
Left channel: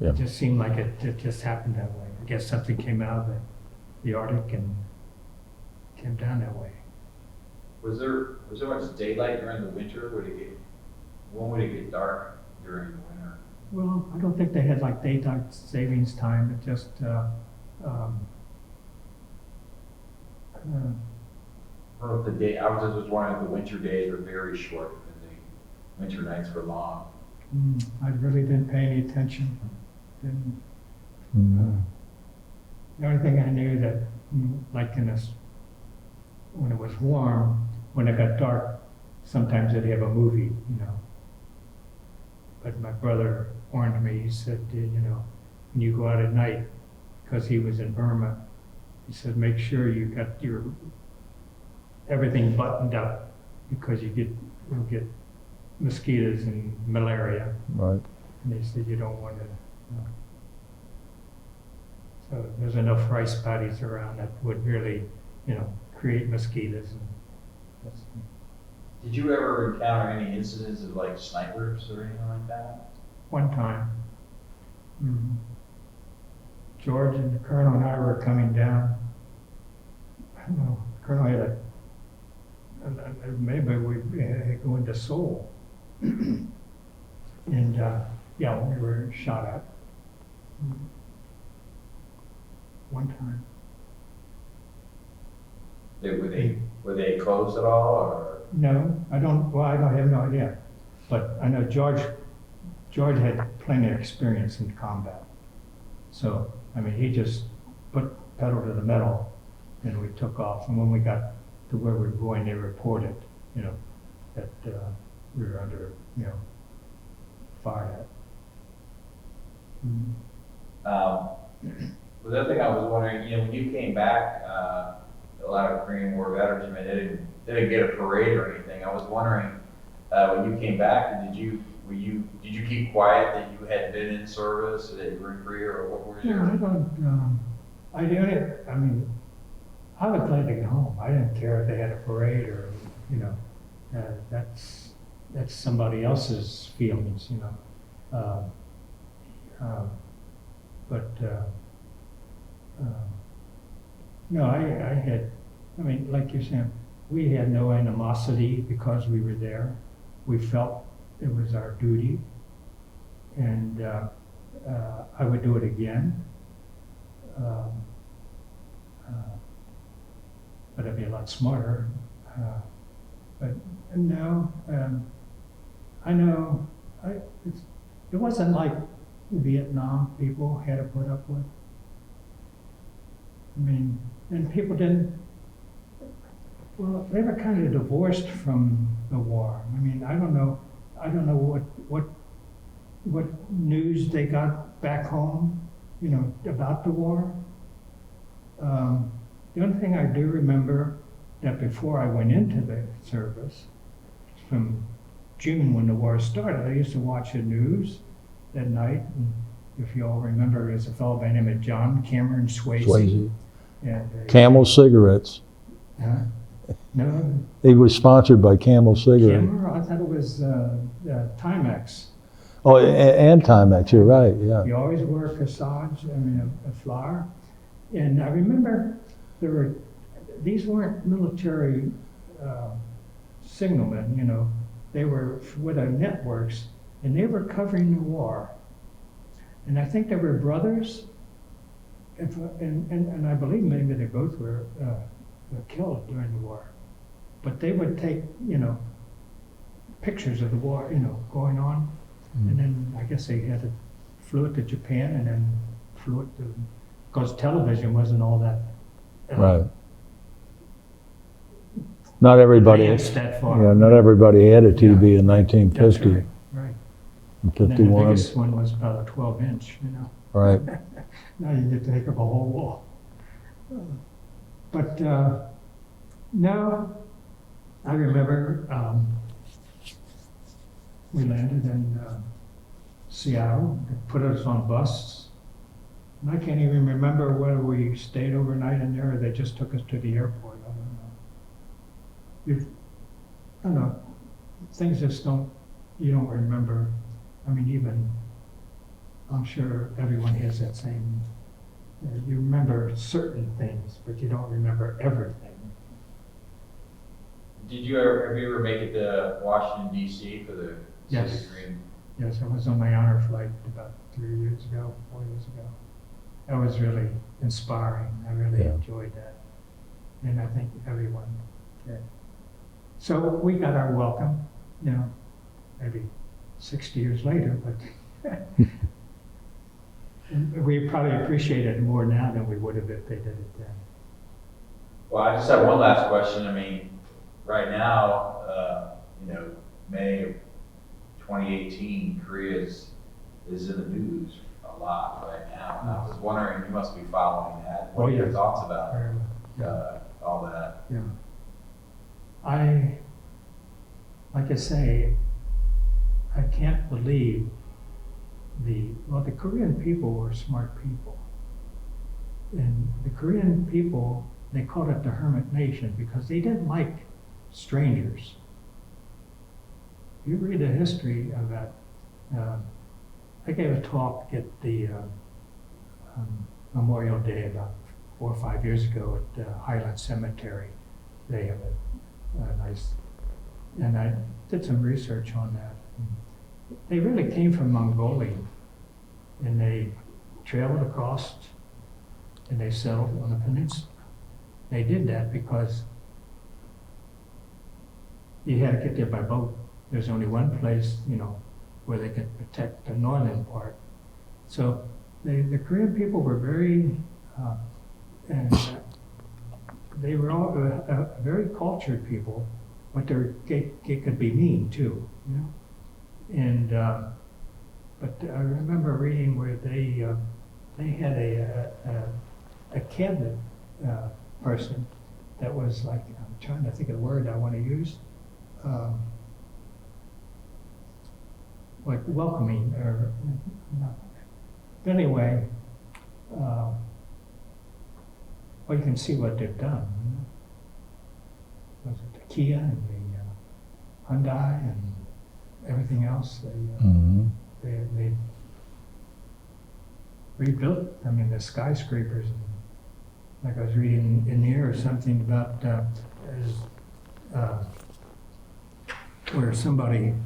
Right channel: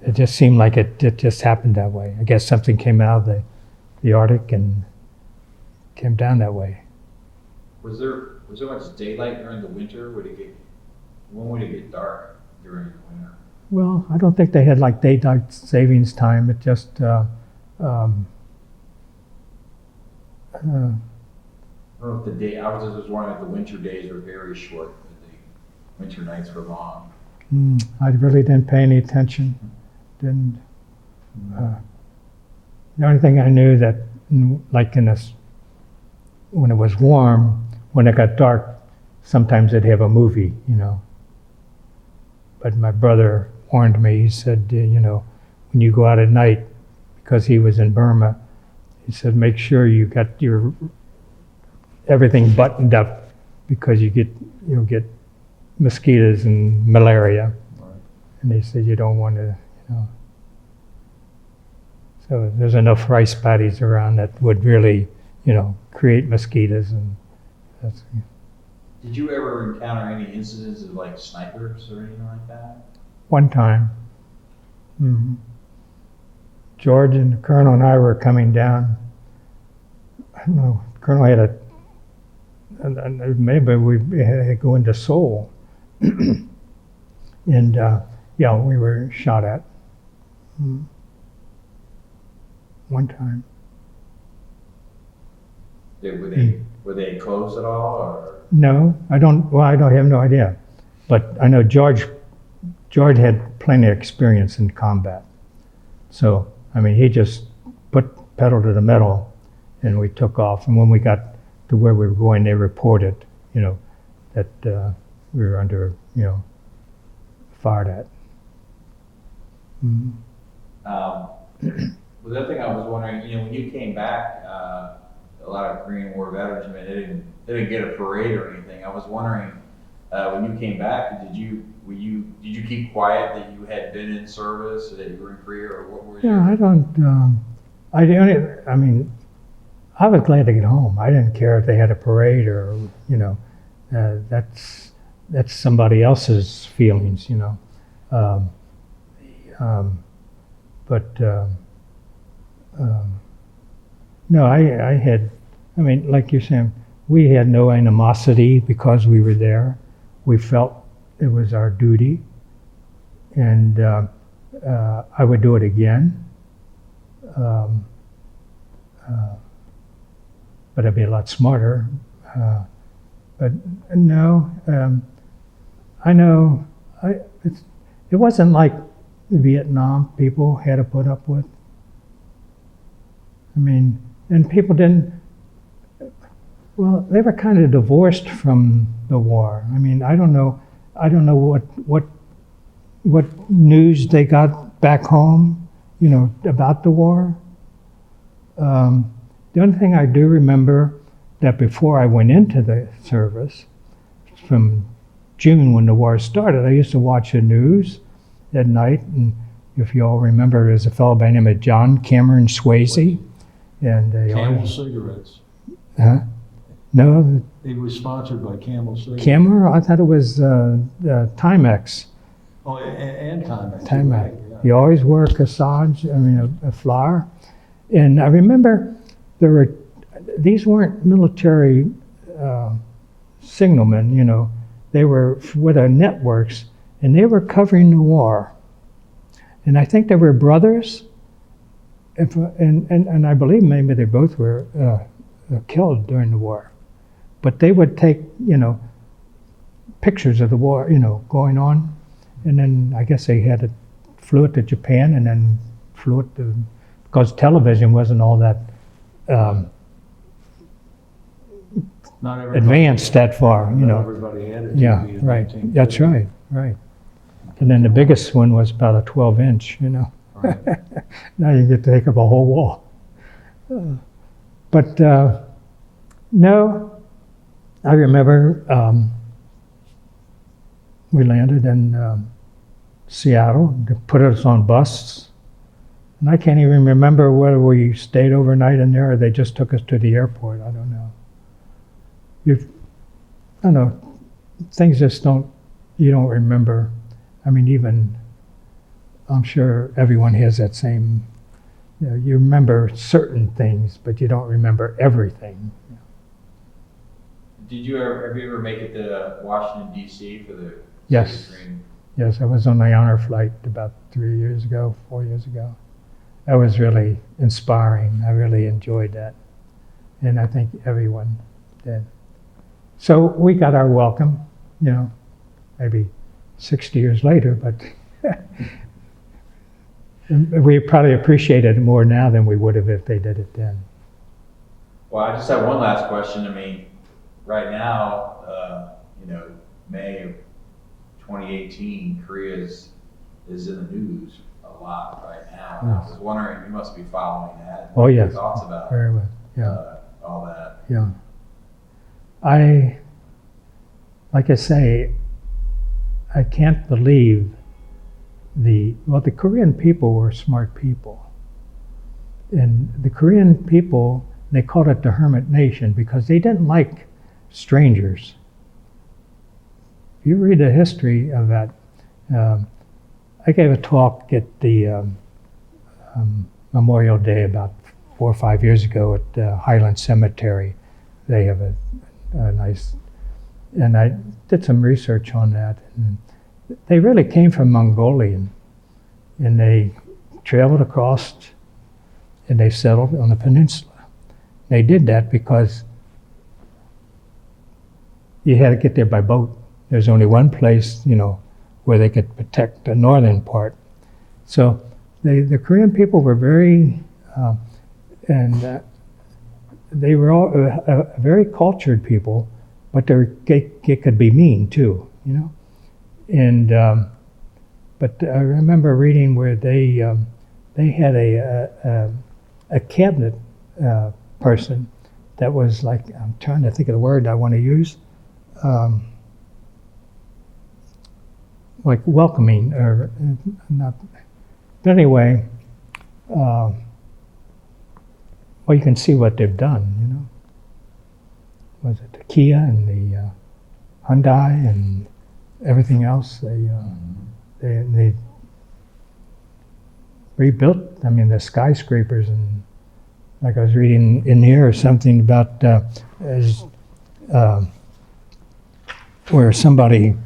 Yeah. It just seemed like it just happened that way. I guess something came out of the Arctic and came down that way. Was there much daylight during the winter? When would it get dark during the winter? Well, I don't think they had like daylight savings time. It just Or if I was just wondering if the winter days were very short and the winter nights were long. I really didn't pay any attention. Didn't. The only thing I knew that, like when it was warm, when it got dark, sometimes they'd have a movie, you know. But my brother warned me. He said, you know, when you go out at night, because he was in Burma, he said, make sure you got your everything buttoned up because you'll get mosquitoes and malaria. Right. And they said you don't want to, you know. So there's enough rice paddies around that would really, you know, create mosquitoes, and that's. Did you ever encounter any incidents of like snipers or anything like that? One time. Mm-hmm. George and the Colonel and I were coming down. I don't know, the Colonel had maybe we had to go into Seoul. And yeah, we were shot at. One time. Were they close at all, or? No, I have no idea. But I know George had plenty of experience in combat. So, I mean, he just put pedal to the metal and we took off. And when we got to where we were going, they reported, you know, that we were under, you know, fired at. The other thing I was wondering, you know, when you came back, a lot of Korean War veterans, I mean, they didn't get a parade or anything. I was wondering, when you came back, did you keep quiet that you had been in service, that you were in Korea, or what were you? Yeah, I mean, I was glad to get home. I didn't care if they had a parade or, you know, that's somebody else's feelings, you know. No, I mean, like you're saying, we had no animosity because we were there. We felt it was our duty, and I would do it again. But I'd be a lot smarter. But no, I know. it wasn't like the Vietnam people had to put up with. I mean, and people didn't, well, they were kind of divorced from the war. I mean, I don't know what news they got back home, you know, about the war. The only thing I do remember that before I went into the service, from June when the war started, I used to watch the news at night, and if you all remember, there's a fellow by the name of John Cameron Swayze. And Camel cigarettes. Huh? No, He was sponsored by Camel cigarettes. Camera? I thought it was Timex. Oh, and Timex, you're right, yeah. He always wore a corsage, I mean a flower. And I remember these weren't military signalmen, you know. They were with the networks, and they were covering the war. And I think they were brothers, and I believe maybe they both were killed during the war. But they would take, you know, pictures of the war, you know, going on. And then I guess they flew it to Japan and then flew it to, because television wasn't all that Right. Not everybody advanced that far. Yeah, you not know. everybody had a TV Yeah, in right. 1950. That's right, right. And then the 51. biggest one was about a 12-inch, you know. Right. Now you get to take up a whole wall. But no, I remember we landed in Seattle. They put us on buses. And I can't even remember whether we stayed overnight in there or they just took us to the airport. I don't know. I don't know. Things just you don't remember. I mean, even, I'm sure everyone has that same, you know, you remember certain things, but you don't remember everything. Have you ever make it to Washington D.C. for the Yes. Civic Green? Yes, I was on the honor flight about 4 years ago. That was really inspiring. I really enjoyed that. And I think everyone did. So we got our welcome, you know, maybe 60 years later, but we probably appreciate it more now than we would have if they did it then. Well, I just have one last question. I mean, right now, you know, May of 2018, Korea is in the news a lot right now. And I was wondering, you must be following that. Oh, What are your yes. thoughts about Very well. Yeah. all that? Yeah. Like I say, I can't believe the Korean people were smart people. And the Korean people, they called it the hermit nation because they didn't like strangers. You read the history of that. I gave a talk at the Memorial Day about 4 or 5 years ago at Highland Cemetery. They have a nice, and I did some research on that. And they really came from Mongolia, and they traveled across, and they settled on the peninsula. They did that because you had to get there by boat. There's only one place, you know, where they could protect the northern part. So the Korean people were very, they were all very cultured people, but they could be mean too, you know. And but I remember reading where they had a cabinet person that was like, I'm trying to think of the word I want to use, like welcoming or not. But anyway, well, you can see what they've done, you know. Was it the Kia and the Hyundai and everything else? They rebuilt, I mean, the skyscrapers, and like I was reading in here or something about where somebody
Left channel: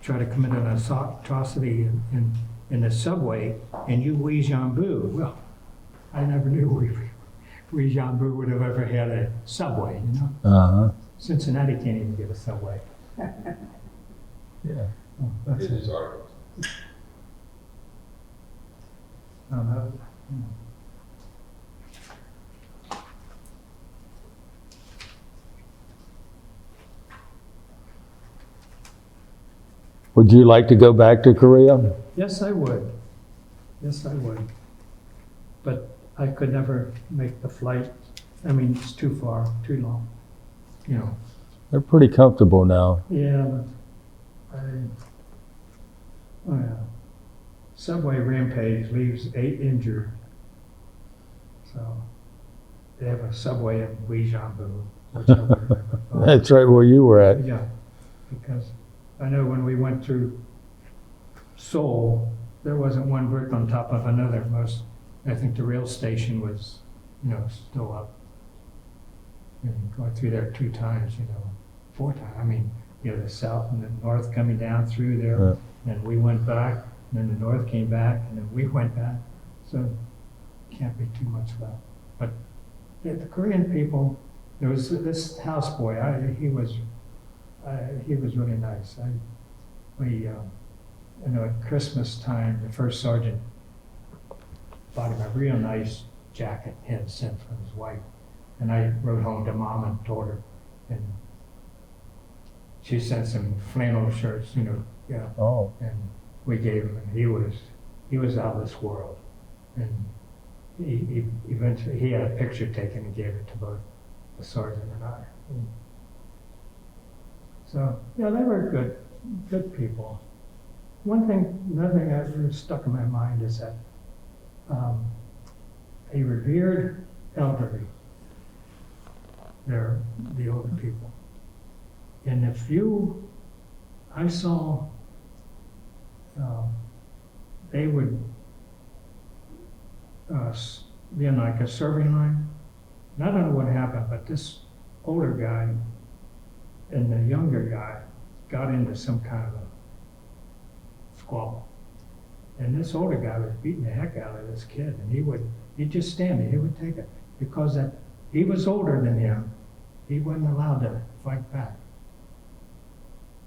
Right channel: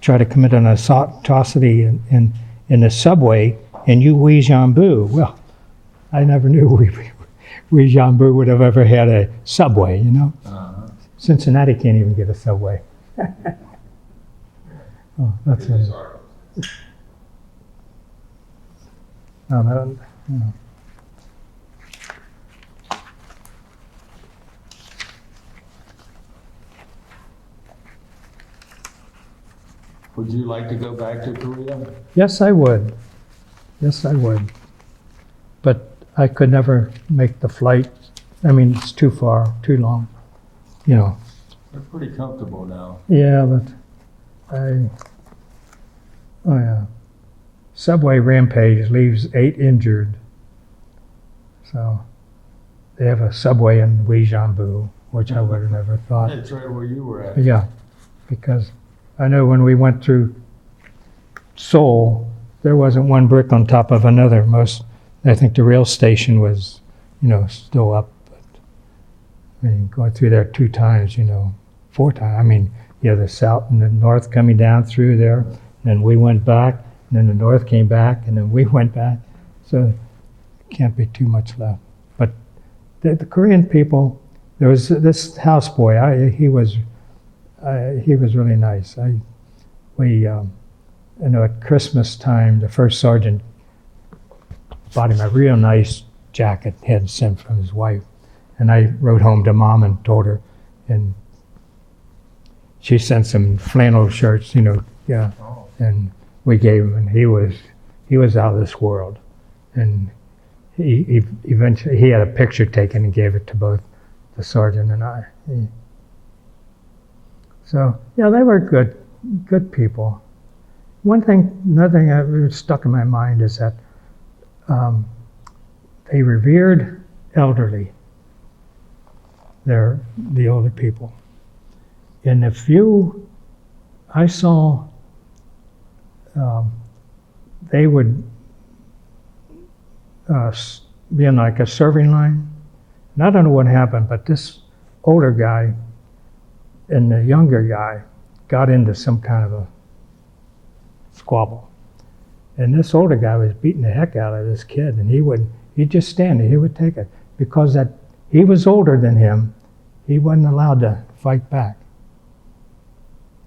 tried to commit an atrocity in the subway in Uijeongbu. Well, I never knew Uijeongbu would have ever had a subway, you know? Uh-huh. Cincinnati can't even get a subway. Oh, that's Here's it. articles. No, no, you know. Would you like to go back to Korea? Yes, I would. Yes, I would. But I could never make the flight. I mean, it's too far, too long. You know. They're pretty comfortable now. Yeah, but subway rampage leaves 8 injured. So they have a subway in Guijianbu, which I would have never thought. That's right where you were at. Yeah, because I know when we went through Seoul, there wasn't one brick on top of another. I think the rail station was, still up. But I mean, going through there 2 times, 4 times. I mean, the south and the north coming down through there, Yeah. and we went back, and then the north came back, and then we went back. So can't be too much left. But the Korean people, there was this houseboy. He was really nice. At Christmas time, the first sergeant bought him a real nice jacket he had sent from his wife. And I wrote home to Mom and told her, and she sent some flannel shirts, Oh. and we gave him, and he was out of this world. And he eventually, he had a picture taken and gave it to both the sergeant and I. So, yeah, they were good people. Another thing that really stuck in my mind is that they revered elderly. They're the older people. And I saw they would be in like a serving line. And I don't know what happened, but this older guy and the younger guy got into some kind of a squabble. And this older guy was beating the heck out of this kid, and he'd just stand there, he would take it. Because he was older than him, he wasn't allowed to fight back.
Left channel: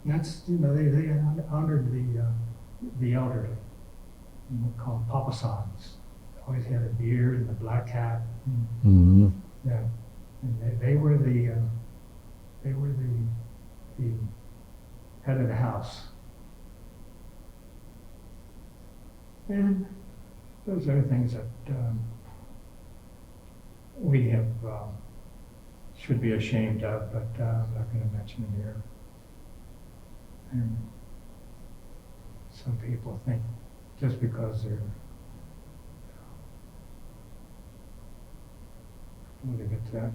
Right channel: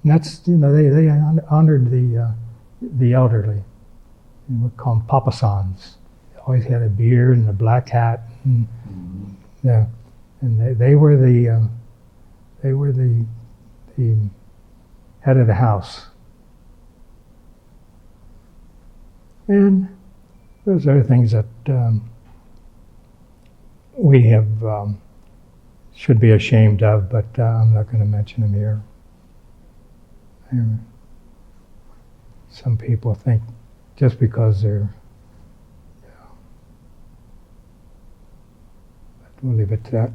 And that's, they honored the elderly. We call them papa-sans. They always had a beard and a black hat. And, Mm-hmm. yeah, and they were the head of the house. And those are things that we have should be ashamed of, but I'm not going to mention them here. Some people think just because they're, we'll leave it to that.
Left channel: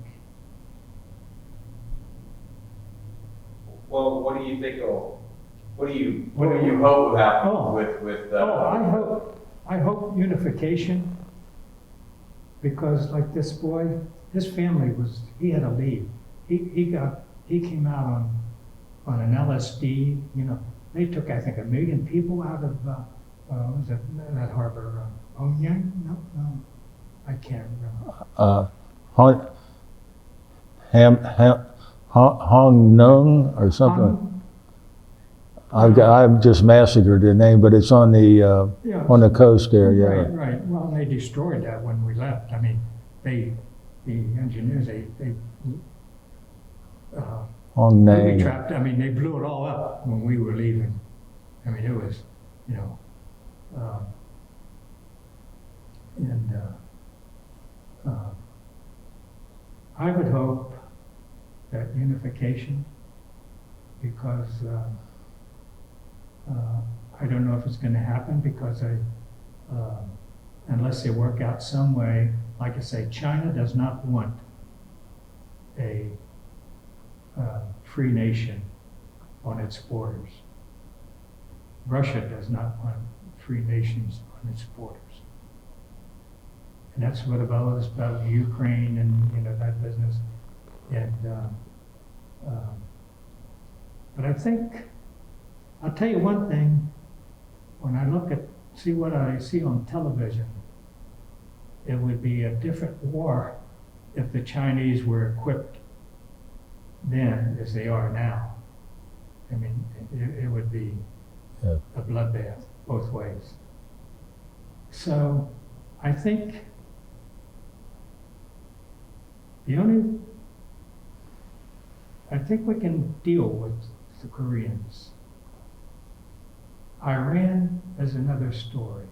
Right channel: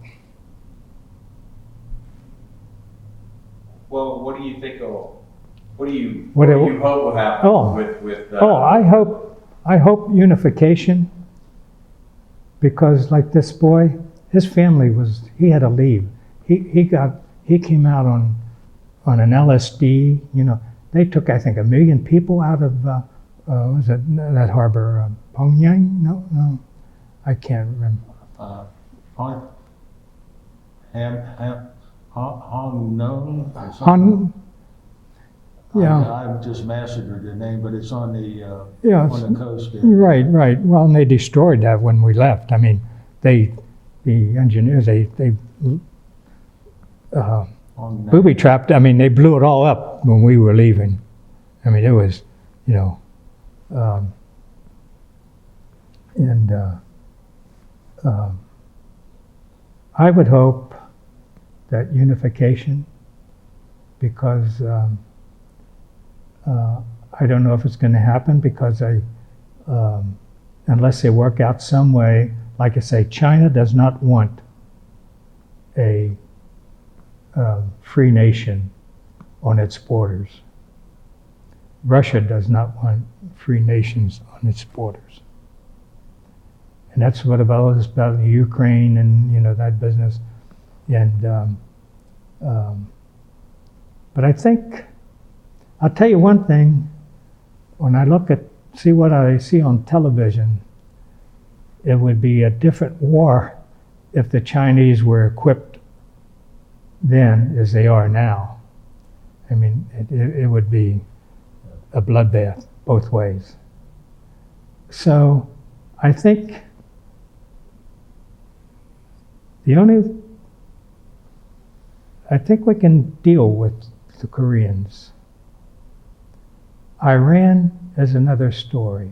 Well, what do you think what do you What do- hope will happen Oh. with I hope unification, because like this boy, his family he had to leave. He came out on an LSD. They took, I think, 1 million people out of was it that harbor, Pyongyang? No, I can't remember. Hong Nung or something. I've just massacred the name, but it's on the coast there. Yeah. Right. Well, and they destroyed that when we left. I mean, the engineers, they Hong booby Nang. trapped. I mean, they blew it all up when we were leaving. I mean, it was, I would hope that unification, because I don't know if it's going to happen, because unless they work out some way, like I say, China does not want a free nation on its borders. Russia does not want free nations on its borders. And that's what about Ukraine and that business. And but I think I'll tell you one thing. When I see what I see on television, it would be a different war if the Chinese were equipped then as they are now. I mean, it would be a bloodbath both ways. So I think I think we can deal with the Koreans. Iran is another story.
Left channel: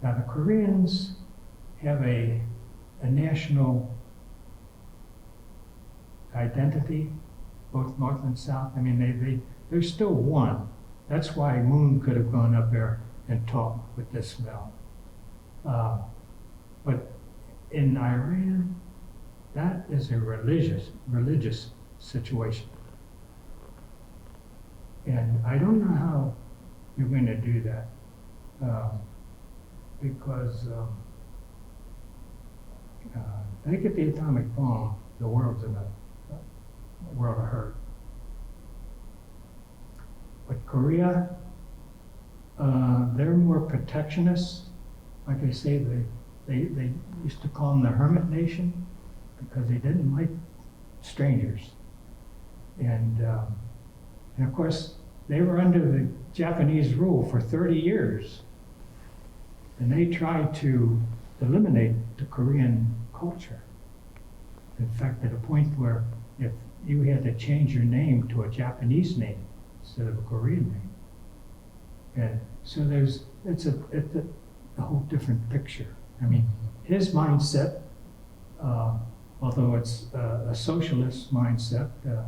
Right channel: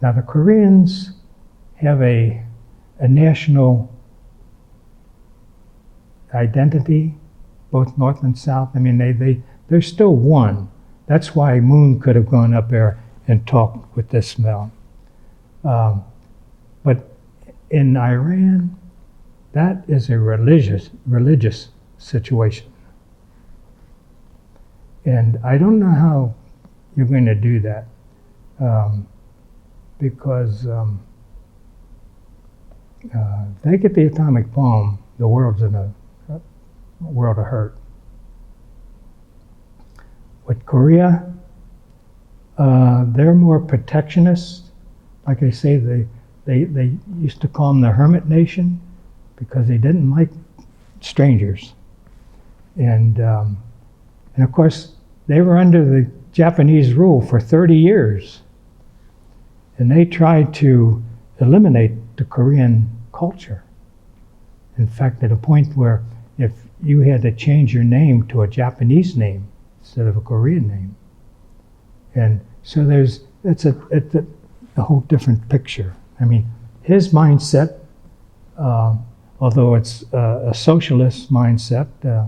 Now the Koreans have a national identity, both North and South. I mean, they're still one. That's why Moon could have gone up there and talked with this smell. But in Iran, that is a religious situation. And I don't know how you're going to do that, because if they get the atomic bomb, the world's in a world of hurt. With Korea, they're more protectionist. Like I say, they used to call them the hermit nation because they didn't like strangers. And of course, they were under the Japanese rule for 30 years. And they tried to eliminate the Korean culture. In fact, at a point where if you had to change your name to a Japanese name instead of a Korean name. And so it's a whole different picture. I mean, his mindset, although it's a socialist mindset, I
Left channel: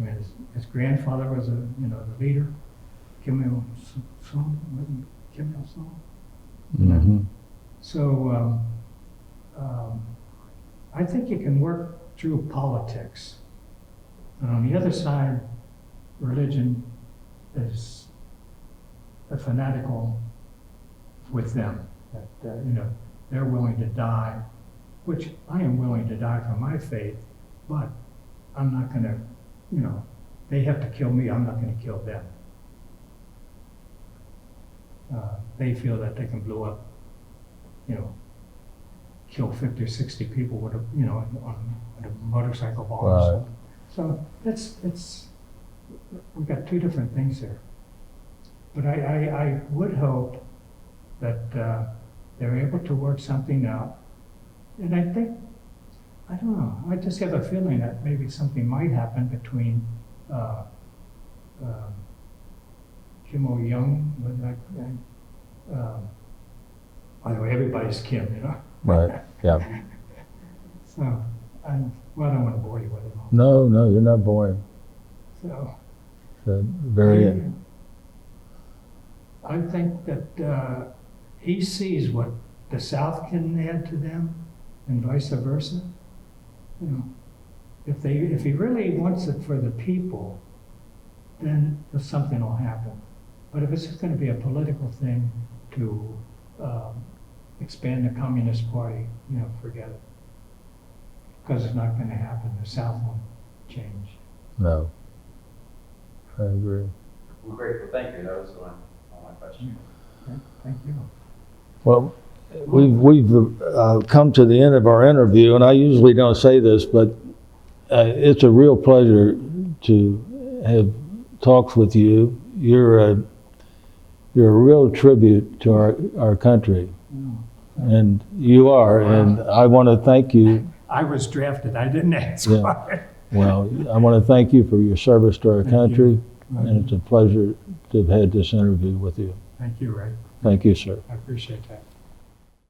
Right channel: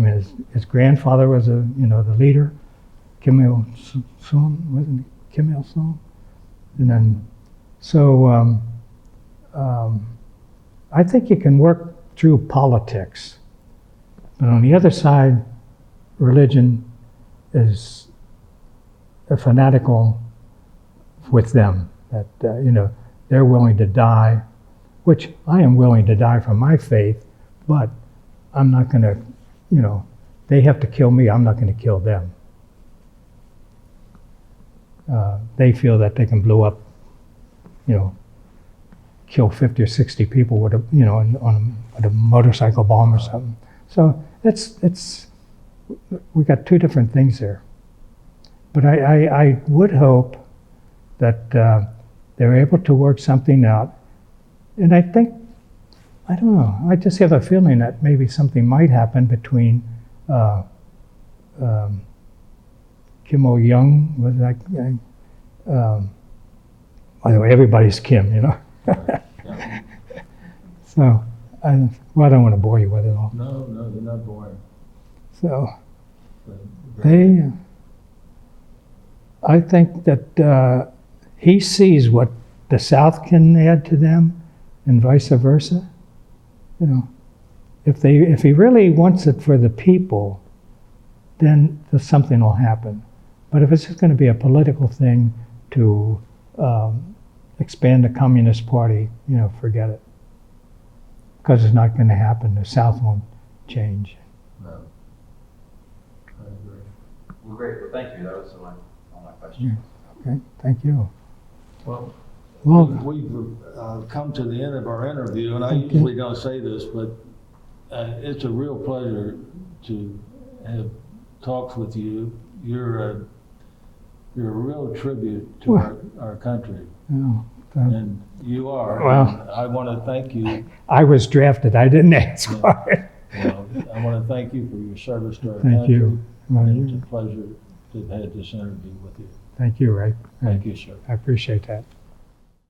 mean, his grandfather was the leader, Kim Il-sung, wasn't it? Kim Il-sung? And then, so I think you can work through politics. But on the other side, religion is fanatical with them. That they're willing to die, which I am willing to die for my faith, but I'm not going to. They have to kill me. I'm not going to kill them. They feel that they can blow up, kill 50 or 60 people with with a motorcycle bomb or something. So we got two different things there. But I would hope that they're able to work something out. And I think, I don't know, I just have a feeling that maybe something might happen between Kim Il-sung, was that guy? By the way, everybody's Kim, Right, yeah. So, I don't want to bore you with it all. No, you're not boring. So, Very I think that he sees what the South can add to them, and vice versa. If he really wants it for the people, then something will happen. But if it's just going to be a political thing to expand the Communist Party, forget it. Because it's not going to happen. The South won't change. No, I agree. Well, great. Well, thank you. That was all my questions. Okay, thank you. Well, we've come to the end of our interview, and I usually don't say this, but it's a real pleasure to have talks with you. You're a real tribute to our country, and you are. Wow. And I want to thank you. I was drafted. I didn't ask for it. Well, I want to thank you for your service to our Thank country, you. and it's a pleasure to have had this interview with you. Thank you, Ray. Thank you, sir. I appreciate that.